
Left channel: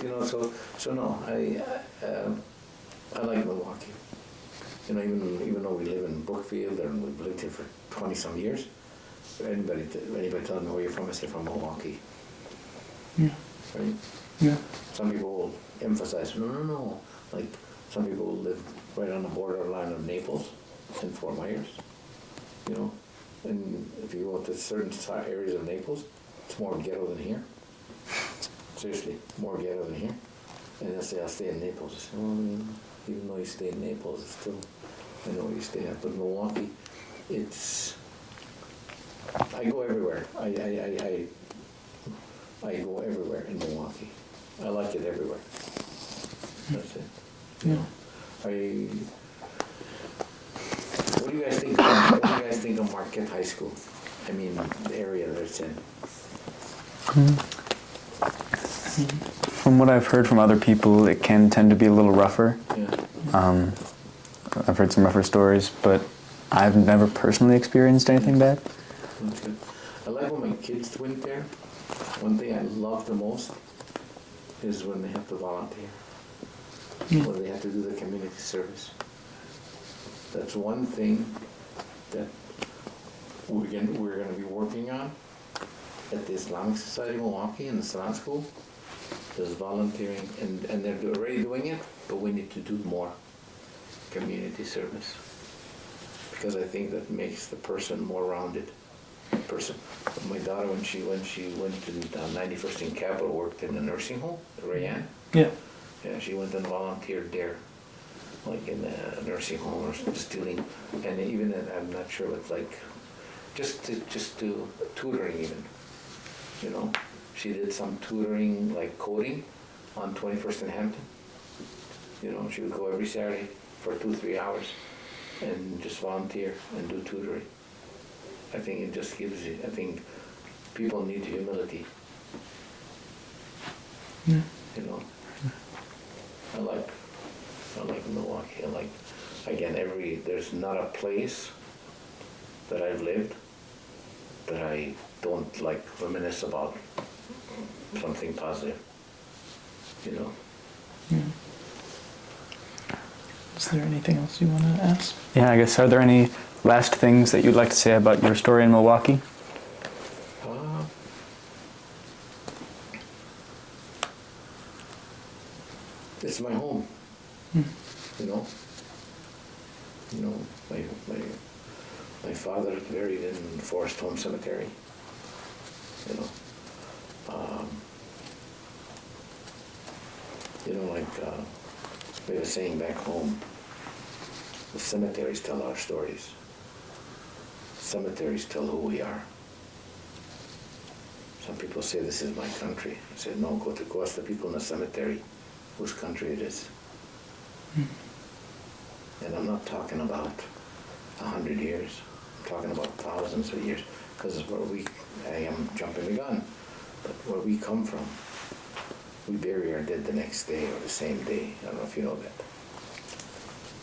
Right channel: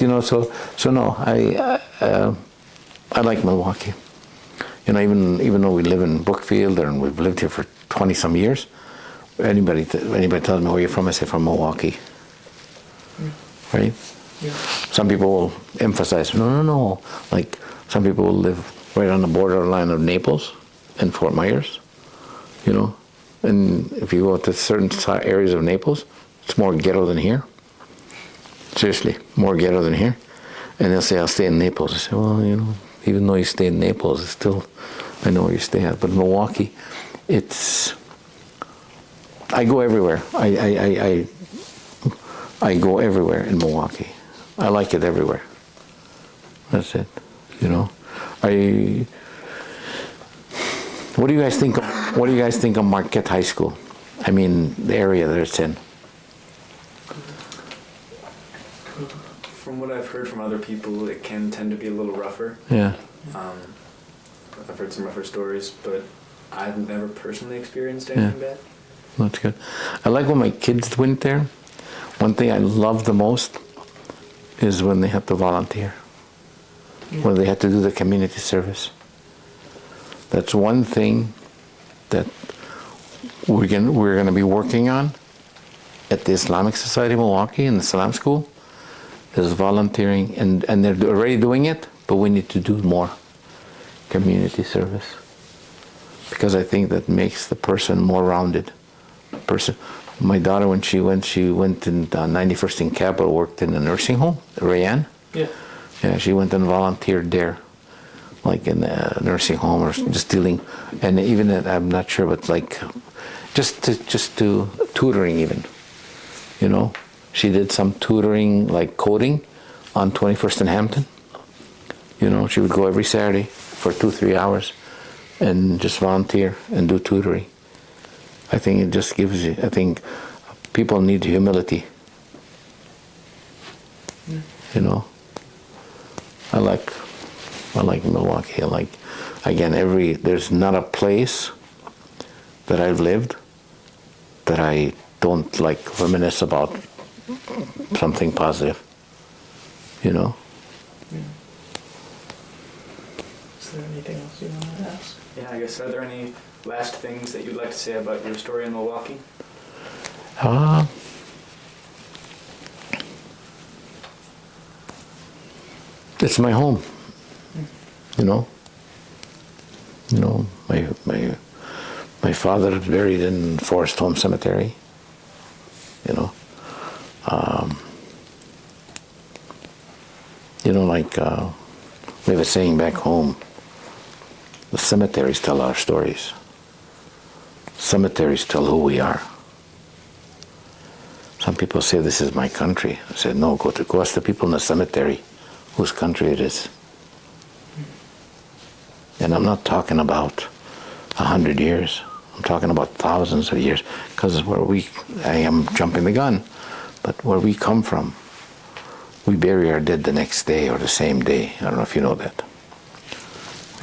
so no, I like Milwaukee. Even though we live in Brookfield and we've lived here for 20 some years, anybody tells me where you're from, I say from Milwaukee. Right? Yeah. Some people will emphasize, no. Like some people will live right on the borderline of Naples and Fort Myers. you know. And if you go to certain areas of Naples, it's more ghetto than here. Seriously, more ghetto than here. And they'll say, I'll stay in Naples. I say, well, you know, even though you stay in Naples, it's still, I know where you stay at. But Milwaukee, it's, I go everywhere. I go everywhere in Milwaukee. I like it everywhere. That's it, you know. What do you guys think? What do you guys think of Marquette High School? I mean, the area that it's in. From what I've heard from other people, it can tend to be a little rougher. Yeah. I've heard some rougher stories, but I've never personally experienced anything bad. That's good. I like when my kids went there. One thing I love the most is when they have to volunteer, when they have to do the community service. That's one thing that we're going to be working on at the Islamic Society of Milwaukee in the Salam School, is volunteering, and they're already doing it, but we need to do more community service, because I think that makes the person more rounded. My daughter, when she went in 91st and Capitol, worked in a nursing home, Rayanne. Yeah. Yeah, she went and volunteered there, like in a nursing home or just dealing, and even I'm not sure, but like just to tutoring even, you know. She did some tutoring, like coding, on 21st and Hampton. You know, she would go every Saturday for 2-3 hours and just volunteer and do tutoring. I think it just gives you, I think people need humility. You know, I like Milwaukee. I like, again, there's not a place that I've lived that I don't like reminisce about something positive, you know. Is there anything else you want to ask? Yeah, I guess, are there any last things that you'd like to say about your story in Milwaukee? It's my home, you know. You know, my father is buried in Forest Home Cemetery, you know. You know, like we have a saying back home, the cemeteries tell our stories. Cemeteries tell who we are. Some people say this is my country. I said, no, go ask the people in the cemetery whose country it is. And I'm not talking about 100 years. I'm talking about thousands of years. Because I am jumping the gun, but where we come from, we bury our dead the next day or the same day. I don't know if you know that.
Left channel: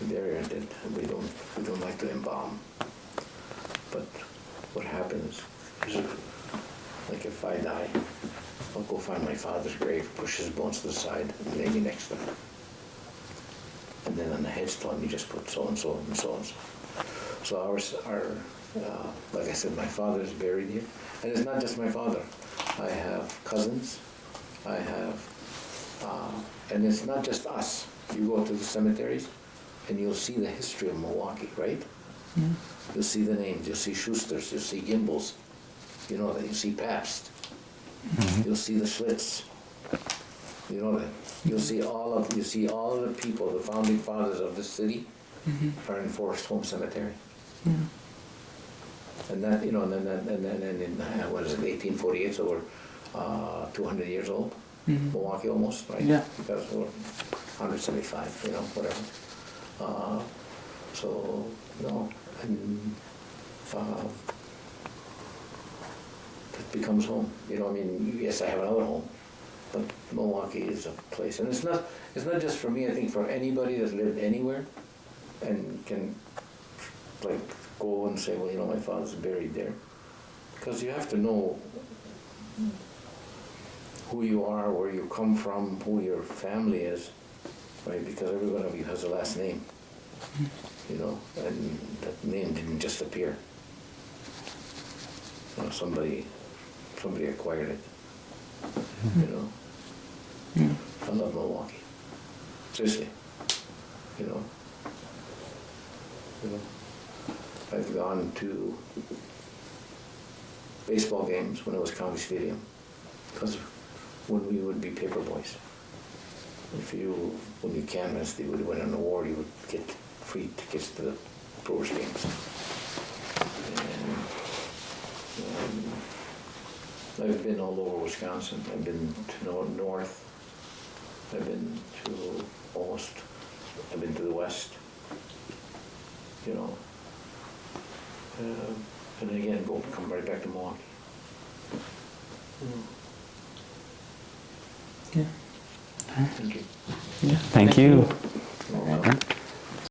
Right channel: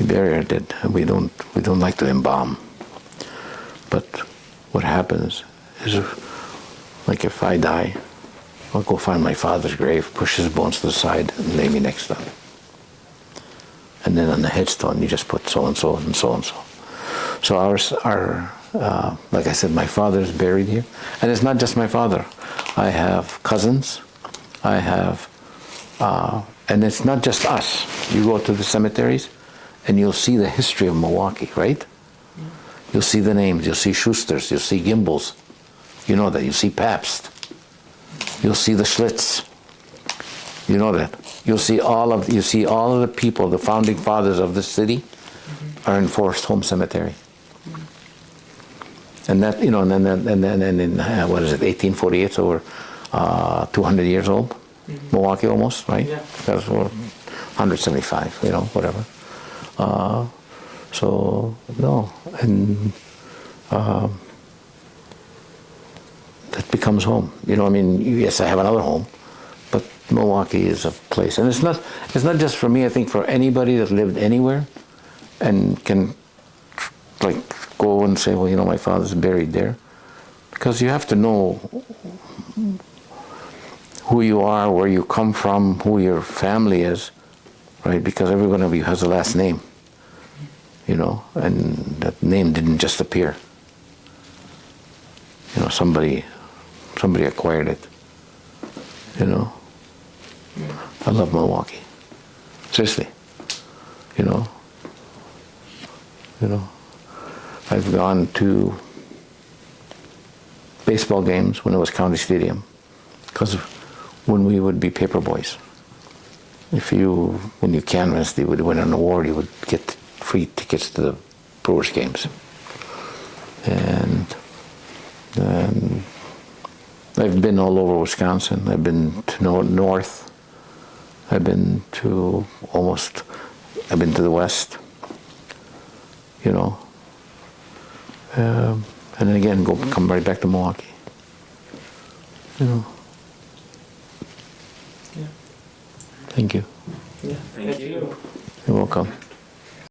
We bury our dead, and we don't like to embalm. But what happens is, like if I die, I'll go find my father's grave, push his bones to the side, and lay me next to him. And then on the headstone, you just put so and so and so and so. So our like I said, my father is buried here, and it's not just my father. I have cousins. I have, and it's not just us. You go to the cemeteries, and you'll see the history of Milwaukee, right? Mm-hmm. You'll see the names. You'll see Schuster's. You'll see Gimbel's. You know that. You see Pabst. Mm-hmm. You'll see the Schlitz. You know that. You see all of the people, the founding fathers of this city, mm-hmm. are in Forest Home Cemetery. Mm-hmm. And that, you know, and then in what is it, 1848? It's over 200 years old. Mm-hmm. Milwaukee almost, right? Yeah. That's 175, you know, whatever. So no, and that becomes home. You know, I mean, yes, I have another home, but Milwaukee is a place, and it's not just for me. I think for anybody that lived anywhere, and can like go and say, well, you know, my father's buried there, because you have to know who you are, where you come from, who your family is, right? Because every one of you has a last name, you know, and that name didn't just appear. You know, somebody acquired it, you know. I love Milwaukee, seriously, you know. I've gone to baseball games when it was County Stadium, because when we would be paper boys, when you canvassed, you would win an award, you would get free tickets to the Brewers games. And I've been all over Wisconsin. I've been to north. I've been to the west, you know. And then again, come right back to Milwaukee, you know. Yeah. Thank you. Yeah. Thank you. You're welcome.